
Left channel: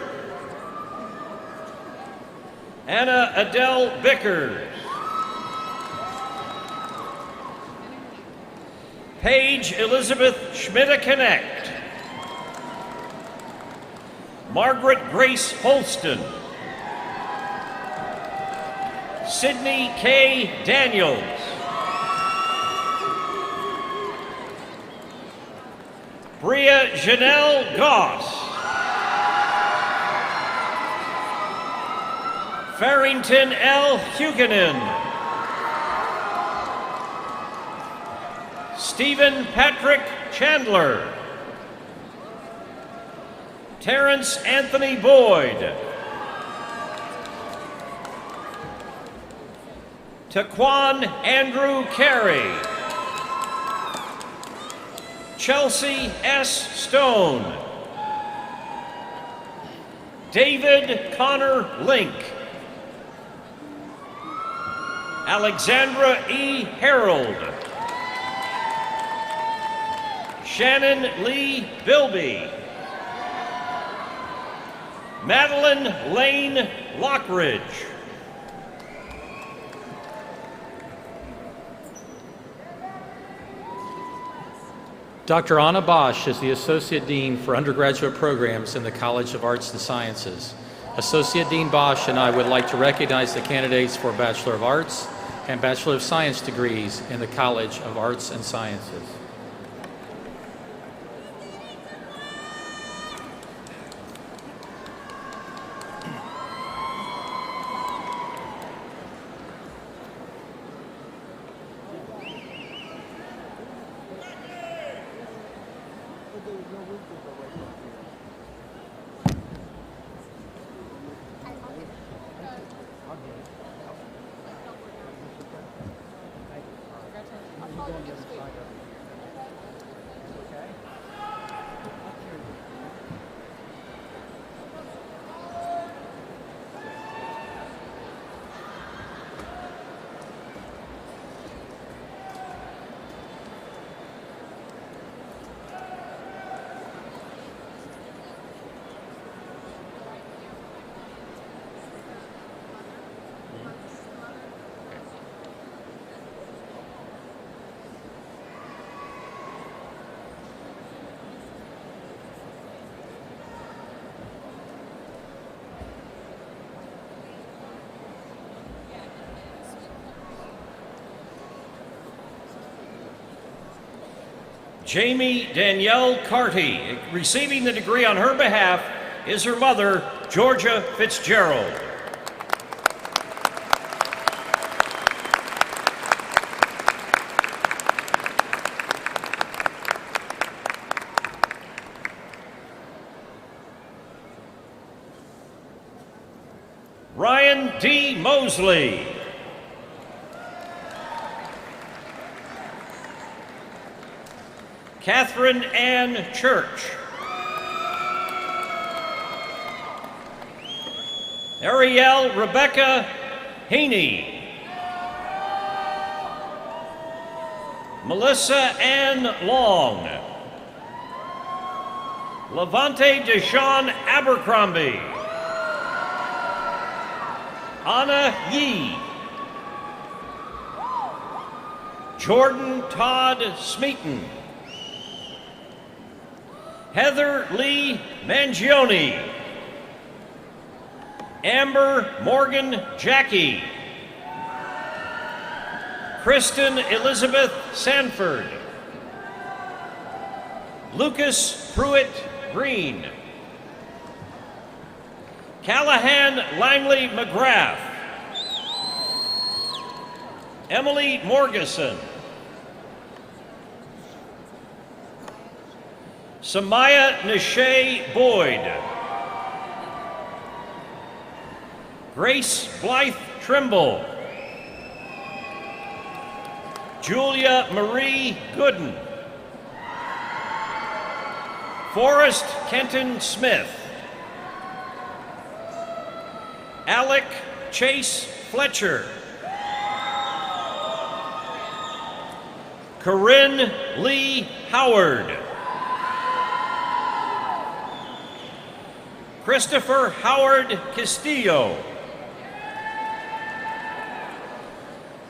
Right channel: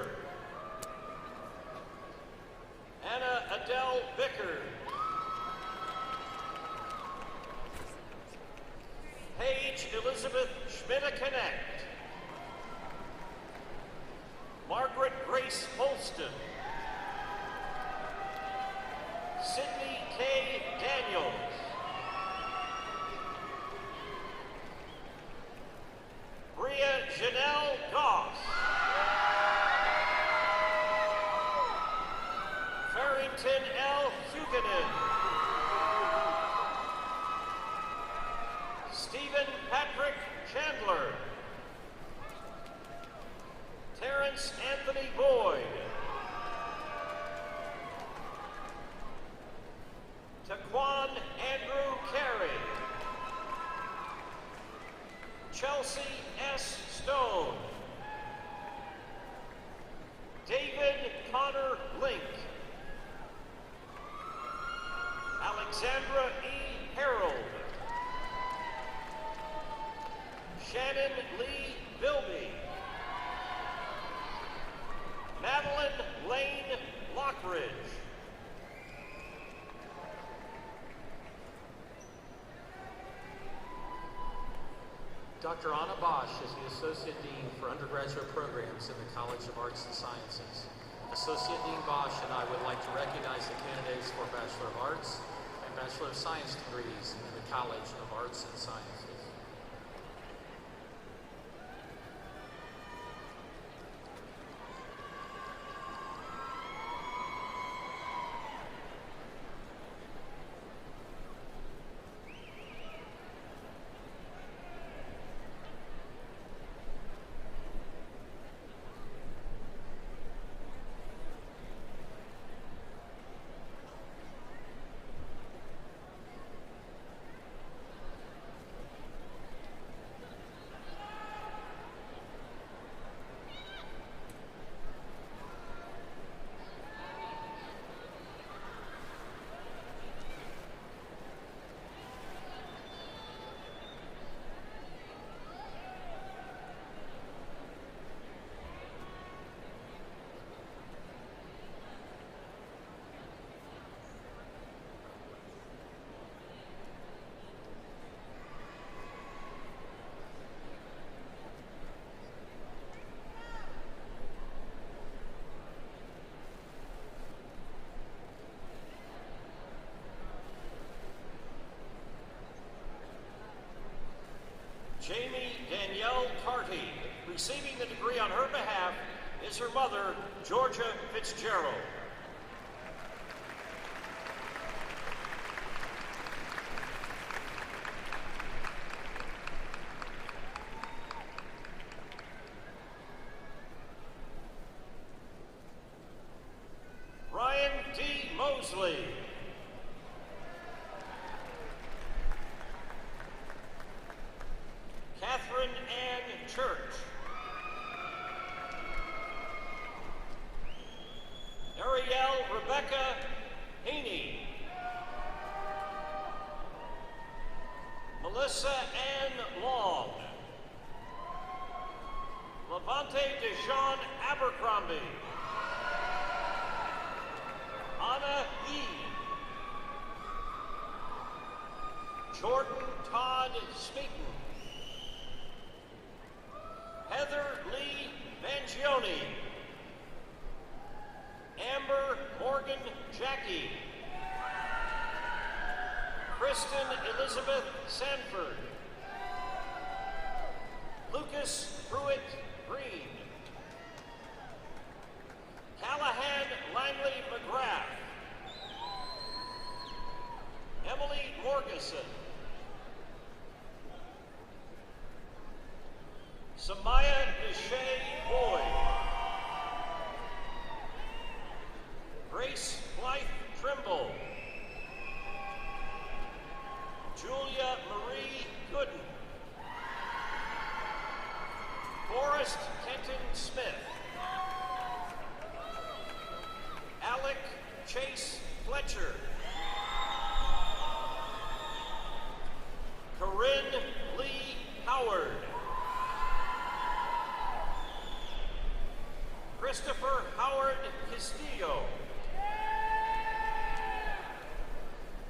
Anna Adele Bickers. Paige Elizabeth Schmidt-Connect. Margaret Grace Holston. Sydney K. Daniels. Bria Janelle Goss. Farrington L. Huguenin. Stephen Patrick Chandler. Terrence Anthony Boyd. Taquan Andrew Carey. Chelsea S. Stone. David Connor Link. Alexandra E. Harold. Shannon Lee Bilby. Madeline Lane Lockridge. Dr. Anna Bosch is the Associate Dean for Undergraduate Programs in the College of Arts and Sciences. Associate Dean Bosch and I would like to recognize the candidates for Bachelor of Arts and Bachelor of Science degrees in the College of Arts and Sciences. Jamie Danielle Carty. Receiving the degree on her behalf is her mother, Georgia Fitzgerald. Ryan D. Mosley. Catherine Ann Church. Ariel Rebecca Haney. Melissa Ann Long. Levante Deshawn Abercrombie. Anna Yee. Jordan Todd Smeaton, Heather Lee Mangione, Amber Morgan Jackie, Kristen Elizabeth Sanford, Lucas Pruitt Green, Callahan Langley McGrath, Emily Morgeson, Samaya Nishay Boyd, Grace Blythe Trimble, Julia Marie Gooden, Forrest Kenton Smith, Alec Chase Fletcher, Corinne Lee Howard, Christopher Howard Castillo,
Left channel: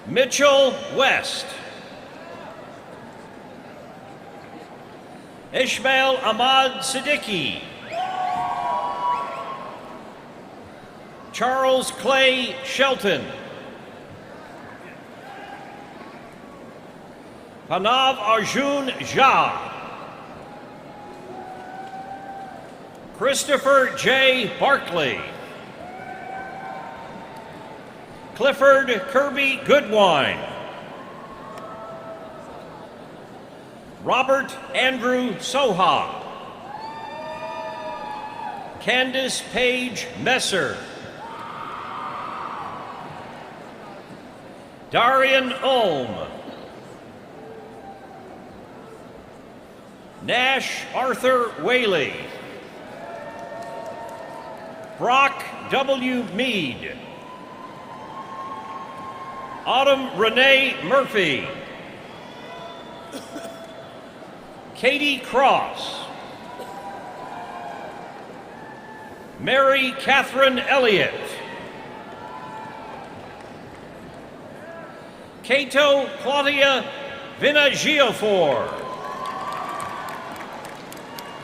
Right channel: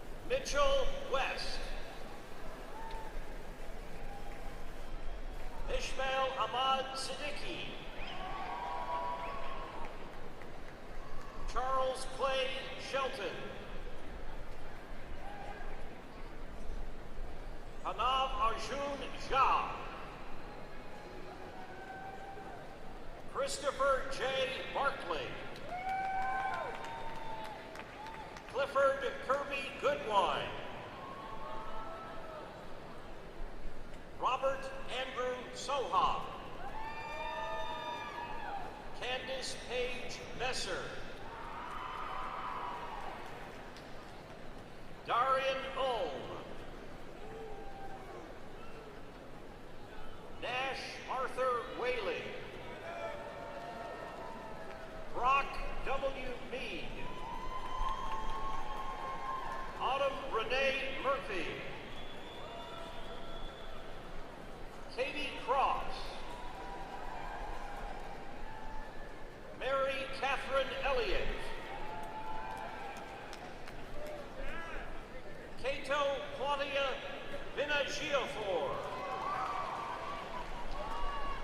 Mitchell West, Ishmael Ahmad Siddiqui, Charles Clay Shelton, Panav Arjun Jha, Christopher J. Barkley, Clifford Kirby Goodwine, Robert Andrew Soha, Candace Page Messer, Darian Ulm, Nash Arthur Whaley, Brock W. Mead, Autumn Renee Murphy, Katie Cross, Mary Catherine Elliott, Cato Claudia Vinagiofor,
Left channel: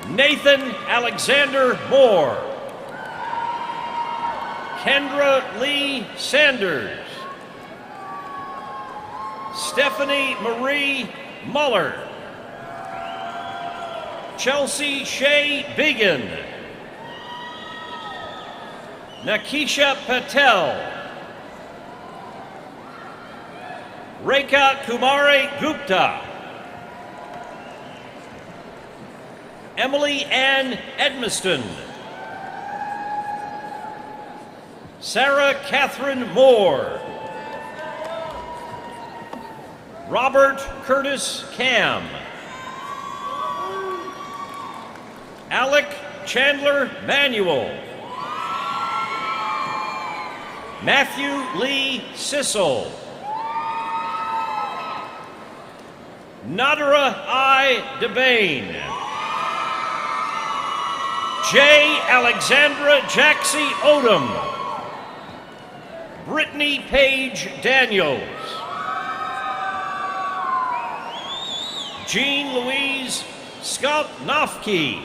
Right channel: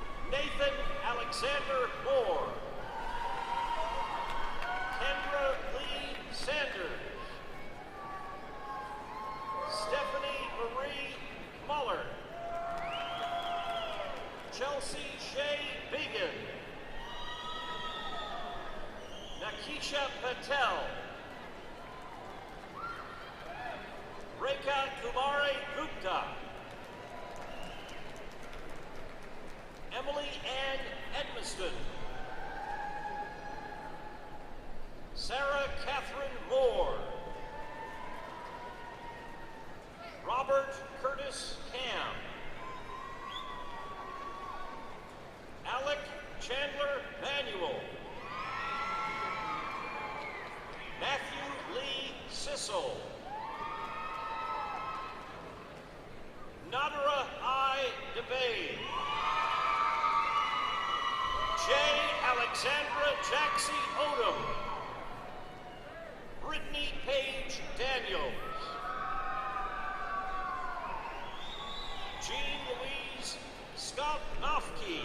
Nathan Alexander Moore, Kendra Lee Sanders, Stephanie Marie Muller, Chelsea Shea Biggin, Nakisha Patel, Rekha Kumari Gupta, Emily Ann Edmiston, Sarah Catherine Moore, Robert Curtis Cam, Alec Chandler Manuel, Matthew Lee Sissel, Nadara I. DeBain, J. Alexandra Jaxie Odom, Brittany Page Daniels, Jean Louise Scott Nofke,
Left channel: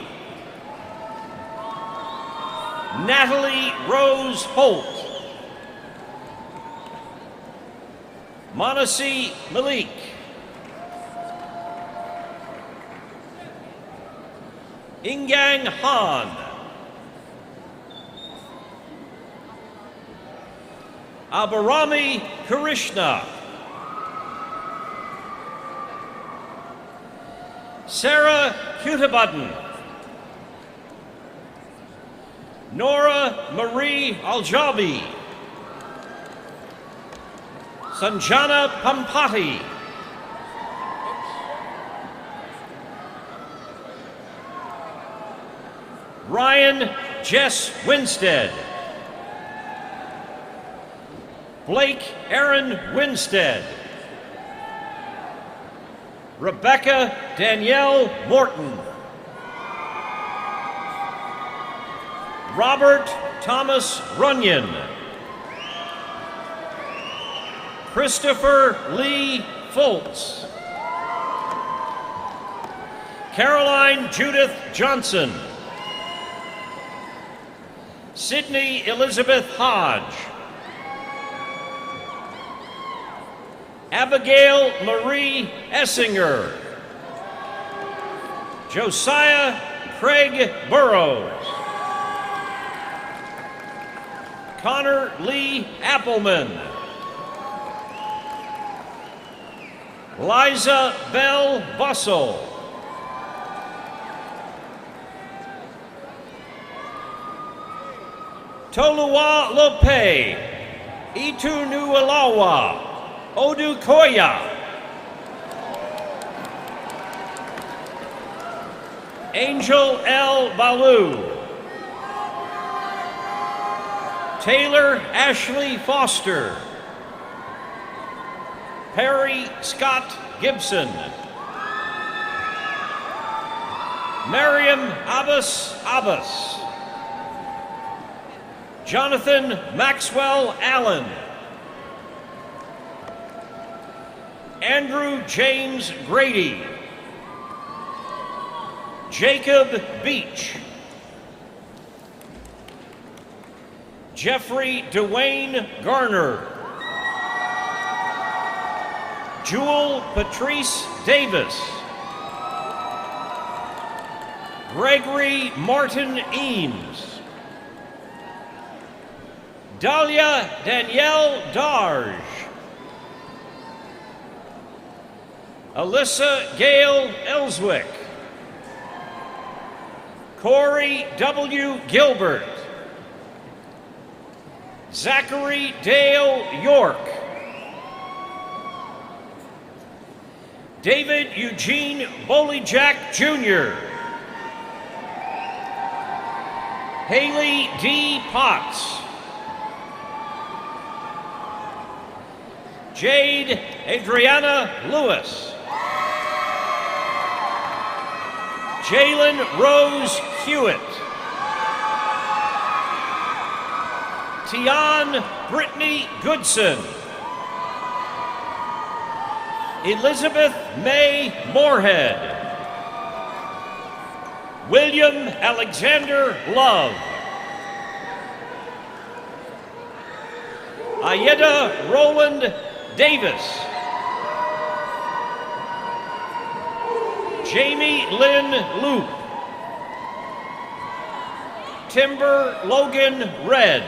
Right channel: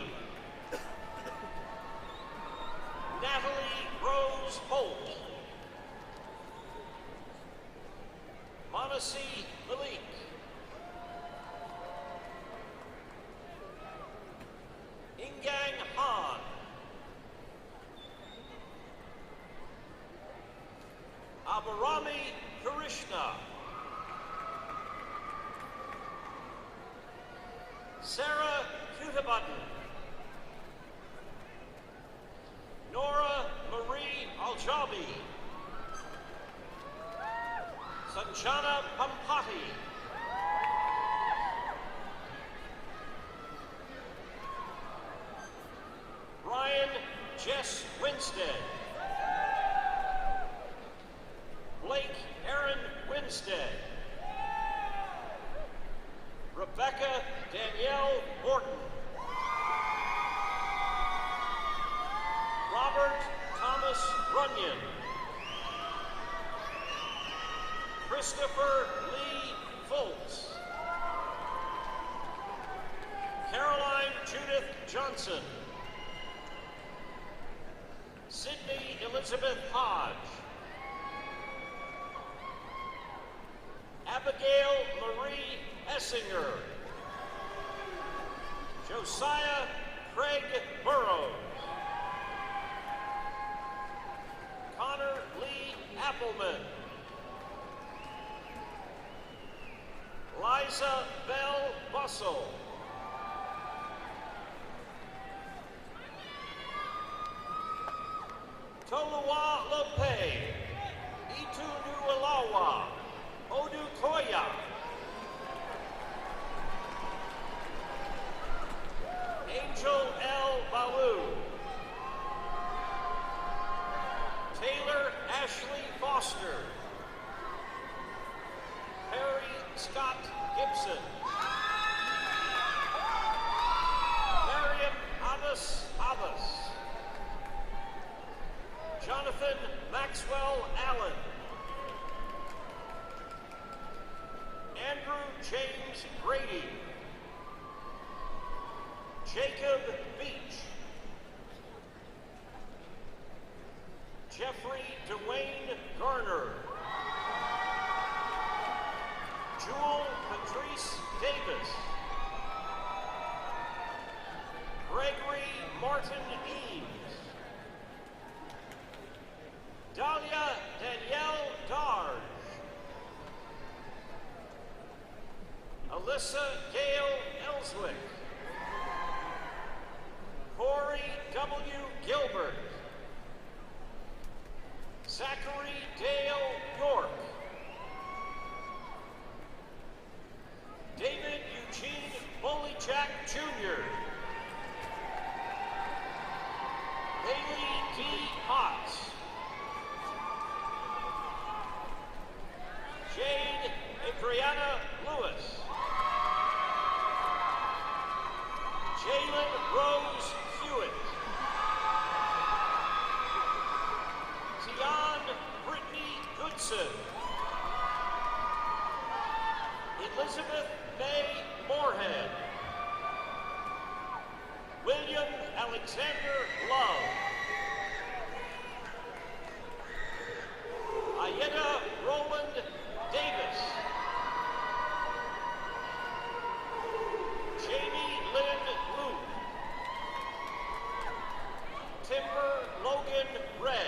Natalie Rose Holt, Monasi Malik, Ingang Han, Abarami Krishna, Sarah Hutabaden, Nora Marie Aljabi, Sanjana Pampati, Ryan Jess Winstead, Blake Aaron Winstead, Rebecca Danielle Morton, Robert Thomas Runyon, Christopher Lee Foltz. Caroline Judith Johnson. Sydney Elizabeth Hodge. Abigail Marie Essinger. Josiah Craig Burrows. Connor Lee Appleman. Liza Bell Bussell. Tolua Lope. Itunualawa. Odukoya. Angel L. Baloo. Taylor Ashley Foster. Perry Scott Gibson. Miriam Abbas Abbas. Jonathan Maxwell Allen. Andrew James Grady. Jacob Beach. Jeffrey Dwayne Garner. Jewel Patrice Davis. Gregory Martin Eames. Dahlia Danielle Darge. Alyssa Gail Ellswick. Corey W. Gilbert. Zachary Dale York. David Eugene Bolyjack Jr. Haley D. Potts. Jade Adriana Lewis. Jalen Rose Hewitt. Tian Brittany Goodson. Elizabeth May Moorhead. William Alexander Love. Ayeda Roland Davis. Jamie Lynn Loop. Timber Logan Red.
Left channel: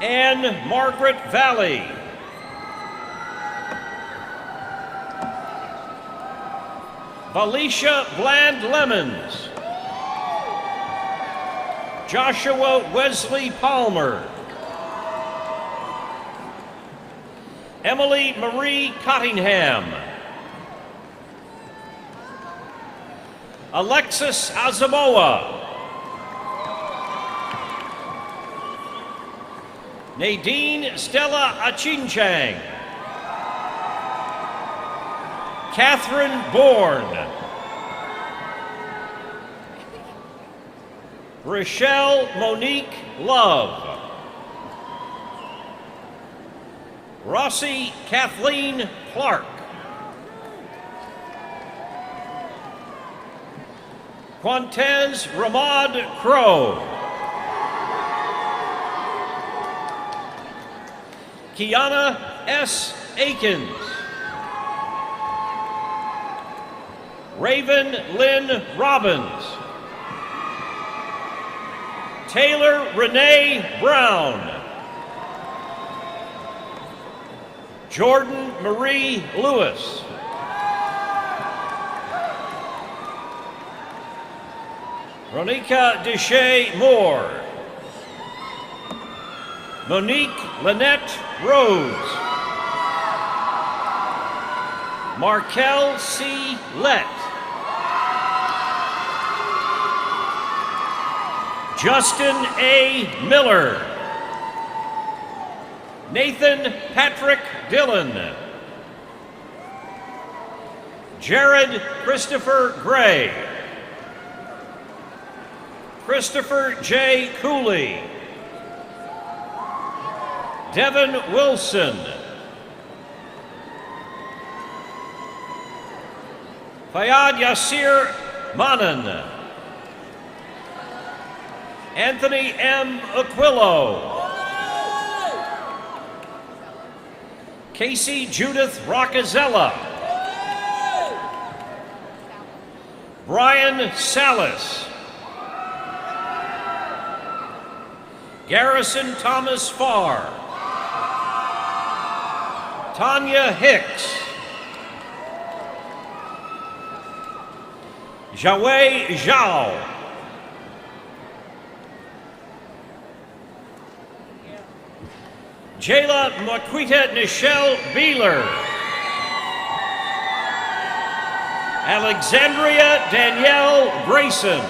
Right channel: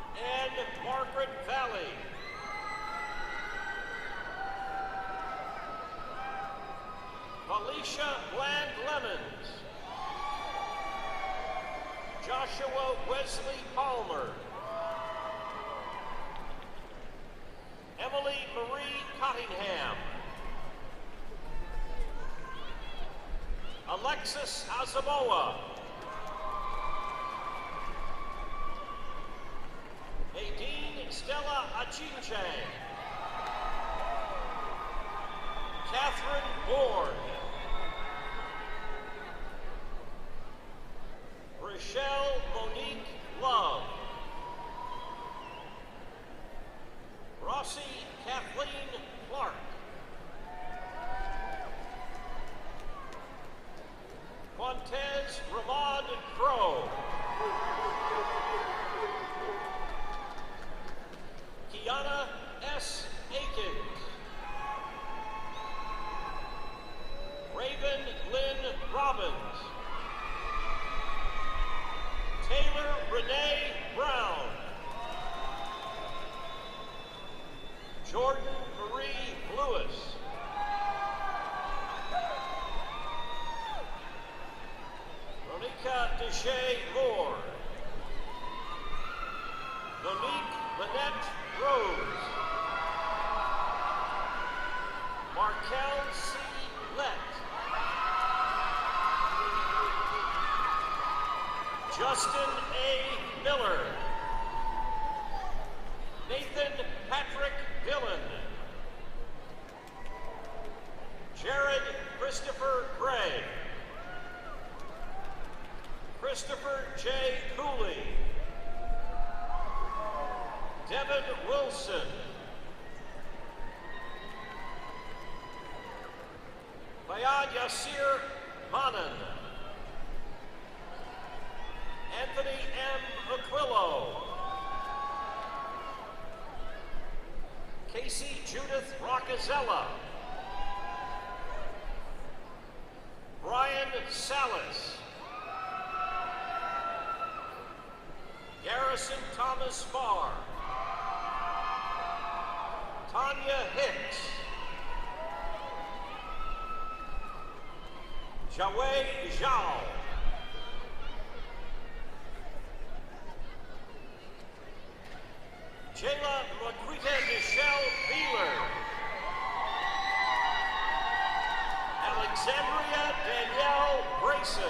Anne Margaret Valley. Felicia Bland Lemons. Joshua Wesley Palmer. Emily Marie Cottingham. Alexis Azamoah. Nadine Stella Achinchang. Catherine Bourne. Rochelle Monique Love. Rossi Kathleen Clark. Quantez Ramad Crow. Kiana S. Akins. Raven Lynn Robbins. Taylor Renee Brown. Jordan Marie Lewis. Ronika Deshay Moore. Monique Lynette Rhodes. Markel C. Lett. Justin A. Miller. Nathan Patrick Dillon. Jared Christopher Gray. Christopher J. Cooley. Devin Wilson. Fayad Yasir Manan. Anthony M. Aquillo. Casey Judith Roccazella. Brian Salas. Garrison Thomas Farr. Tanya Hicks. Jawei Zhao. Jayla Marquita Nichelle Beeler. Alexandria Danielle Grayson.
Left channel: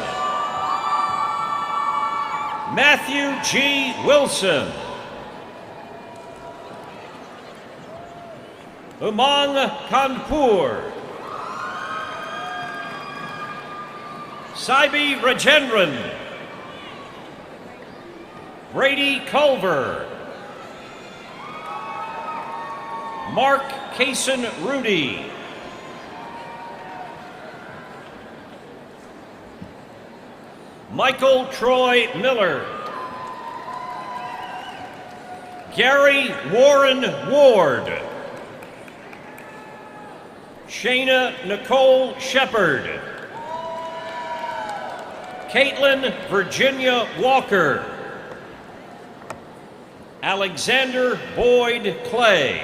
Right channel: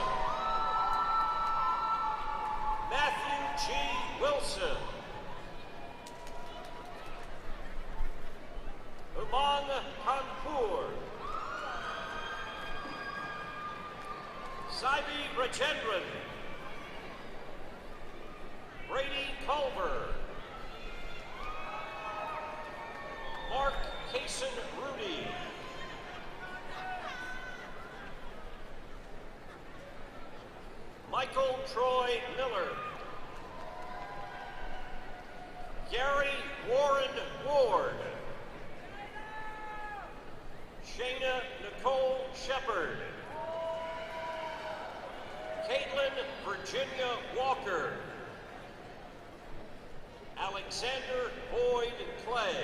Matthew G. Wilson. Umang Kanpur. Saibi Rajendran. Brady Culver. Mark Kaysen Rudy. Michael Troy Miller. Gary Warren Ward. Shayna Nicole Shepard. Caitlin Virginia Walker. Alexander Boyd Clay.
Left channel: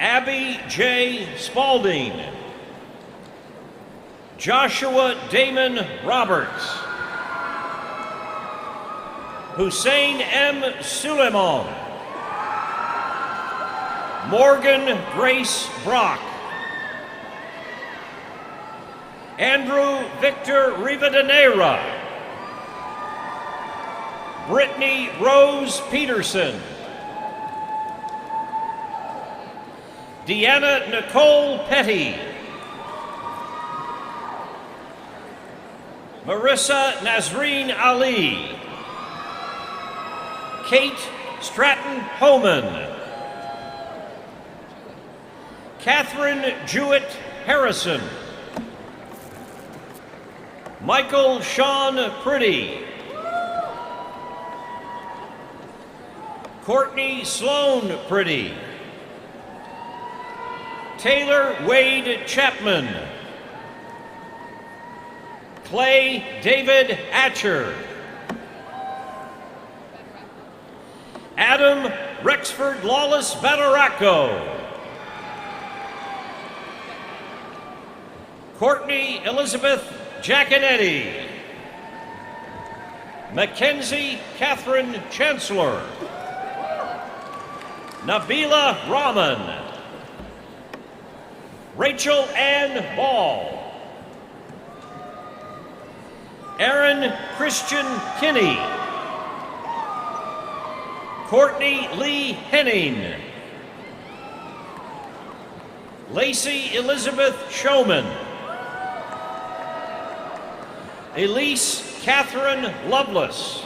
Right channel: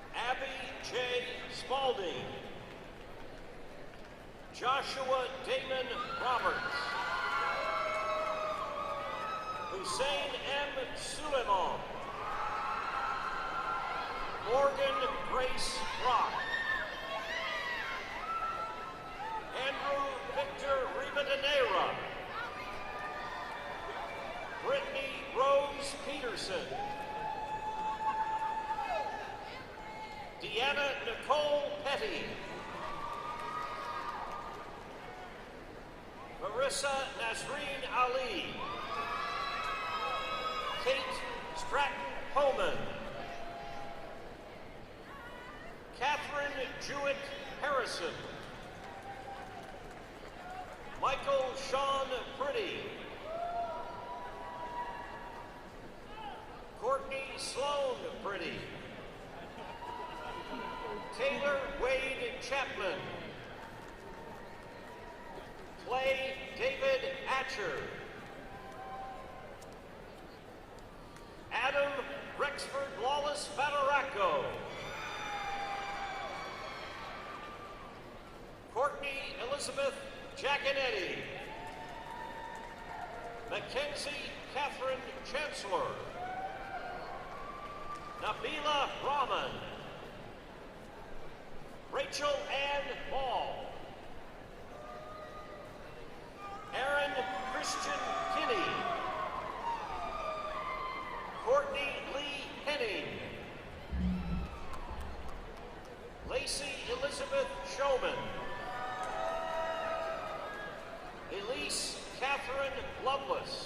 Abby J. Spalding. Joshua Damon Roberts. Hussein M. Suleiman. Morgan Grace Brock. Andrew Victor Rivadeneira. Brittany Rose Peterson. Deanna Nicole Petty. Marissa Nazreen Ali. Kate Stratton Homan. Catherine Jewett Harrison. Michael Sean Priddy. Courtney Sloan Priddy. Taylor Wade Chapman. Clay David Atcher. Adam Rexford Lawless Bataraco. Courtney Elizabeth Giaconetti. Mackenzie Catherine Chancellor. Nabila Rahman. Rachel Ann Ball. Aaron Christian Kinney. Courtney Lee Henning. Lacey Elizabeth Showman. Elise Catherine Lovelace.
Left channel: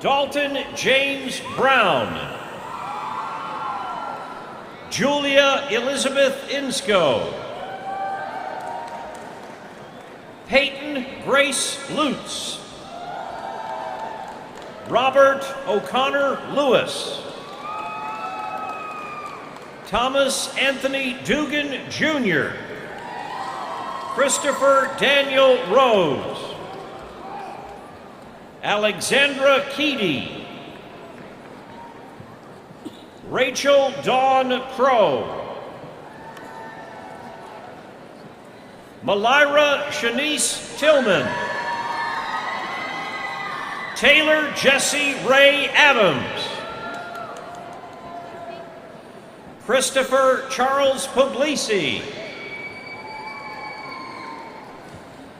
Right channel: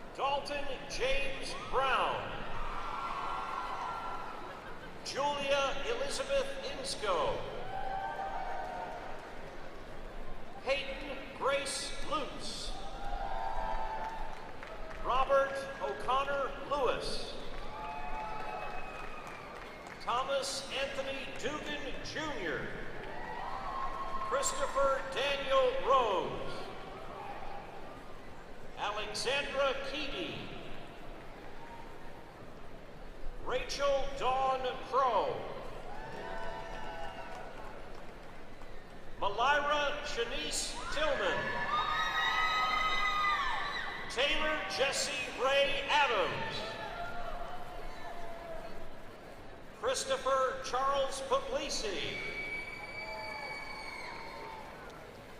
Dalton James Brown. Julia Elizabeth Insco. Peyton Grace Lutz. Robert O'Connor Lewis. Thomas Anthony Dugan Jr. Christopher Daniel Rose. Alexandra Keedy. Rachel Dawn Crow. Malira Shanice Tillman. Taylor Jesse Ray Adams. Christopher Charles Puglisi.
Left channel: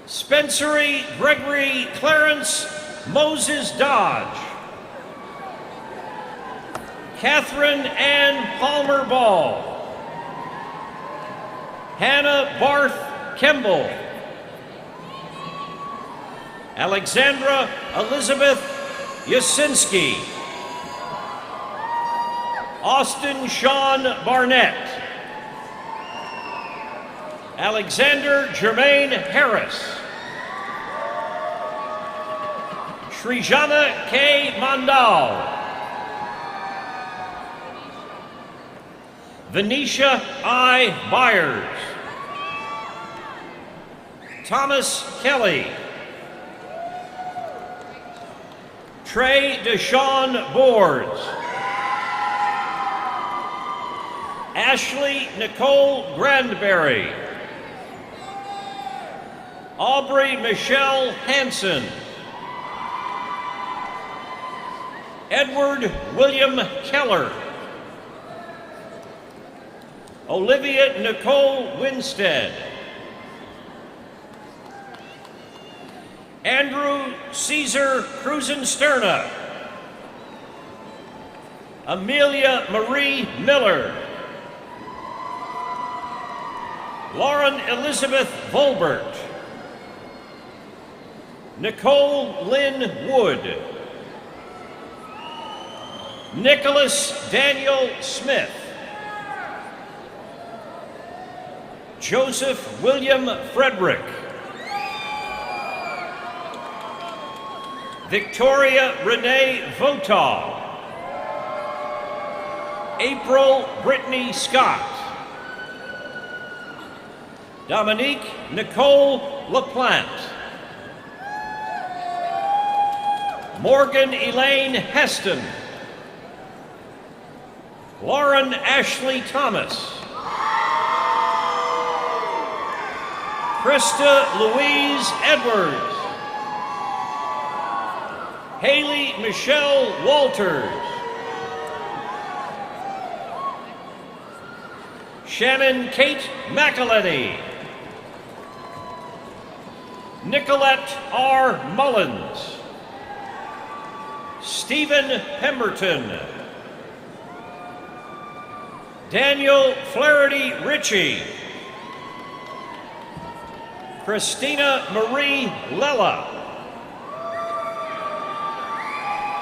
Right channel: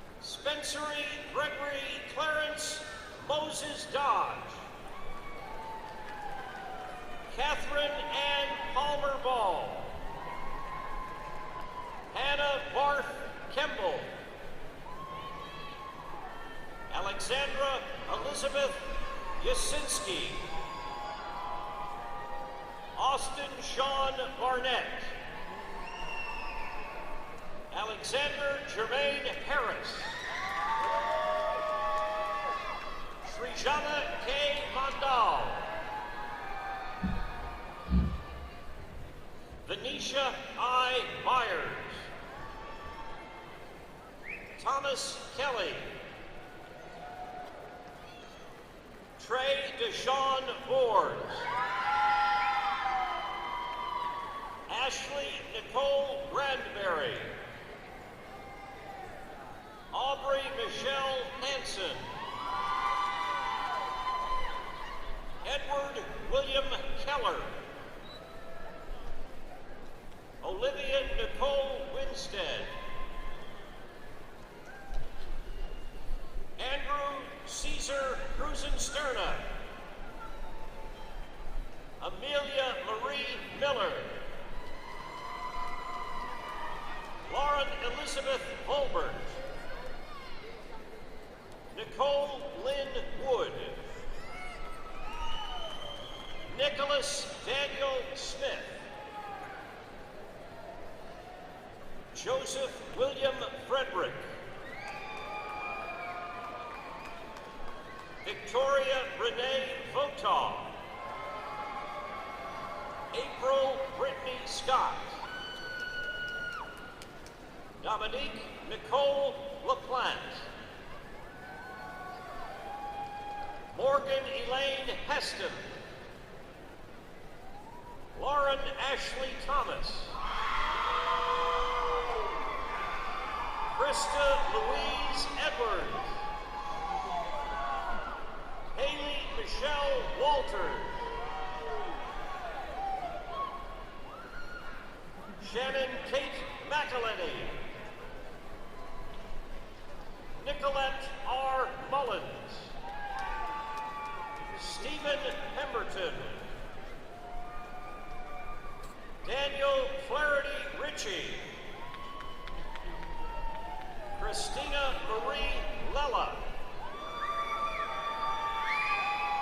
Spencery Gregory Clarence Moses Dodge. Catherine Ann Palmer Ball. Hannah Barth Kemble. Alexandra Elizabeth Yasinski. Austin Sean Barnett. Alexander Jermaine Harris. Srijana K. Mandal. Venetia I. Byers. Thomas Kelly. Trey Deshawn Boards. Ashley Nicole Grandberry. Aubrey Michelle Hanson. Edward William Keller. Olivia Nicole Winstead. Andrew Caesar Cruzensterna. Amelia Marie Miller. Lauren Elizabeth Volbert. Nicole Lynn Wood. Nicholas Daniel Smith. Joseph William Frederick. Victoria Renee Votaw. April Brittany Scott. Dominique Nicole LaPlante. Morgan Elaine Heston. Lauren Ashley Thomas. Krista Louise Edwards. Haley Michelle Walters. Shannon Kate McElhenney. Nicolette R. Mullins. Stephen Pemberton. Daniel Flaherty Ritchie. Christina Marie Lella.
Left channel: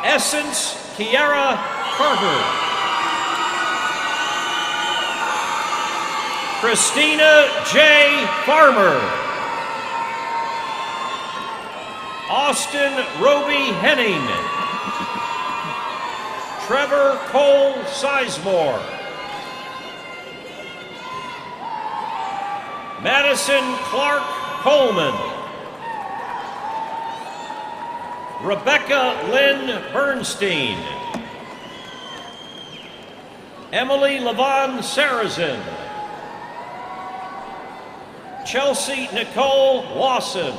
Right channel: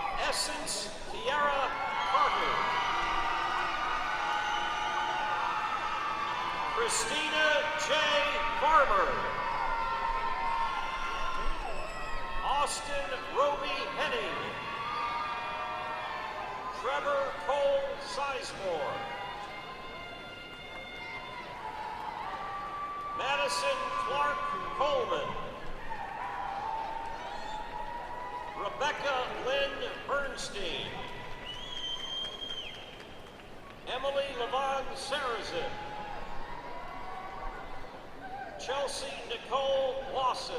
Essence Kiara Carter. Christina J. Farmer. Austin Roby Henning. Trevor Cole Sizemore. Madison Clark Coleman. Rebecca Lynn Bernstein. Emily Levon Sarazin. Chelsea Nicole Lawson.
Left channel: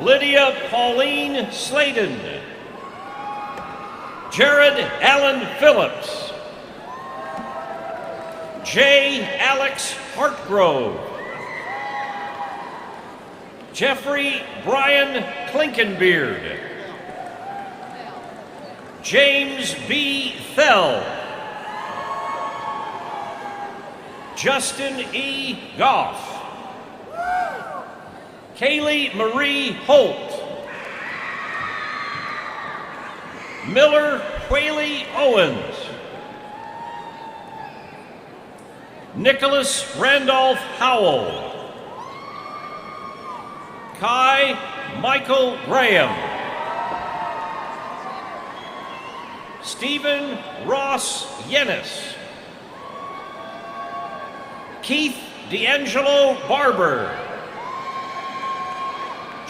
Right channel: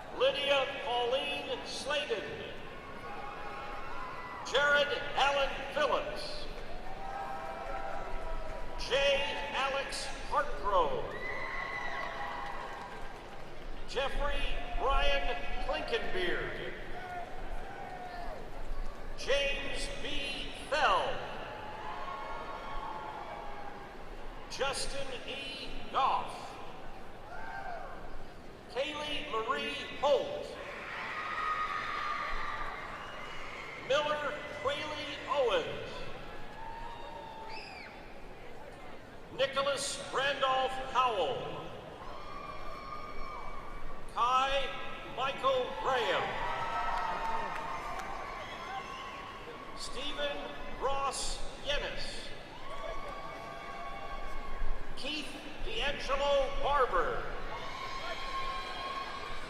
Lydia Pauline Sladen. Jared Allen Phillips. J. Alex Hartgrove. Jeffrey Brian Klinkenbeard. James B. Fell. Justin E. Goff. Kaylee Marie Holt. Miller Whaley Owens. Nicholas Randolph Howell. Kai Michael Graham. Stephen Ross Yennis. Keith D'Angelo Barber.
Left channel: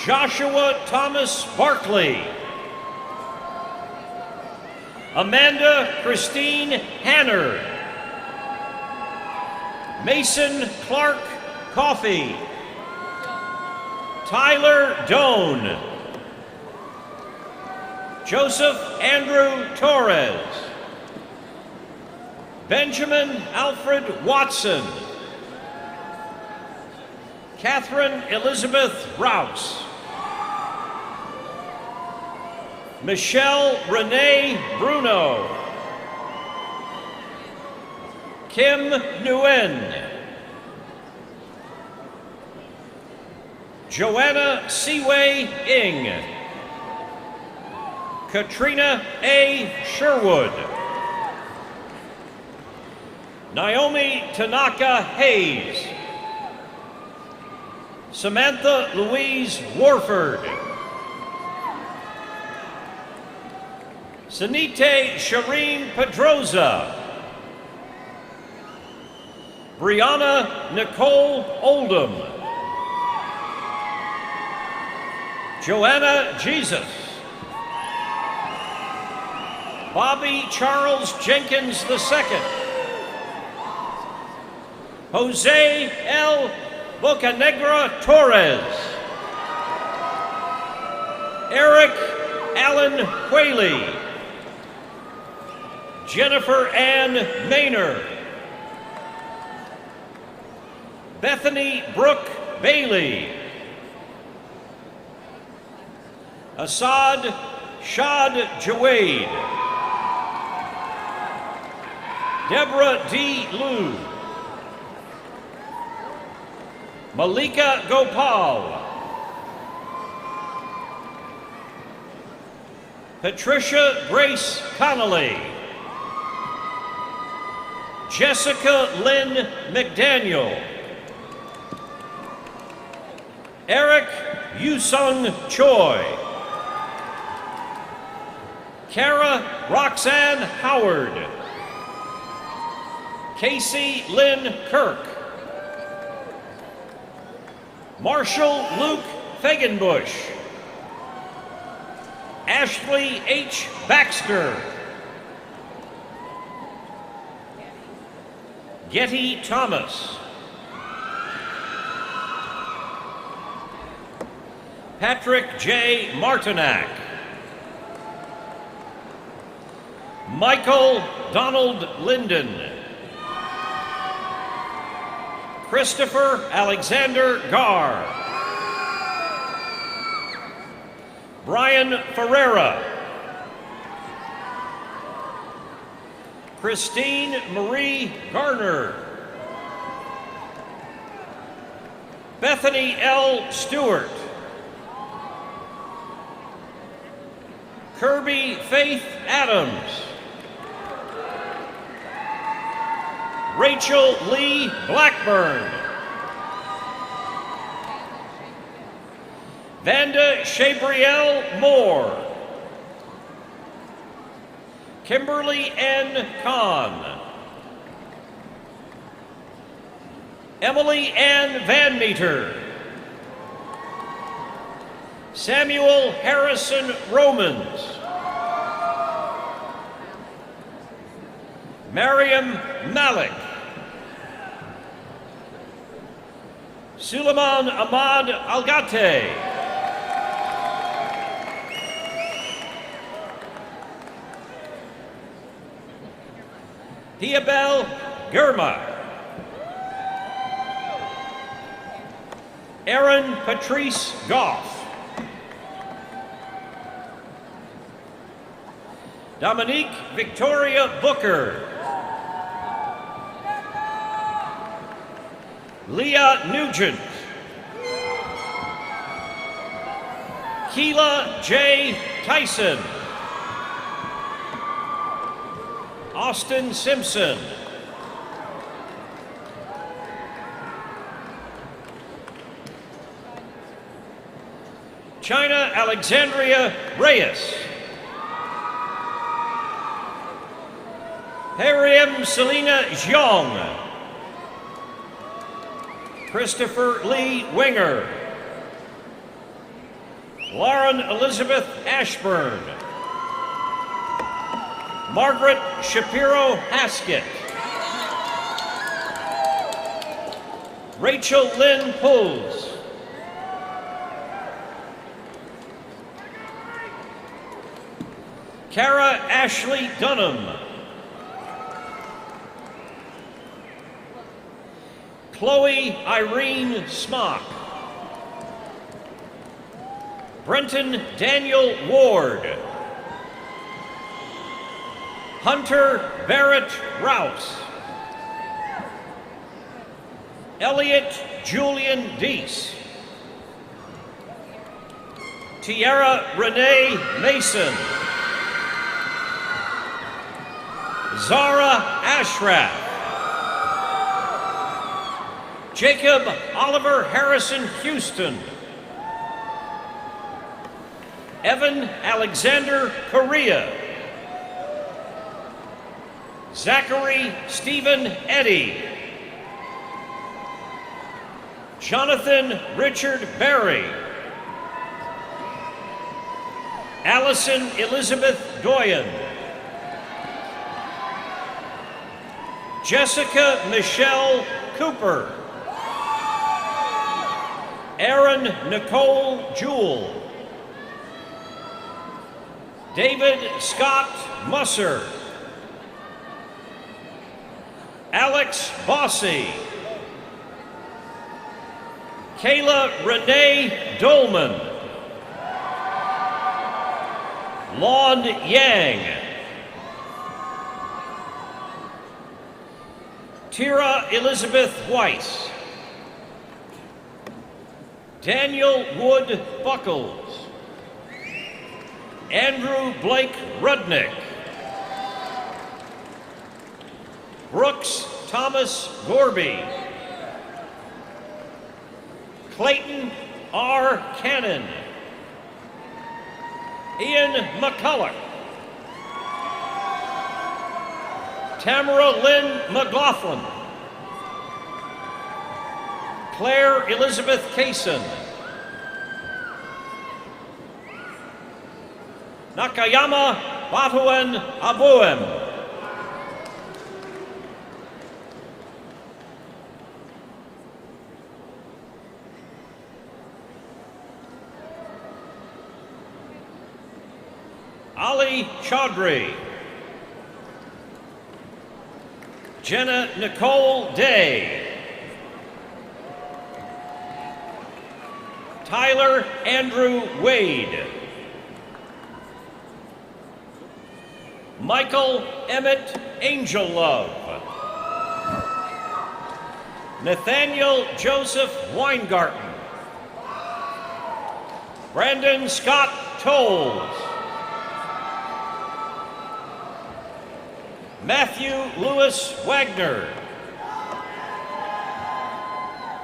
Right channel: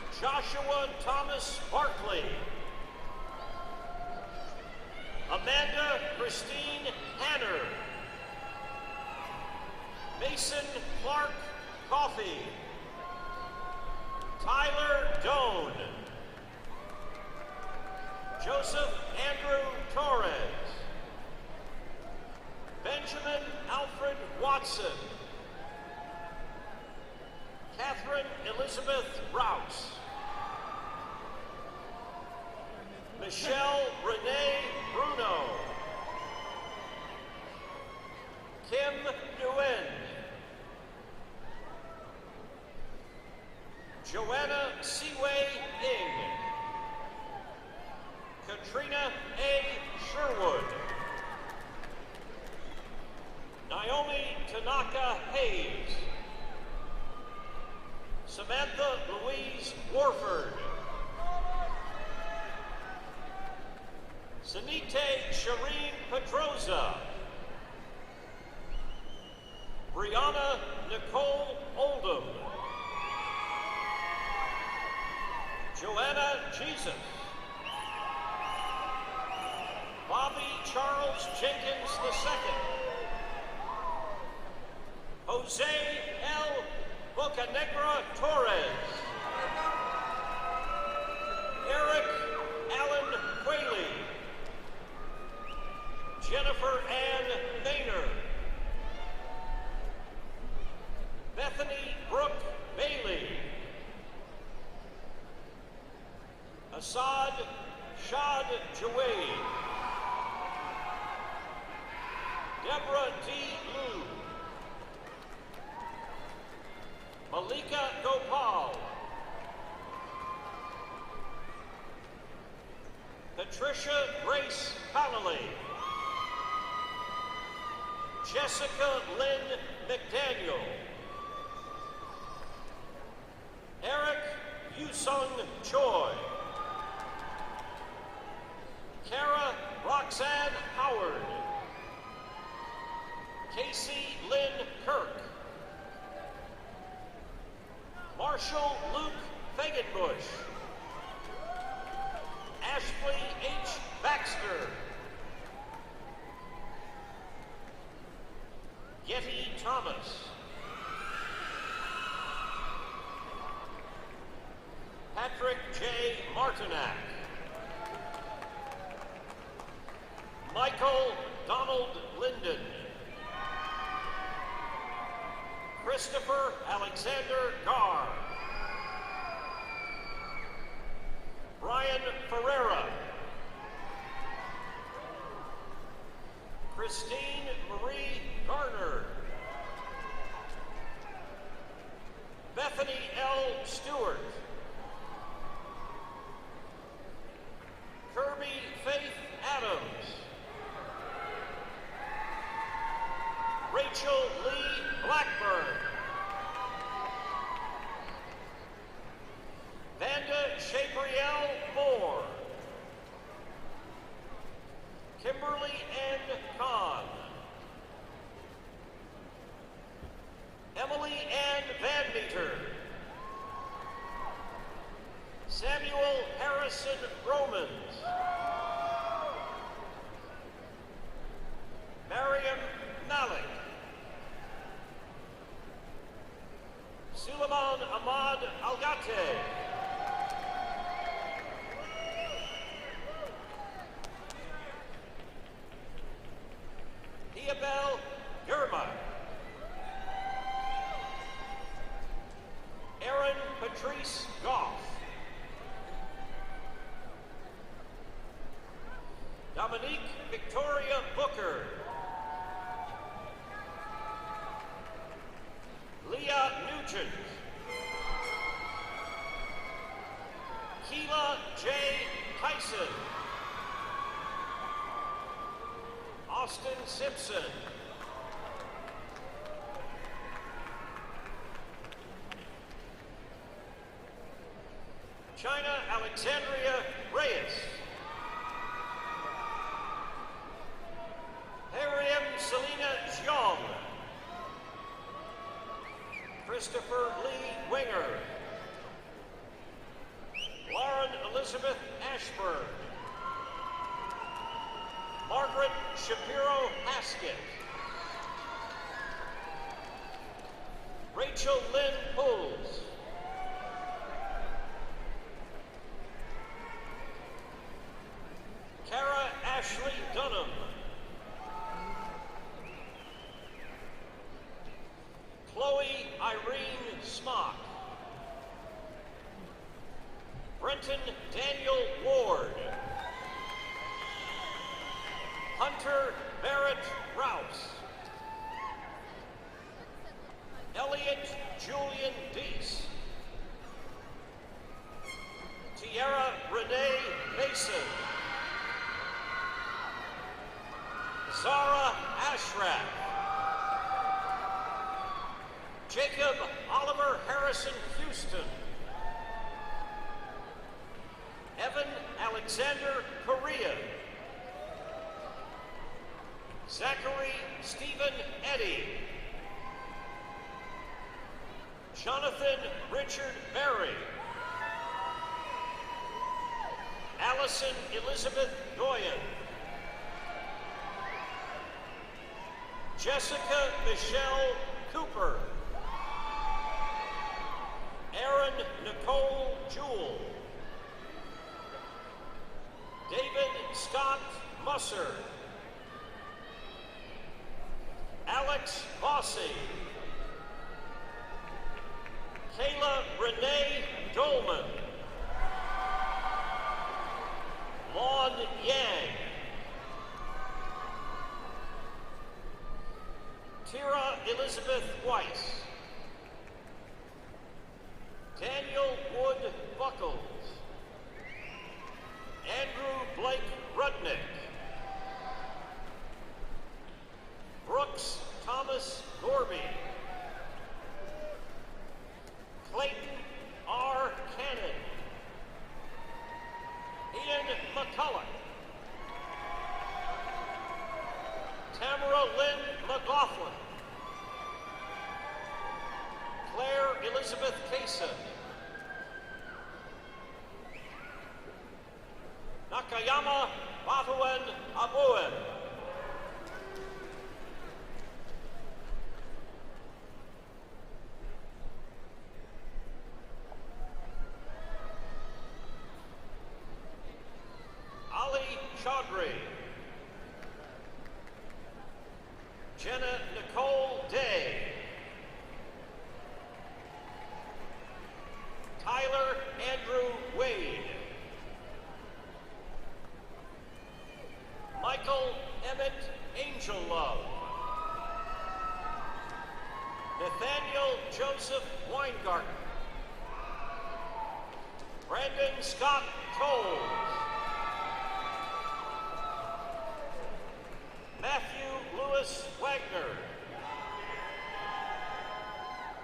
Joshua Thomas Barkley. Amanda Christine Hanner. Mason Clark Coffey. Tyler Doan. Joseph Andrew Torres. Benjamin Alfred Watson. Catherine Elizabeth Rouse. Michelle Renee Bruno. Kim Nguyen. Joanna Siwei Ing. Katrina A. Sherwood. Naomi Tanaka Hayes. Samantha Louise Warford. Sanite Shireen Pedroza. Brianna Nicole Oldham. Joanna Jesus. Bobby Charles Jenkins II. Jose L. Bocanegra Torres. Eric Allen Whaley. Jennifer Ann Maynard. Bethany Brooke Bailey. Assad Shad Jawade. Deborah D. Liu. Malika Gopal. Patricia Grace Connolly. Jessica Lynn McDaniel. Eric Yusung Choi. Kara Roxanne Howard. Casey Lynn Kirk. Marshall Luke Fagenbush. Ashley H. Baxter. Getty Thomas. Patrick J. Martinack. Michael Donald Linden. Christopher Alexander Garr. Brian Ferreira. Christine Marie Garner. Bethany L. Stewart. Kirby Faith Adams. Rachel Lee Blackburn. Vanda Shabrielle Moore. Kimberly N. Kahn. Emily Ann Van Meter. Samuel Harrison Romans. Mariam Malik. Suleiman Ahmad Algate. Diabel Germa. Erin Patrice Goff. Dominique Victoria Booker. Leah Nugent. Keela J. Tyson. Austin Simpson. China Alexandria Reyes. Hariam Selena Zhang. Christopher Lee Winger. Lauren Elizabeth Ashburn. Margaret Shapiro Haskett. Rachel Lynn Pulls. Kara Ashley Dunham. Chloe Irene Smock. Brenton Daniel Ward. Hunter Barrett Rouse. Elliot Julian Deese. Tiara Renee Mason. Zara Ashraf. Jacob Oliver Harrison Houston. Evan Alexander Correa. Zachary Stephen Eddy. Jonathan Richard Berry. Allison Elizabeth Doyen. Jessica Michelle Cooper. Erin Nicole Jewell. David Scott Musser. Alex Bossy. Kayla Renee Dolman. Lon Yang. Tira Elizabeth Weiss. Daniel Wood Buckles. Andrew Blake Rudnick. Brooks Thomas Gorby. Clayton R. Cannon. Ian McCulloch. Tamara Lynn McLaughlin. Claire Elizabeth Kaysen. Nakayama Batuen Abuem. Ali Chaudhry. Jenna Nicole Day. Tyler Andrew Wade. Michael Emmett Angellove. Nathaniel Joseph Weingarten. Brandon Scott Tolles. Matthew Lewis Wagner.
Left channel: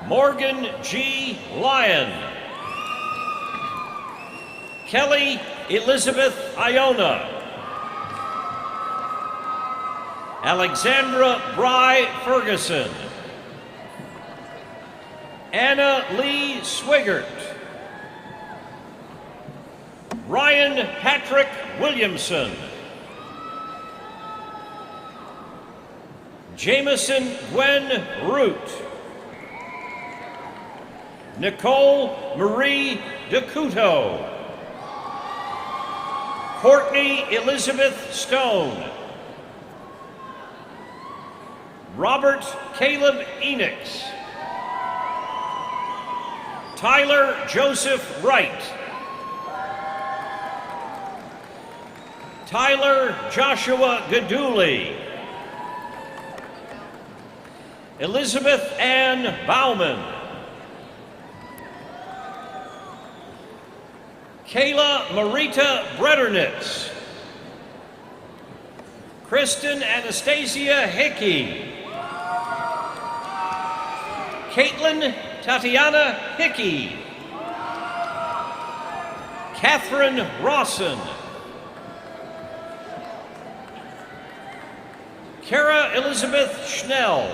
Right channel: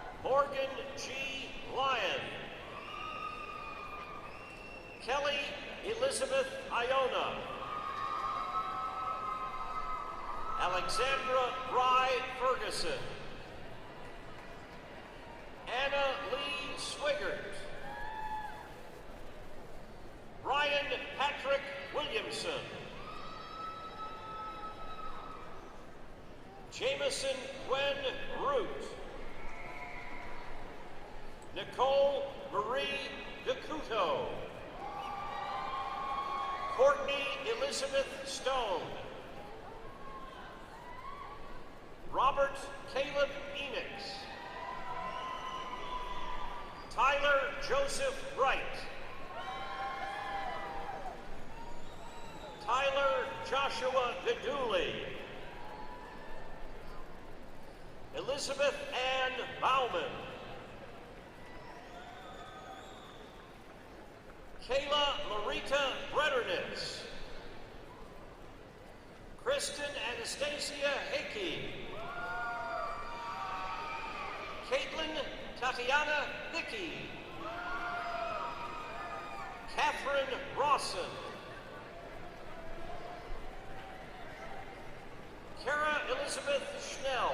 Morgan G. Lyon. Kelly Elizabeth Iona. Alexandra Bry Ferguson. Anna Lee Swigert. Ryan Patrick Williamson. Jameson Gwen Root. Nicole Marie DeCuto. Courtney Elizabeth Stone. Robert Caleb Enix. Tyler Joseph Wright. Tyler Joshua Gaduli. Elizabeth Ann Bauman. Kayla Marita Bretternitz. Kristen Anastasia Hickey. Caitlin Tatiana Hickey. Catherine Rawson. Kara Elizabeth Schnell.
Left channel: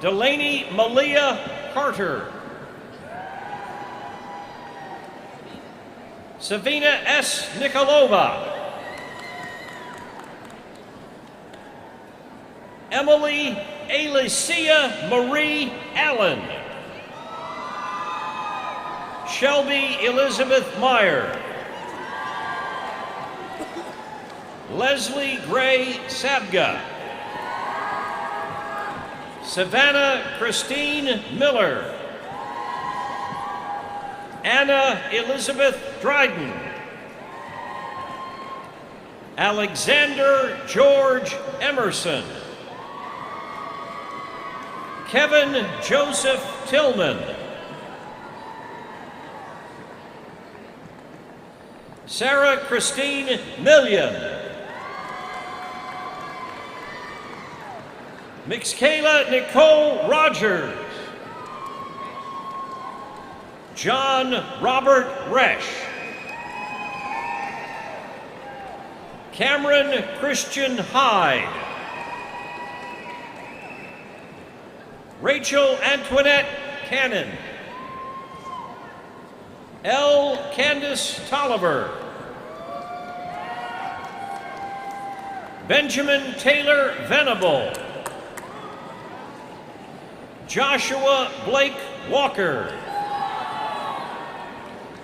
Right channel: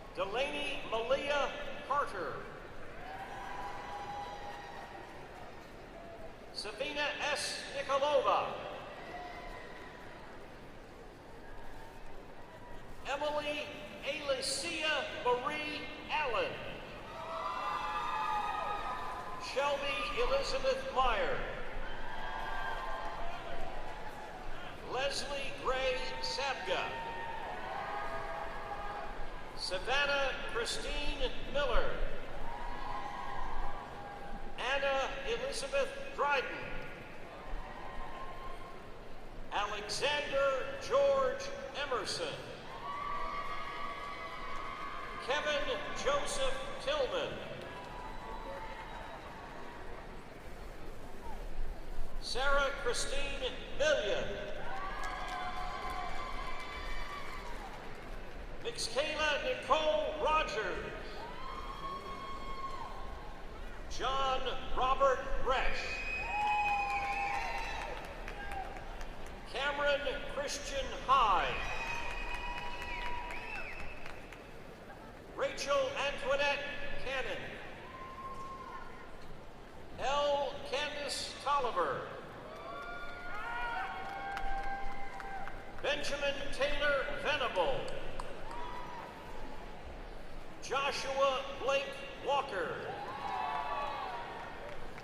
Delaney Malia Carter. Savina S. Nikolova. Emily Alicia Marie Allen. Shelby Elizabeth Meyer. Leslie Gray Sabga. Savannah Christine Miller. Anna Elizabeth Dryden. Alexander George Emerson. Kevin Joseph Tillman. Sarah Christine Million. Mixkayla Nicole Rogers. John Robert Resch. Cameron Christian Hyde. Rachel Antoinette Cannon. L. Candace Tolliver. Benjamin Taylor Venable. Joshua Blake Walker.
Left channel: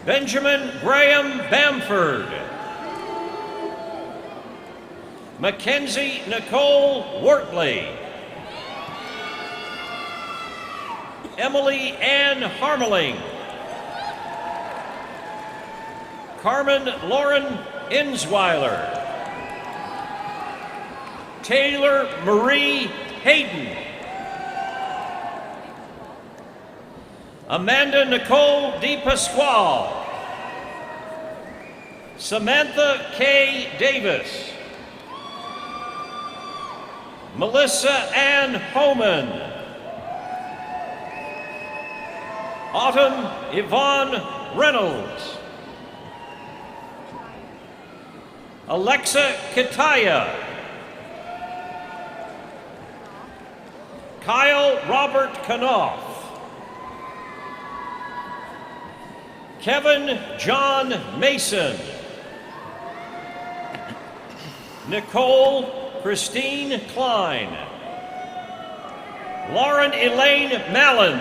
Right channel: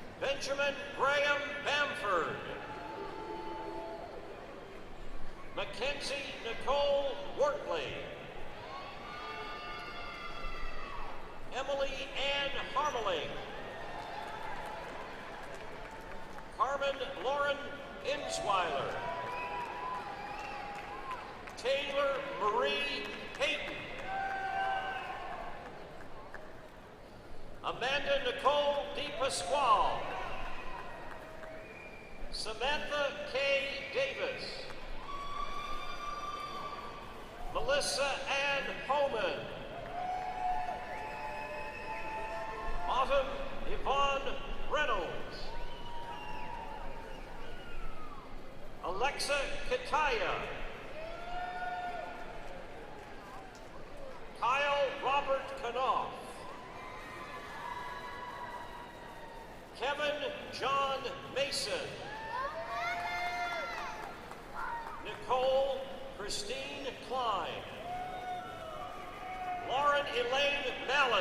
Benjamin Graham Bamford. Mackenzie Nicole Wortley. Emily Ann Harmeling. Carmen Lauren Insweiler. Taylor Marie Hayden. Amanda Nicole DePasquale. Samantha K. Davis. Melissa Ann Homan. Autumn Yvonne Reynolds. Alexa Kitaya. Kyle Robert Knopf. Kevin John Mason. Nicole Christine Klein. Lauren Elaine Mallon.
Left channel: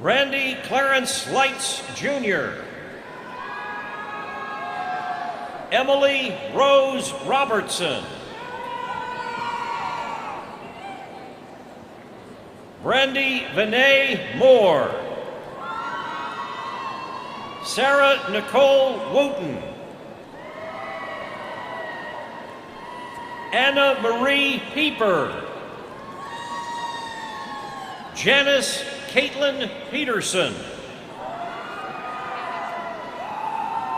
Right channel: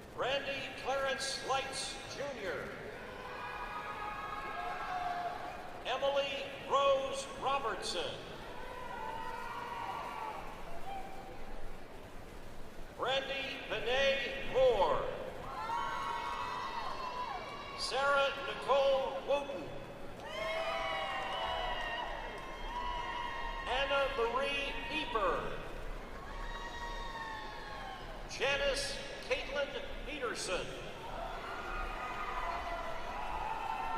Randy Clarence Lights Jr. Emily Rose Robertson. Brandy Vinay Moore. Sarah Nicole Wooten. Anna Marie Pieper. Janice Caitlin Peterson.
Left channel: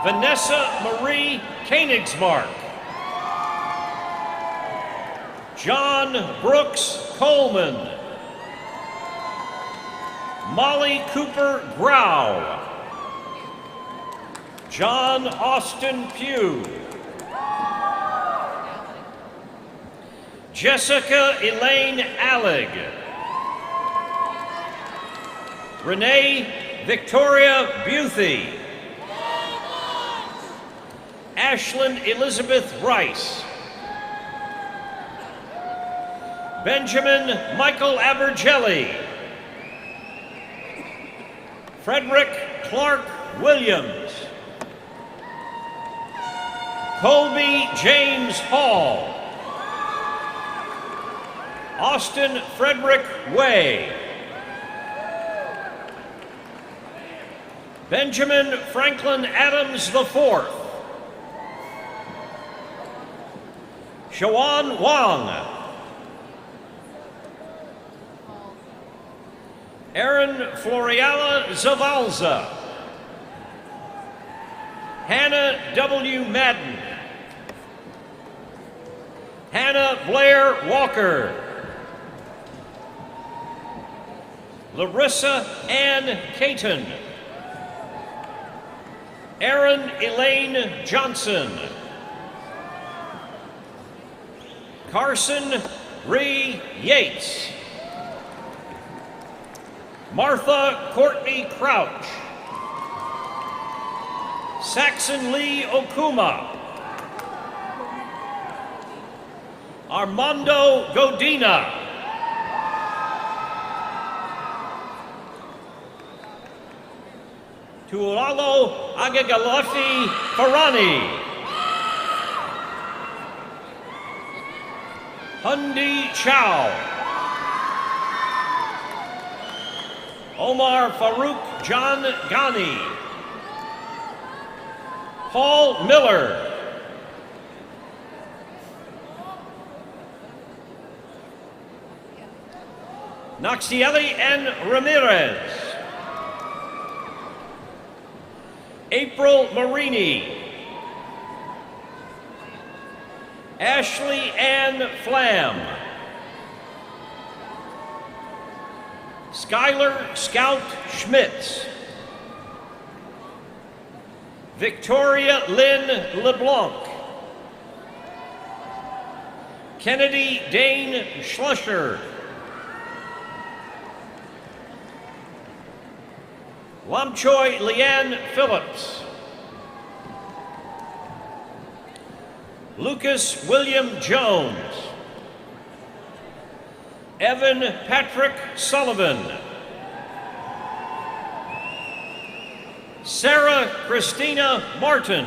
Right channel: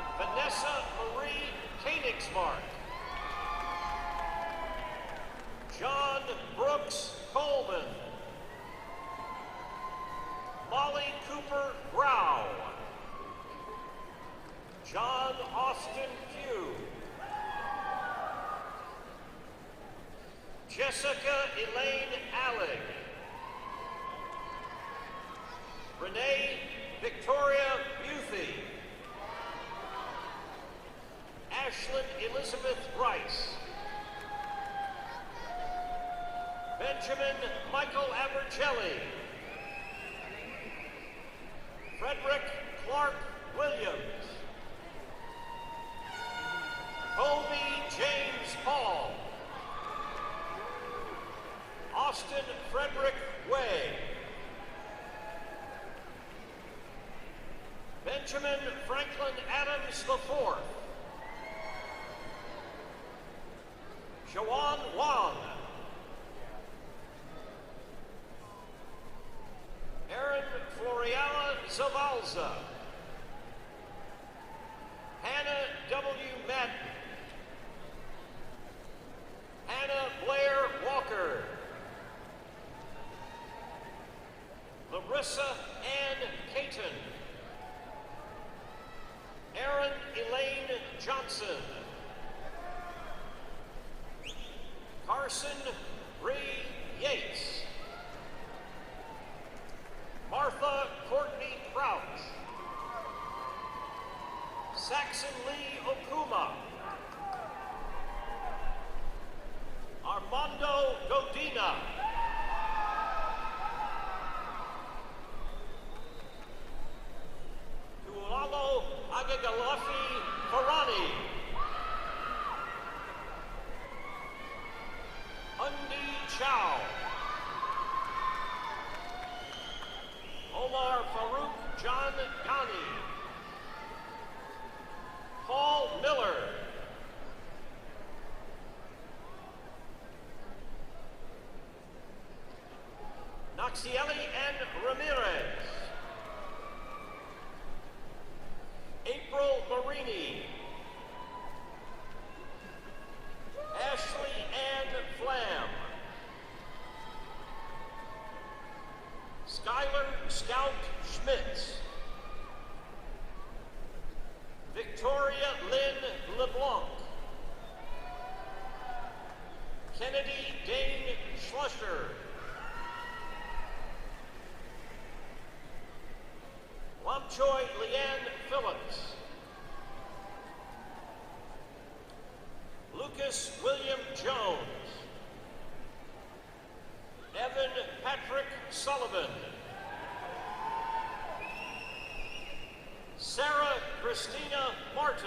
Vanessa Marie Koenigsmark. John Brooks Coleman. Molly Cooper Grau. John Austin Pugh. Jessica Elaine Allig. Renee Victoria Buthy. Ashlyn Elizabeth Rice. Benjamin Michael Abergelli. Frederick Clark Williams. Colby James Hall. Austin Frederick Way. Benjamin Franklin Adams IV. Shawan Wang. Erin Floriala Zavalza. Hannah W. Madden. Hannah Blair Walker. Larissa Ann Caton. Erin Elaine Johnson. Carson Ree Yates. Martha Courtney Crouch. Saxon Lee Okuma. Armando Godina. Tuolalo Agagalafi Farani. Hundi Chow. Omar Farouk John Ghani. Paul Miller. Naxieli N. Ramirez. April Marini. Ashley Ann Flam. Skylar Scout Schmitz. Victoria Lynn LeBlanc. Kennedy Dane Schlusher. Lamchoy Leanne Phillips. Lucas William Jones. Evan Patrick Sullivan. Sarah Christina Martin.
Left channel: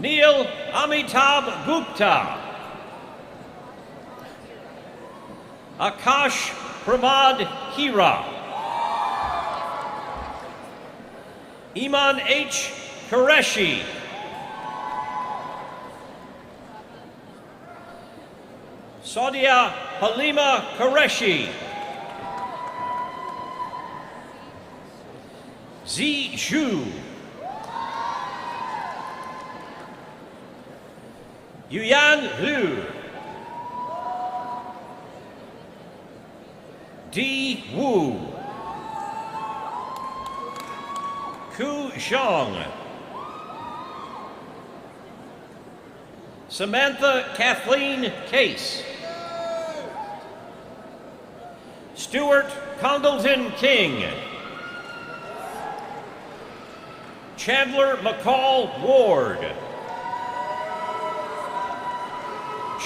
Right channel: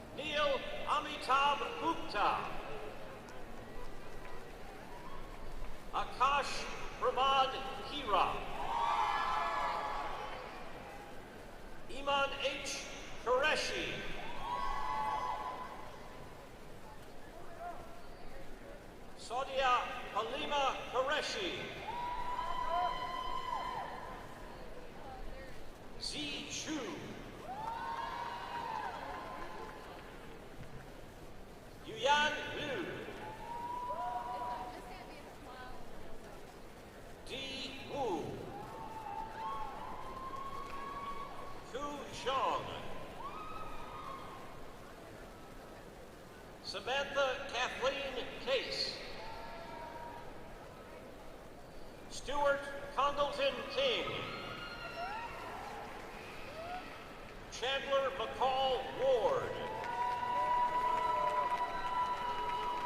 Neil Amitabh Gupta. Akash Pramad Hira. Iman H. Qureshi. Saudia Halima Qureshi. Zi Zhu. Yuyan Liu. Di Wu. Ku Zhang. Samantha Kathleen Case. Stuart Congleton King. Chandler McCall Ward.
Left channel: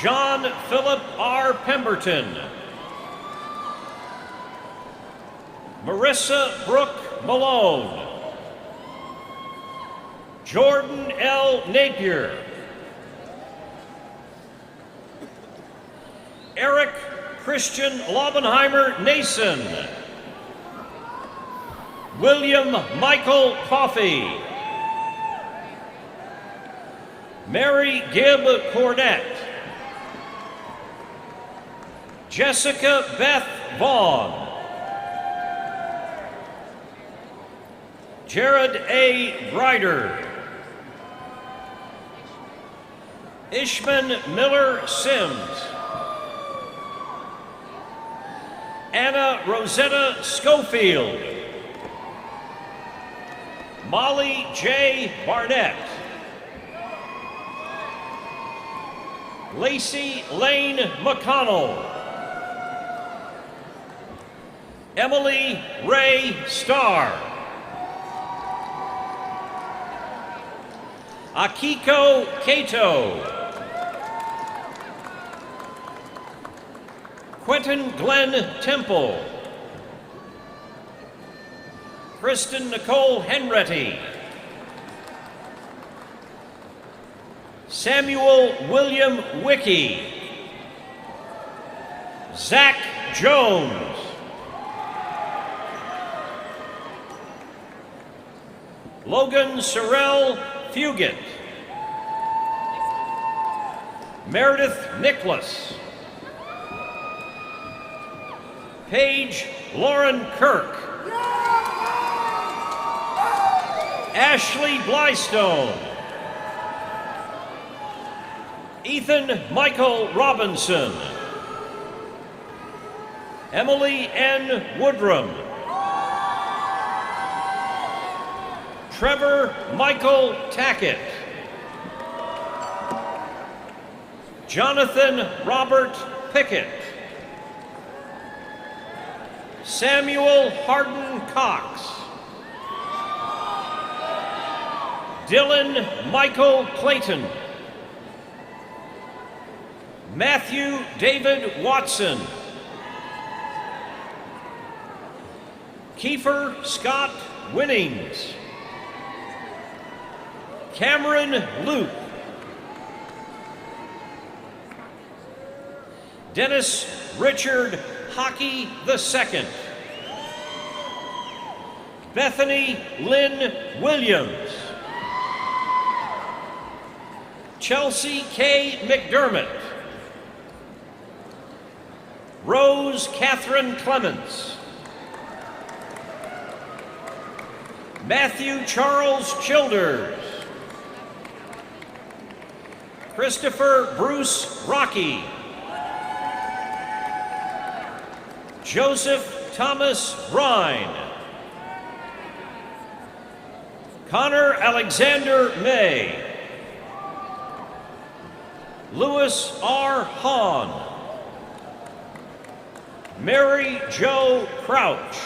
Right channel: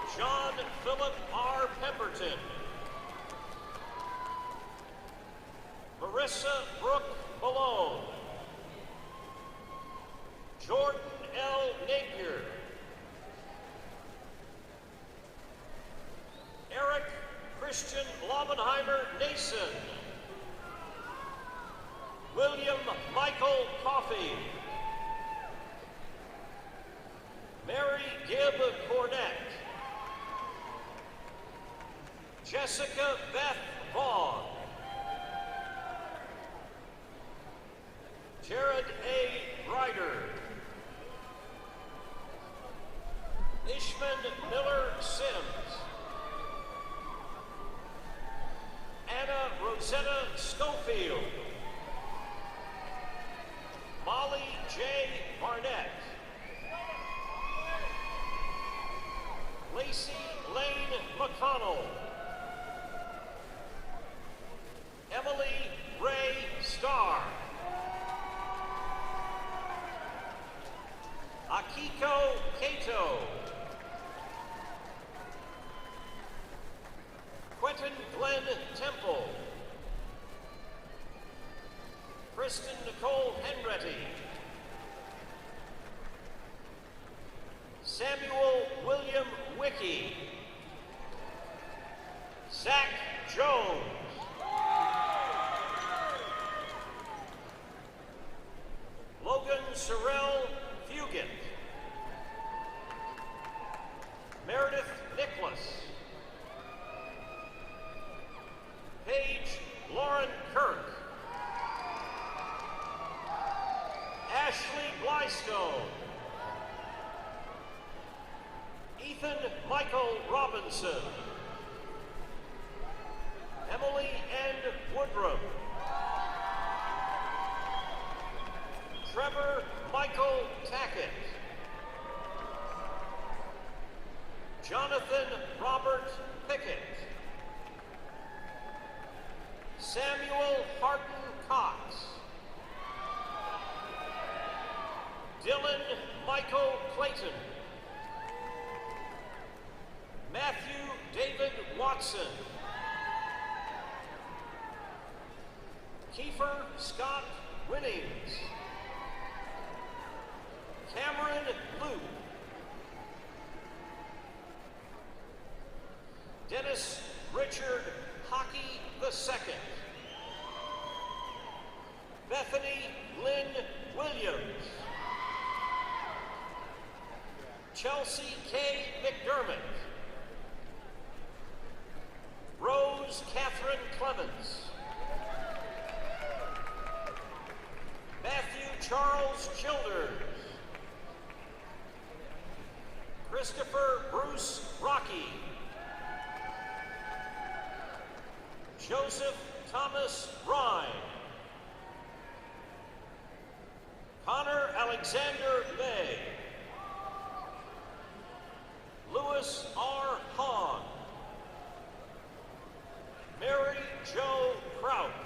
John Philip R. Pemberton. Marissa Brooke Malone. Jordan L. Napier. Eric Christian Laubenheimer Nason. William Michael Coffey. Mary Gibb Cornett. Jessica Beth Vaughn. Jared A. Grider. Ishman Miller Sims. Anna Rosetta Schofield. Molly J. Barnett. Lacey Lane McConnell. Emily Ray Starr. Akiko Cato. Quentin Glenn Temple. Kristen Nicole Henretti. Samuel William Wickie. Zach Jones. Logan Sorrell Fugit. Meredith Nicholas. Paige Lauren Kirk. Ashley Blystone. Ethan Michael Robinson. Emily N. Woodrum. Trevor Michael Tackett. Jonathan Robert Pickett. Samuel Hardin Cox. Dylan Michael Clayton. Matthew David Watson. Kiefer Scott Winnings. Cameron Luke. Dennis Richard Hockey II. Bethany Lynn Williams. Chelsea K. McDermott. Rose Catherine Clements. Matthew Charles Childers. Christopher Bruce Rocky. Joseph Thomas Brine. Connor Alexander May. Louis R. Hahn. Mary Jo Crouch.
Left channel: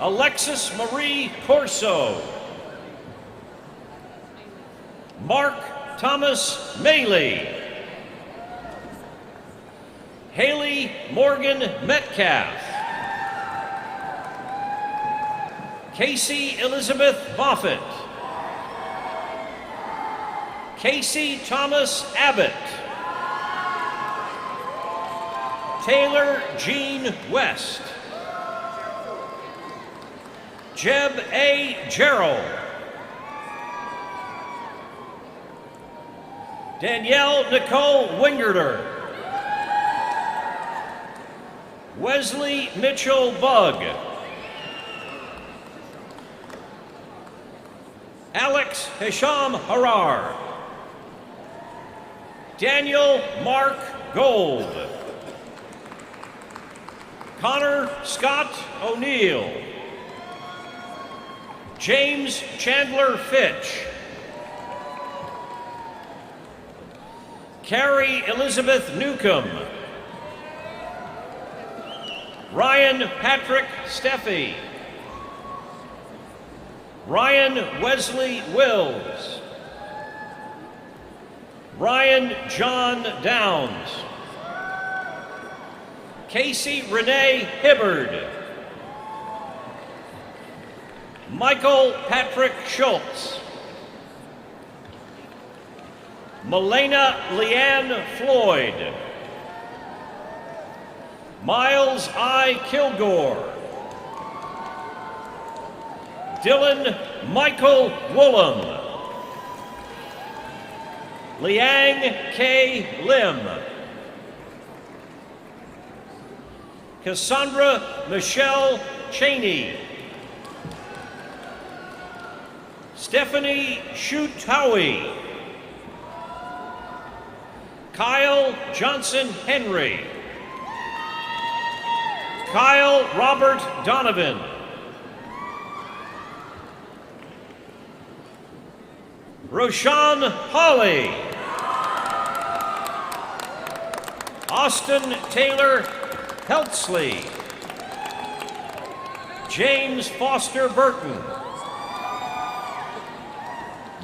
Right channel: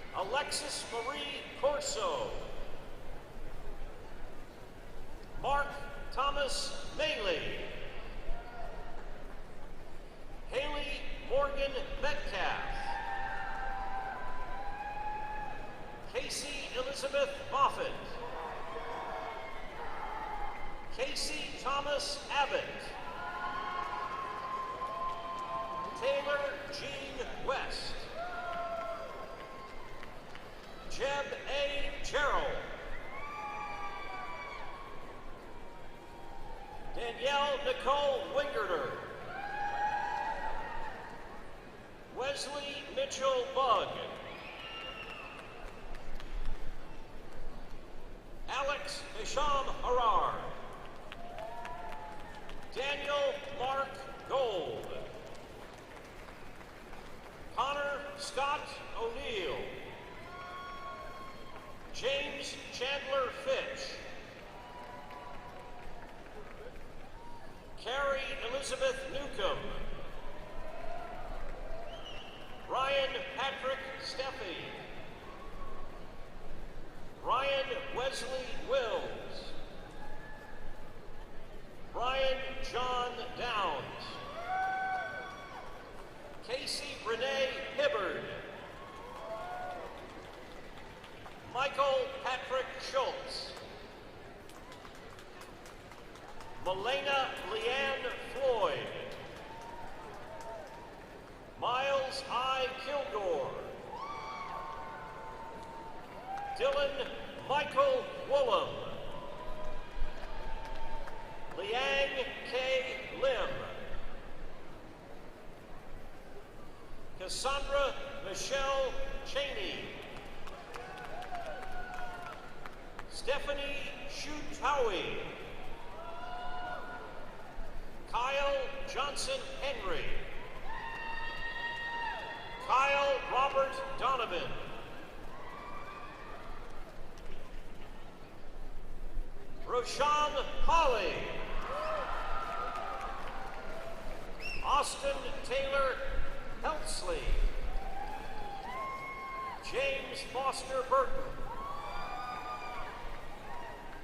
Alexis Marie Corso. Mark Thomas Maley. Haley Morgan Metcalf. Casey Elizabeth Moffett. Casey Thomas Abbott. Taylor Jean West. Jeb A. Gerald. Danielle Nicole Wingerter. Wesley Mitchell Bugg. Alex Hisham Harar. Daniel Mark Gold. Connor Scott O'Neill. James Chandler Fitch. Carrie Elizabeth Newcomb. Ryan Patrick Steffi. Ryan Wesley Wills. Ryan John Downs. Casey Renee Hibbard. Michael Patrick Schultz. Melena Leanne Floyd. Miles I. Kilgore. Dylan Michael Woolham. Liang K. Lim. Cassandra Michelle Cheney. Stephanie Shutawi. Kyle Johnson Henry. Kyle Robert Donovan. Roshan Hawley. Austin Taylor Heltsley. James Foster Burton.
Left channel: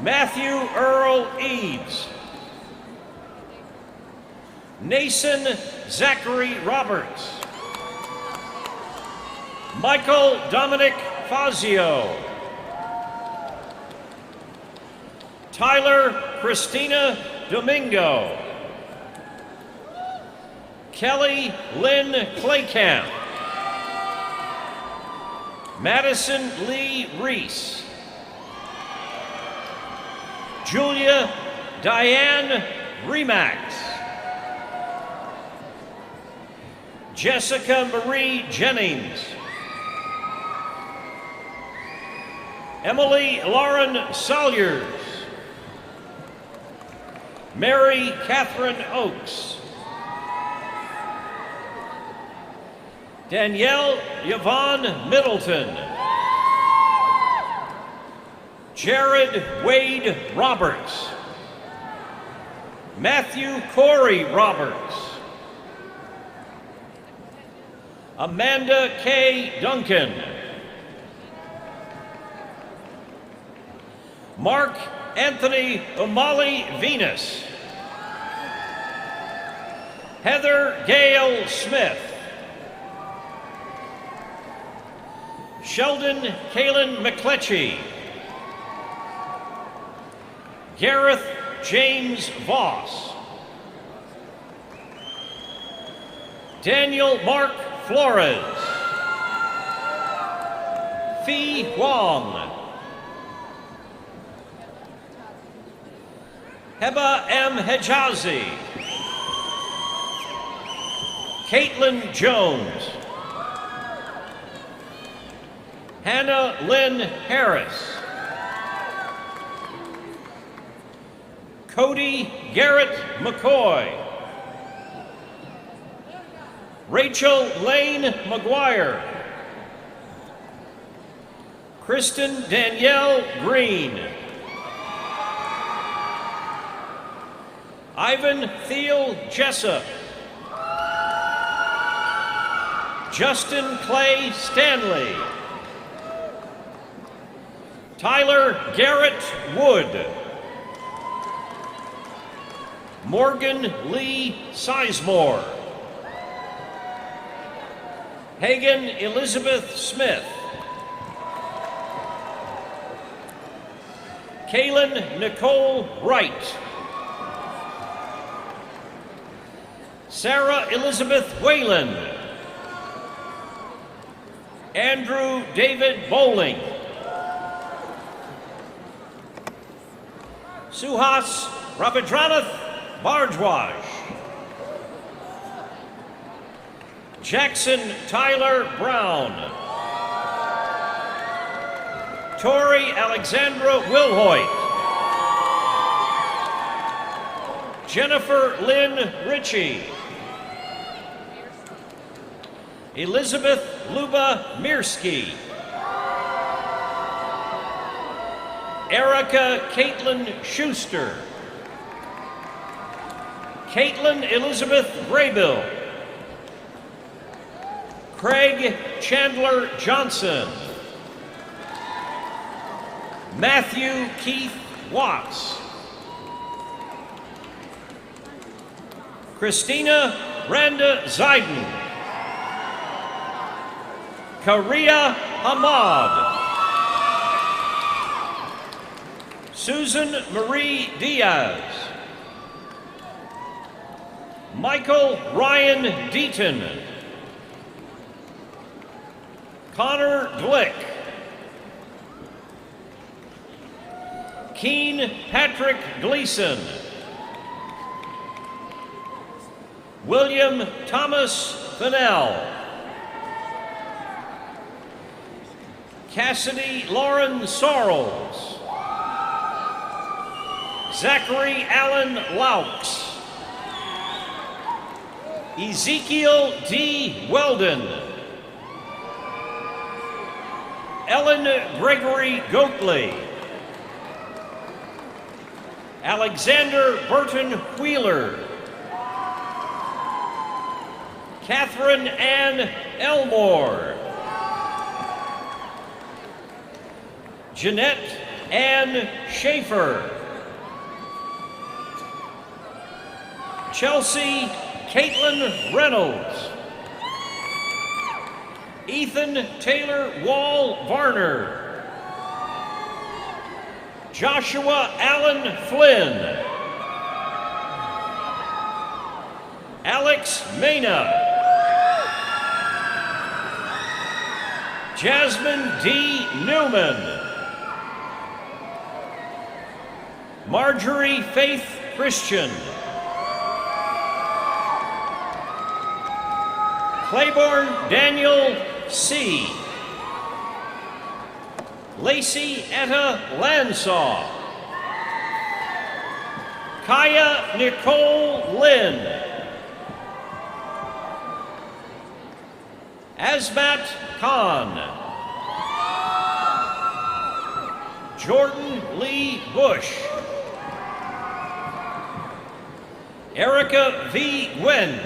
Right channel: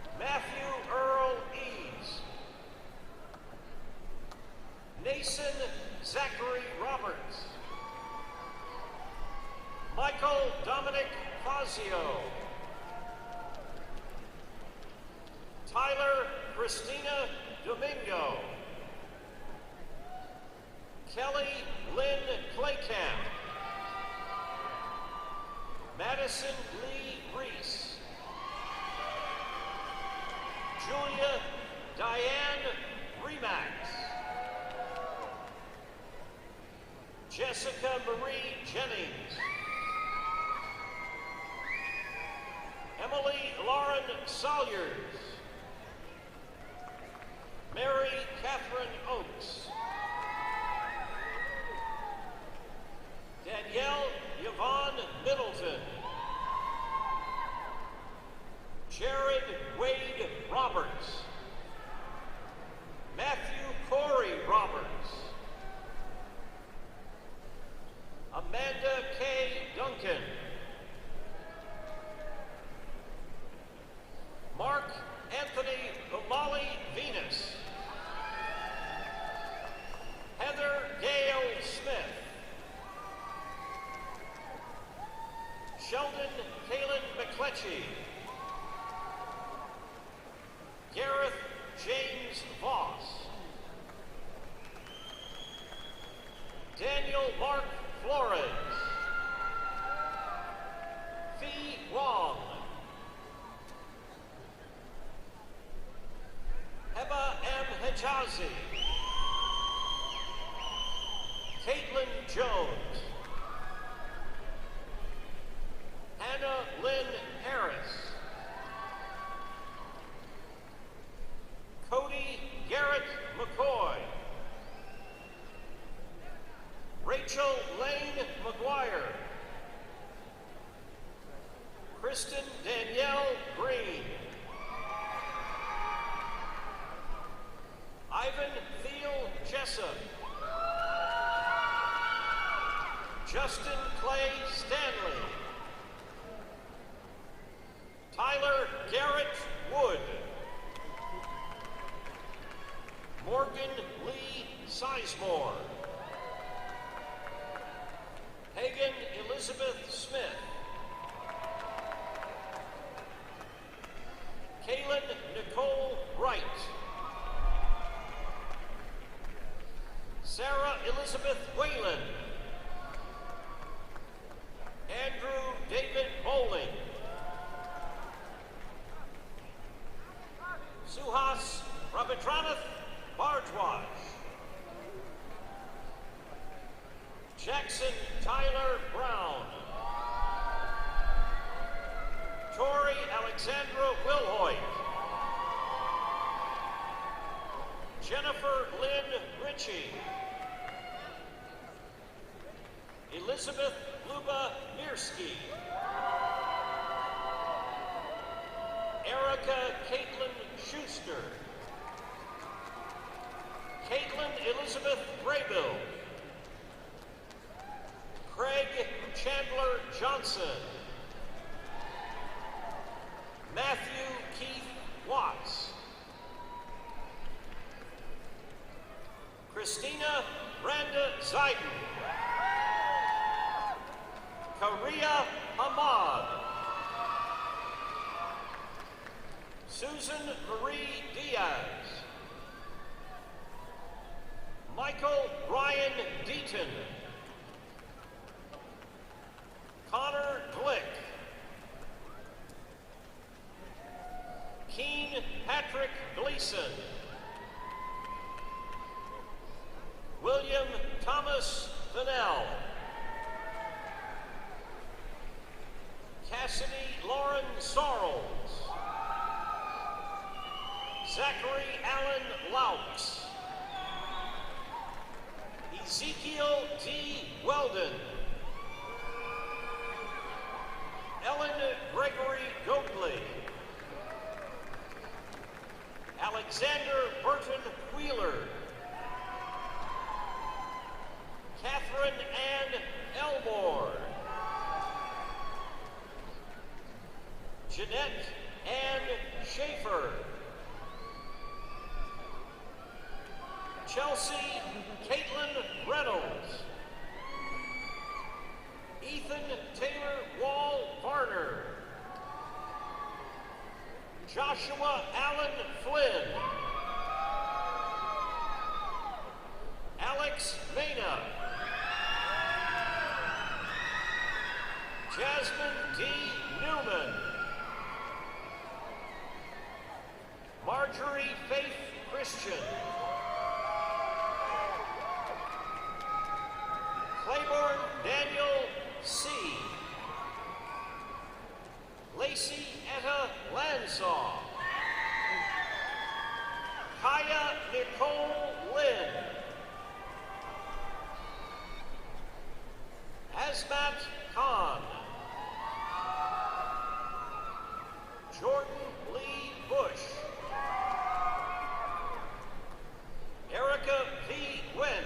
Matthew Earl Eads. Nason Zachary Roberts. Michael Dominic Fazio. Tyler Christina Domingo. Kelly Lynn Claycamp. Madison Lee Reese. Julia Diane Remax. Jessica Marie Jennings. Emily Lauren Salyers. Mary Catherine Oakes. Danielle Yvonne Middleton. Jared Wade Roberts. Matthew Corey Roberts. Amanda K. Duncan. Mark Anthony O'Malley Venus. Heather Gale Smith. Sheldon Kalen McCletchy. Gareth James Voss. Daniel Mark Flores. Fee Wong. Heba M. Hejazi. Caitlin Jones. Hannah Lynn Harris. Cody Garrett McCoy. Rachel Lane McGuire. Kristen Danielle Green. Ivan Thiel Jessup. Justin Clay Stanley. Tyler Garrett Wood. Morgan Lee Sizemore. Hagan Elizabeth Smith. Kaylin Nicole Wright. Sarah Elizabeth Whalen. Andrew David Bowling. Suhas Ravidranath Bardwaj. Jackson Tyler Brown. Tori Alexandra Wilhoit. Jennifer Lynn Ritchie. Elizabeth Luba Mirsky. Erica Caitlin Schuster. Caitlin Elizabeth Graybill. Craig Chandler Johnson. Matthew Keith Watts. Christina Randa Ziden. Karia Hamad. Susan Marie Diaz. Michael Ryan Deaton. Connor Glick. Keen Patrick Gleason. William Thomas Fennell. Cassidy Lauren Sorrells. Zachary Allen Laux. Ezekiel D. Weldon. Ellen Gregory Goatley. Alexander Burton Wheeler. Catherine Ann Elmore. Jeanette Ann Schaefer. Chelsea Caitlin Reynolds. Ethan Taylor Wall Varner. Joshua Allen Flynn. Alex Mena. Jasmine D. Newman. Marjorie Faith Christian. Claiborne Daniel C. Lacey Etta Lansaw. Kaya Nicole Lynn. Azmat Khan. Jordan Lee Bush. Erica V. Nguyen.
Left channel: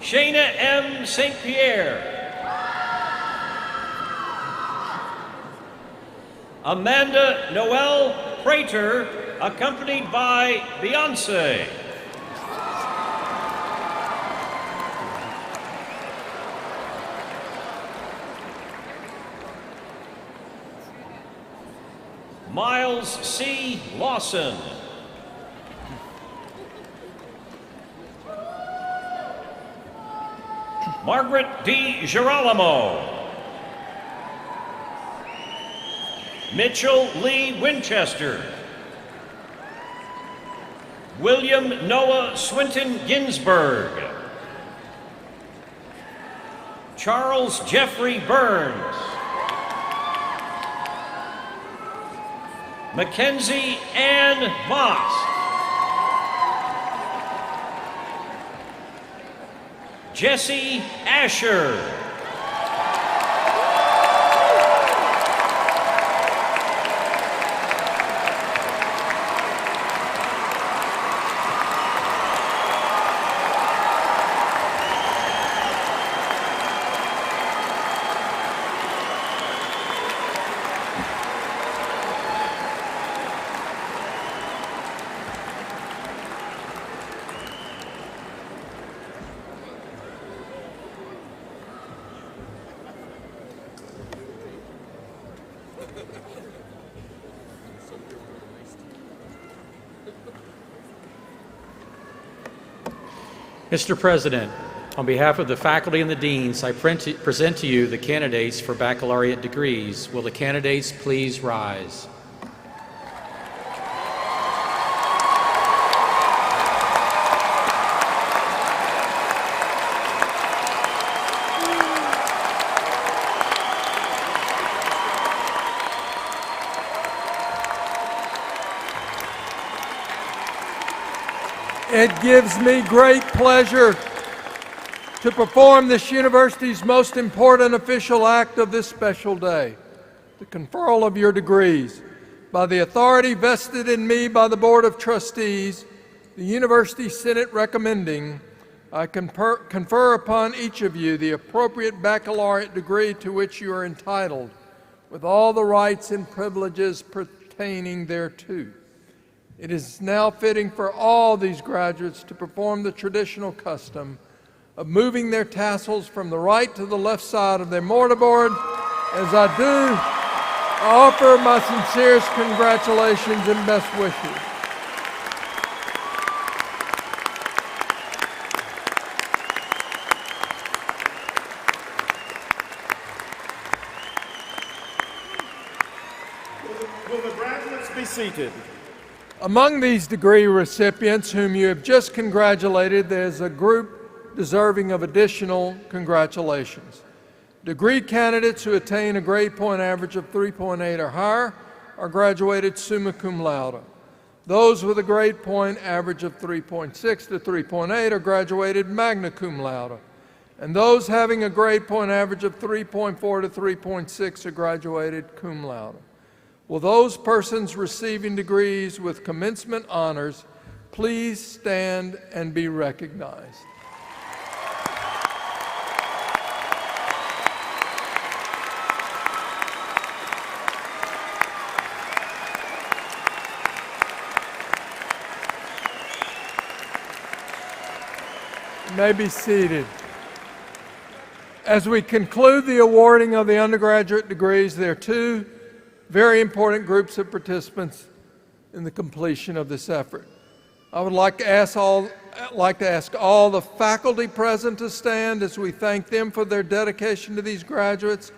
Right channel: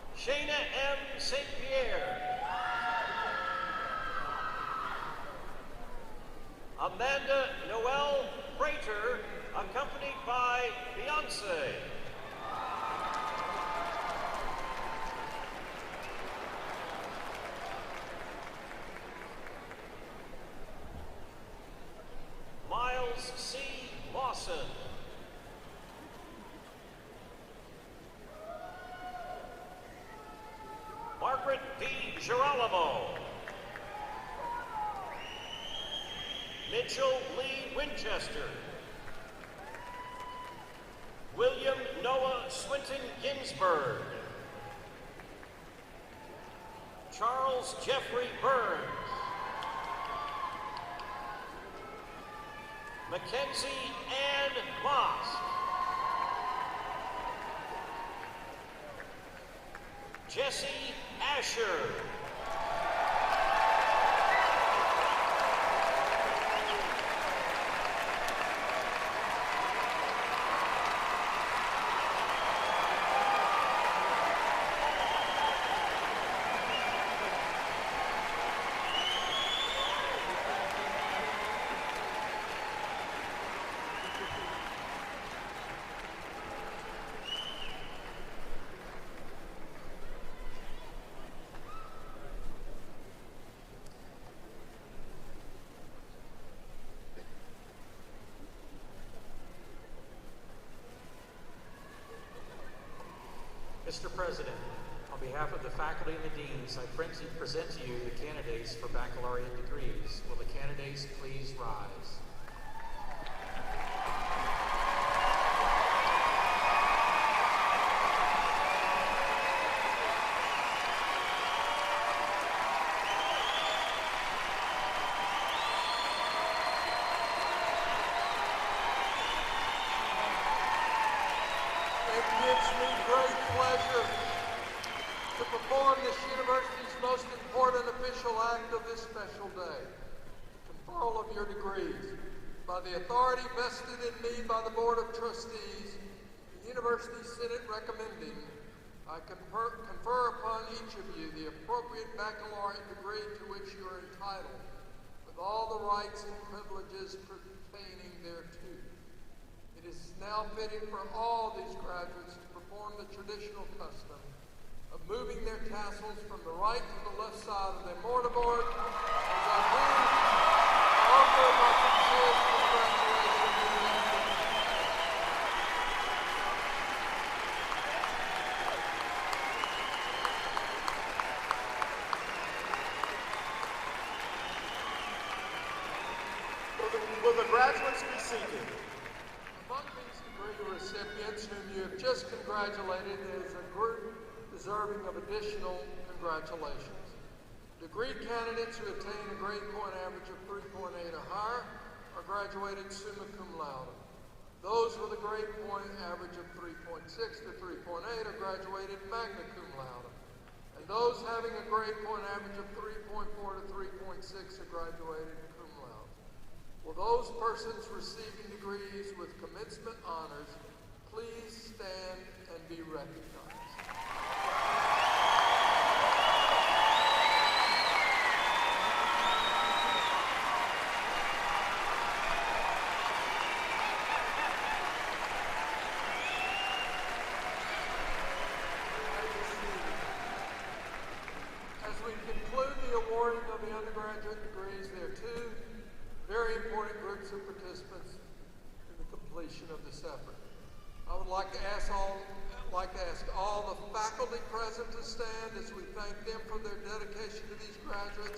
Shayna M. St. Pierre. Amanda Noel Prater, accompanied by Beyonce. Miles C. Lawson. Margaret D. Girolamo. Mitchell Lee Winchester. William Noah Swinton Ginsburg. Charles Jeffrey Burns. Mackenzie Ann Moss. Jesse Asher. Mr. President, on behalf of the faculty and the deans, I present to you the candidates for baccalaureate degrees. Will the candidates please rise? It gives me great pleasure to perform this university's most important official act of this special day, the conferral of your degrees. By the authority vested in me by the Board of Trustees, the University Senate recommending, I confer upon each of you the appropriate baccalaureate degree to which you are entitled, with all the rights and privileges pertaining thereto. It is now fitting for all these graduates to perform the traditional custom of moving their tassels from the right to the left side of their mortarboard. As I do, I offer my sincerest congratulations and best wishes. Will the graduates be seated? Among these degree recipients whom you have just congratulated, there's a group deserving of additional congratulations. Degree candidates who attain a grade point average of 3.8 or higher are graduated summa cum laude. Those with a grade point average of 3.6 to 3.8 are graduated magna cum laude. And those having a grade point average of 3.4 to 3.6 are graduated cum laude. Will those persons receiving degrees with commencement honors please stand and be recognized? You may be seated. As we conclude the awarding of the undergraduate degrees, there are two very important groups of participants in the completion of this effort. I would like to ask all the faculty present to stand as we thank them for their dedication to these graduates.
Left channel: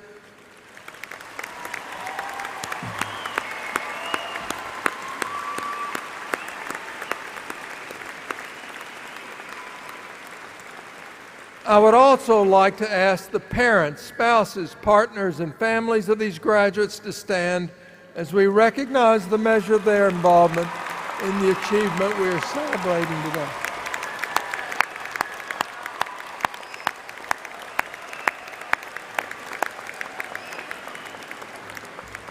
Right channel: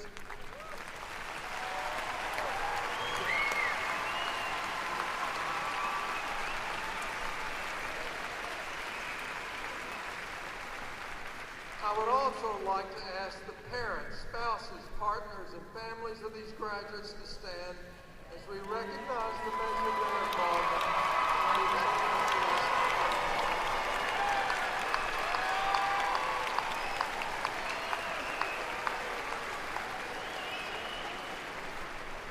I would also like to ask the parents, spouses, partners, and families of these graduates to stand as we recognize the measure of their involvement in the achievement we are celebrating today.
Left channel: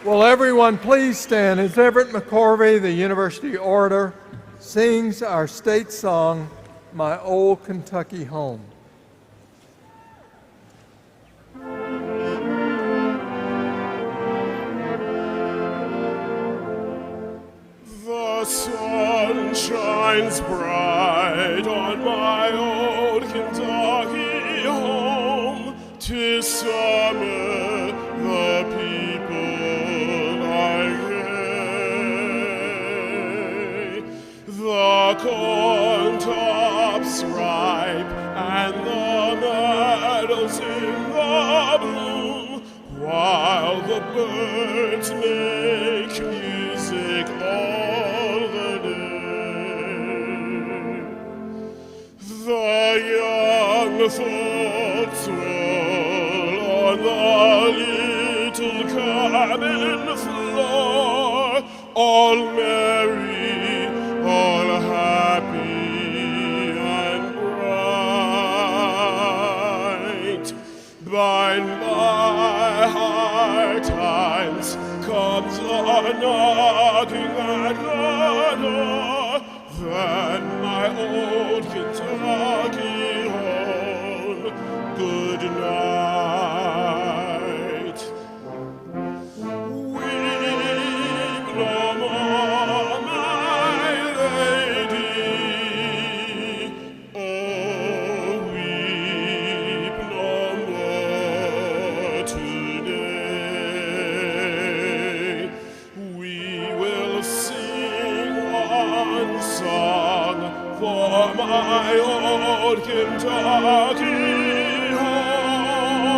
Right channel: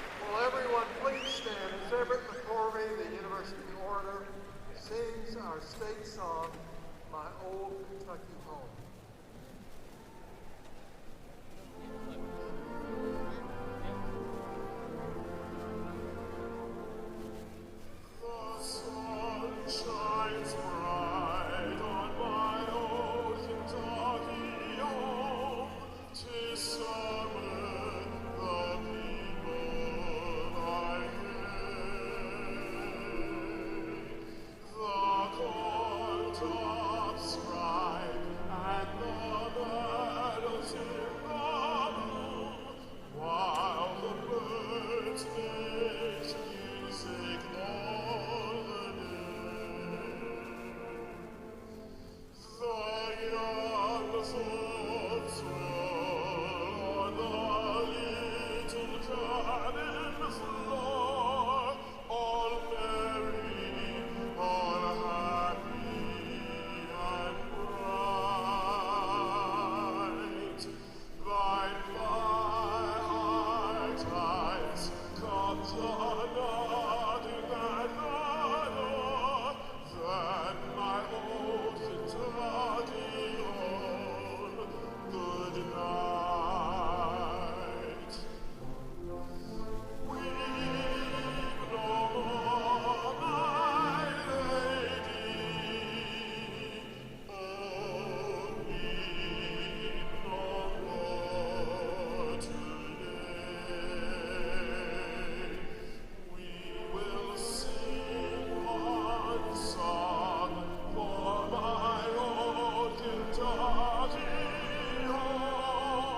Will everyone please stand as Everett McCorvey, the University Orator, sings our state song, My Old Kentucky Home. The sun shines bright on my old Kentucky home. 'Tis summer, the people are gay. The corn tops ripe and the meadows in the bloom, while the birds make music all the day. The young folks roll on the little cabin floor, all for my old Kentucky home,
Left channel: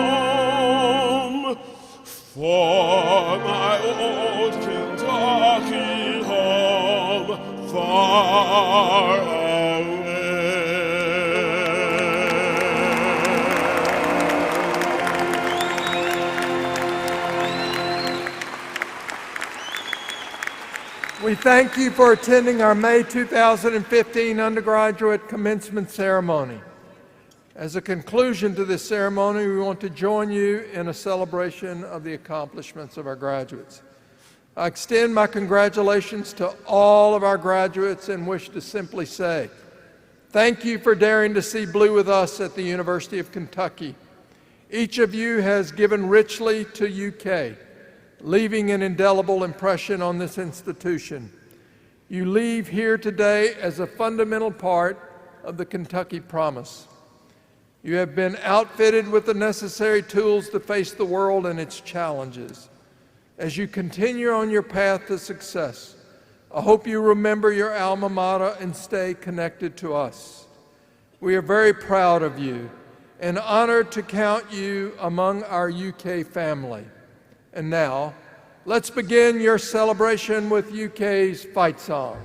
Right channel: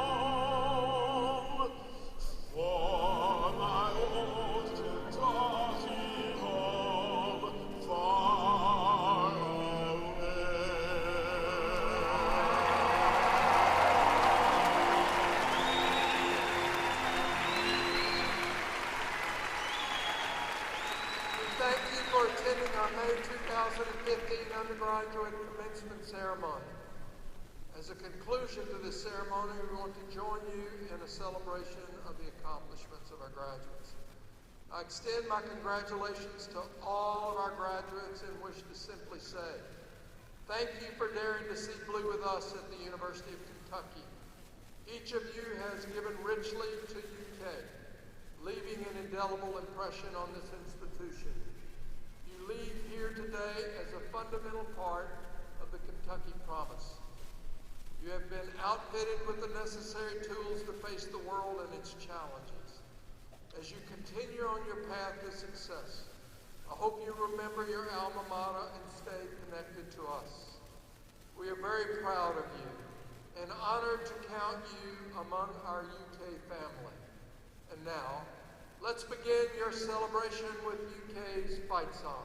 for my old Kentucky home, far away. We thank you for attending our May 2015 Undergraduate Commencement Ceremony. As a conclusion to this ceremony, we want to join you in a celebration of the accomplishments of our graduates. I extend my congratulations to all of our graduates and wish to simply say, thank you for daring to see blue with us at the University of Kentucky. Each of you has given richly to UK, leaving an indelible impression on this institution. You leave here today as a fundamental part of the Kentucky promise. You have been outfitted with the necessary tools to face the world and its challenges. As you continue on your path to success, I hope you remember your alma mater and stay connected to us. We are very proud of you and honored to count you among our UK family. And now, let's begin your celebration with UK's fight song.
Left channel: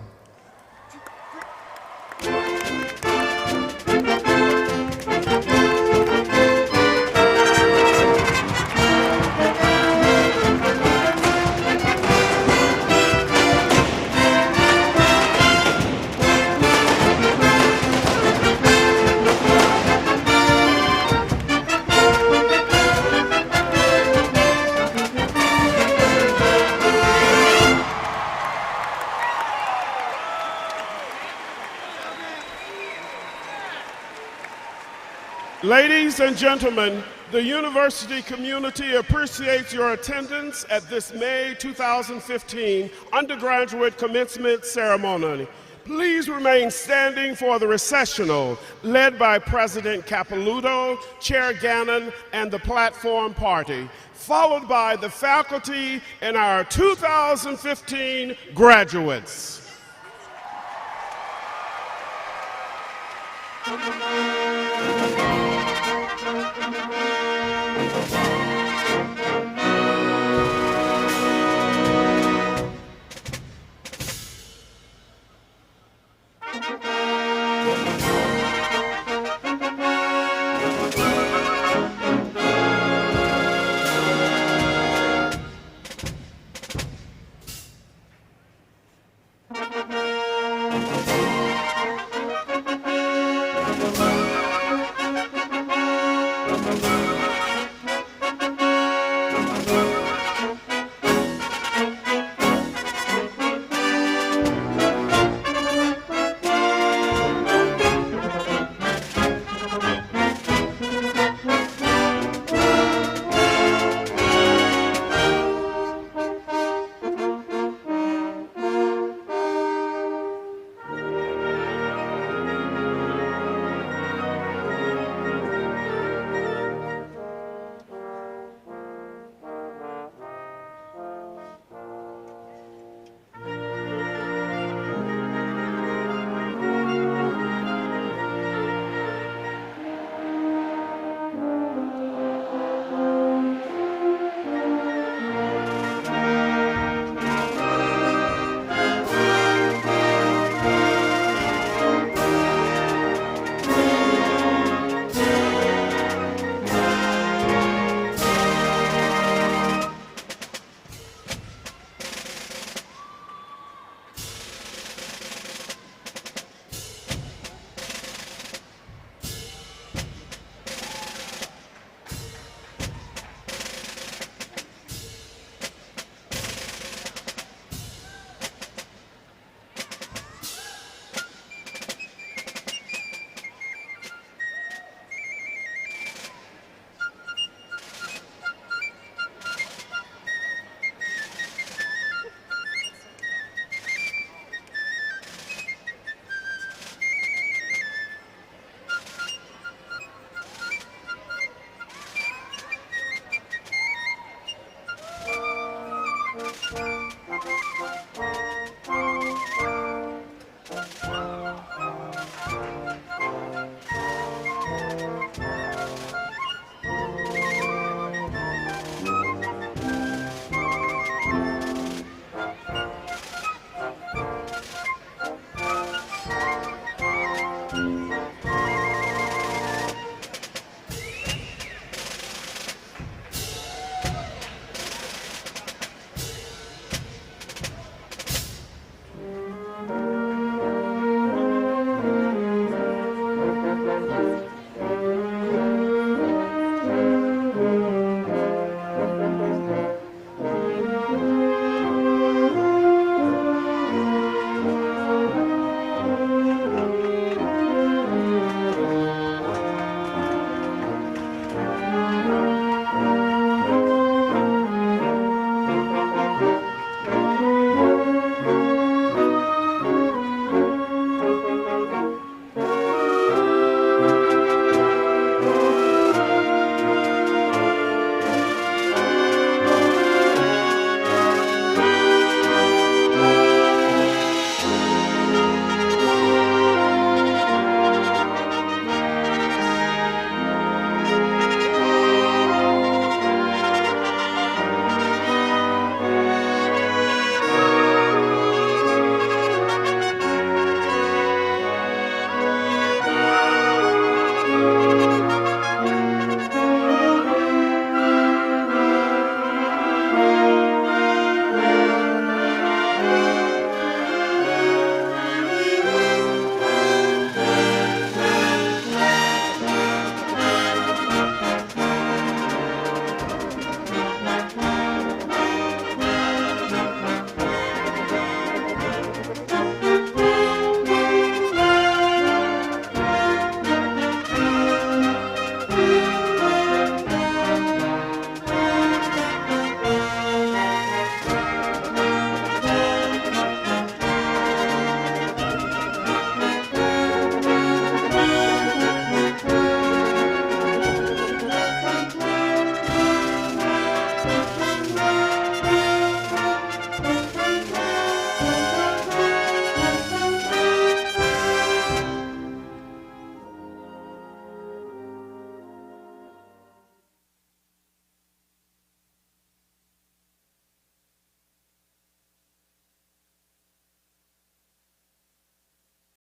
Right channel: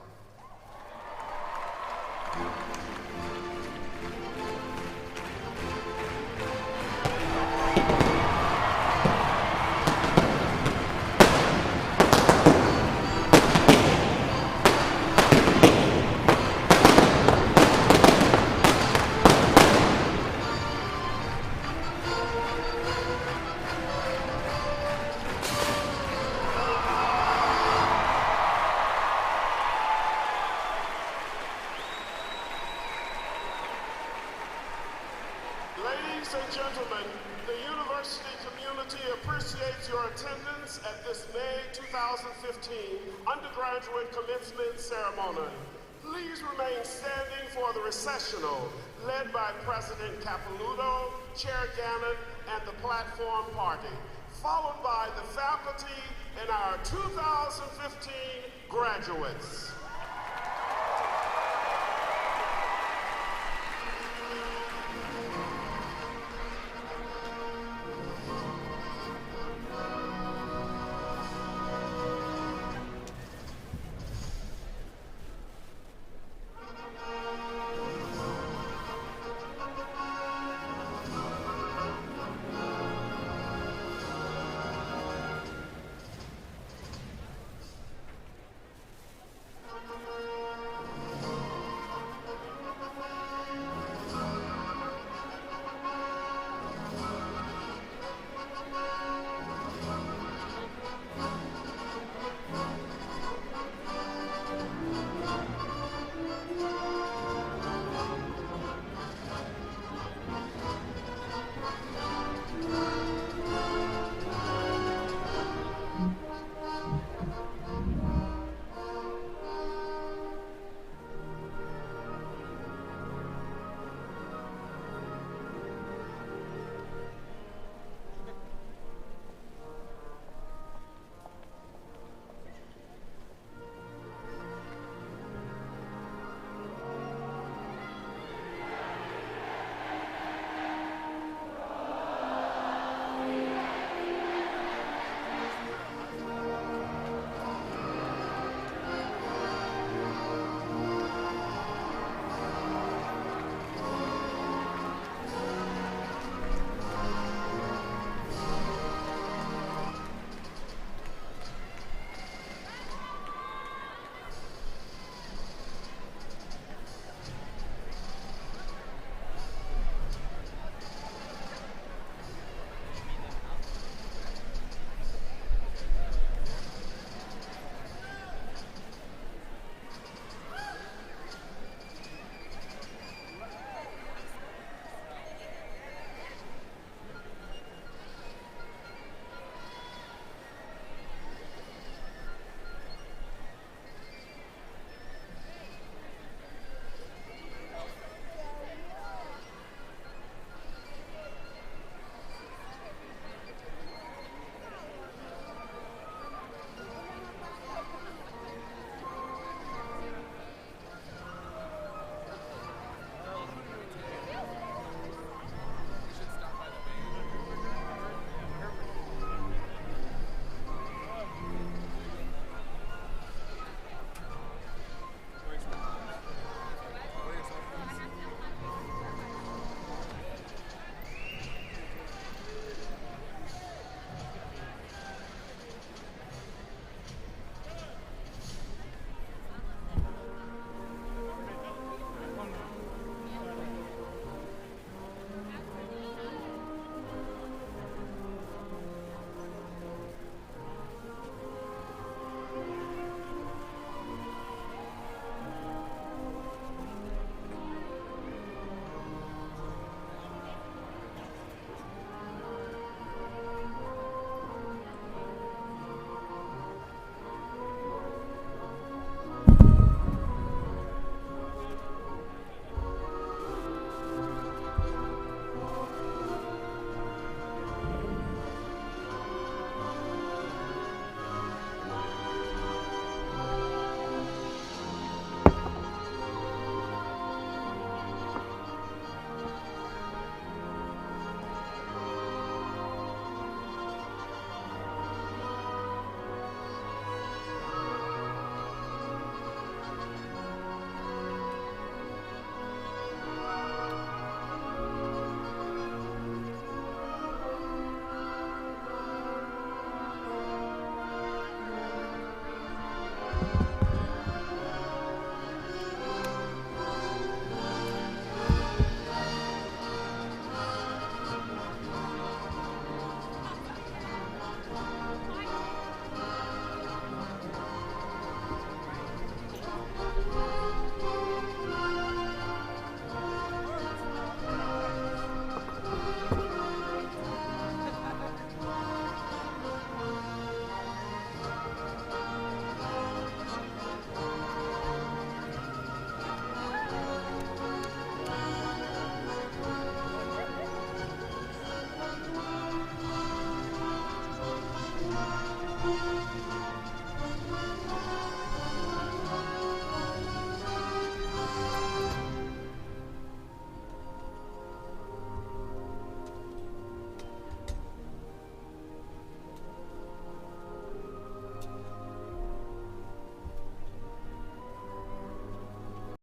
Ladies and gentlemen, the university community appreciates your attendance at this May 2015 Undergraduate Commencement Ceremony. Please remain standing for the recessional, led by President Capelouto, Chair Gannon, and the Platform Party, followed by the faculty and our 2015 graduates.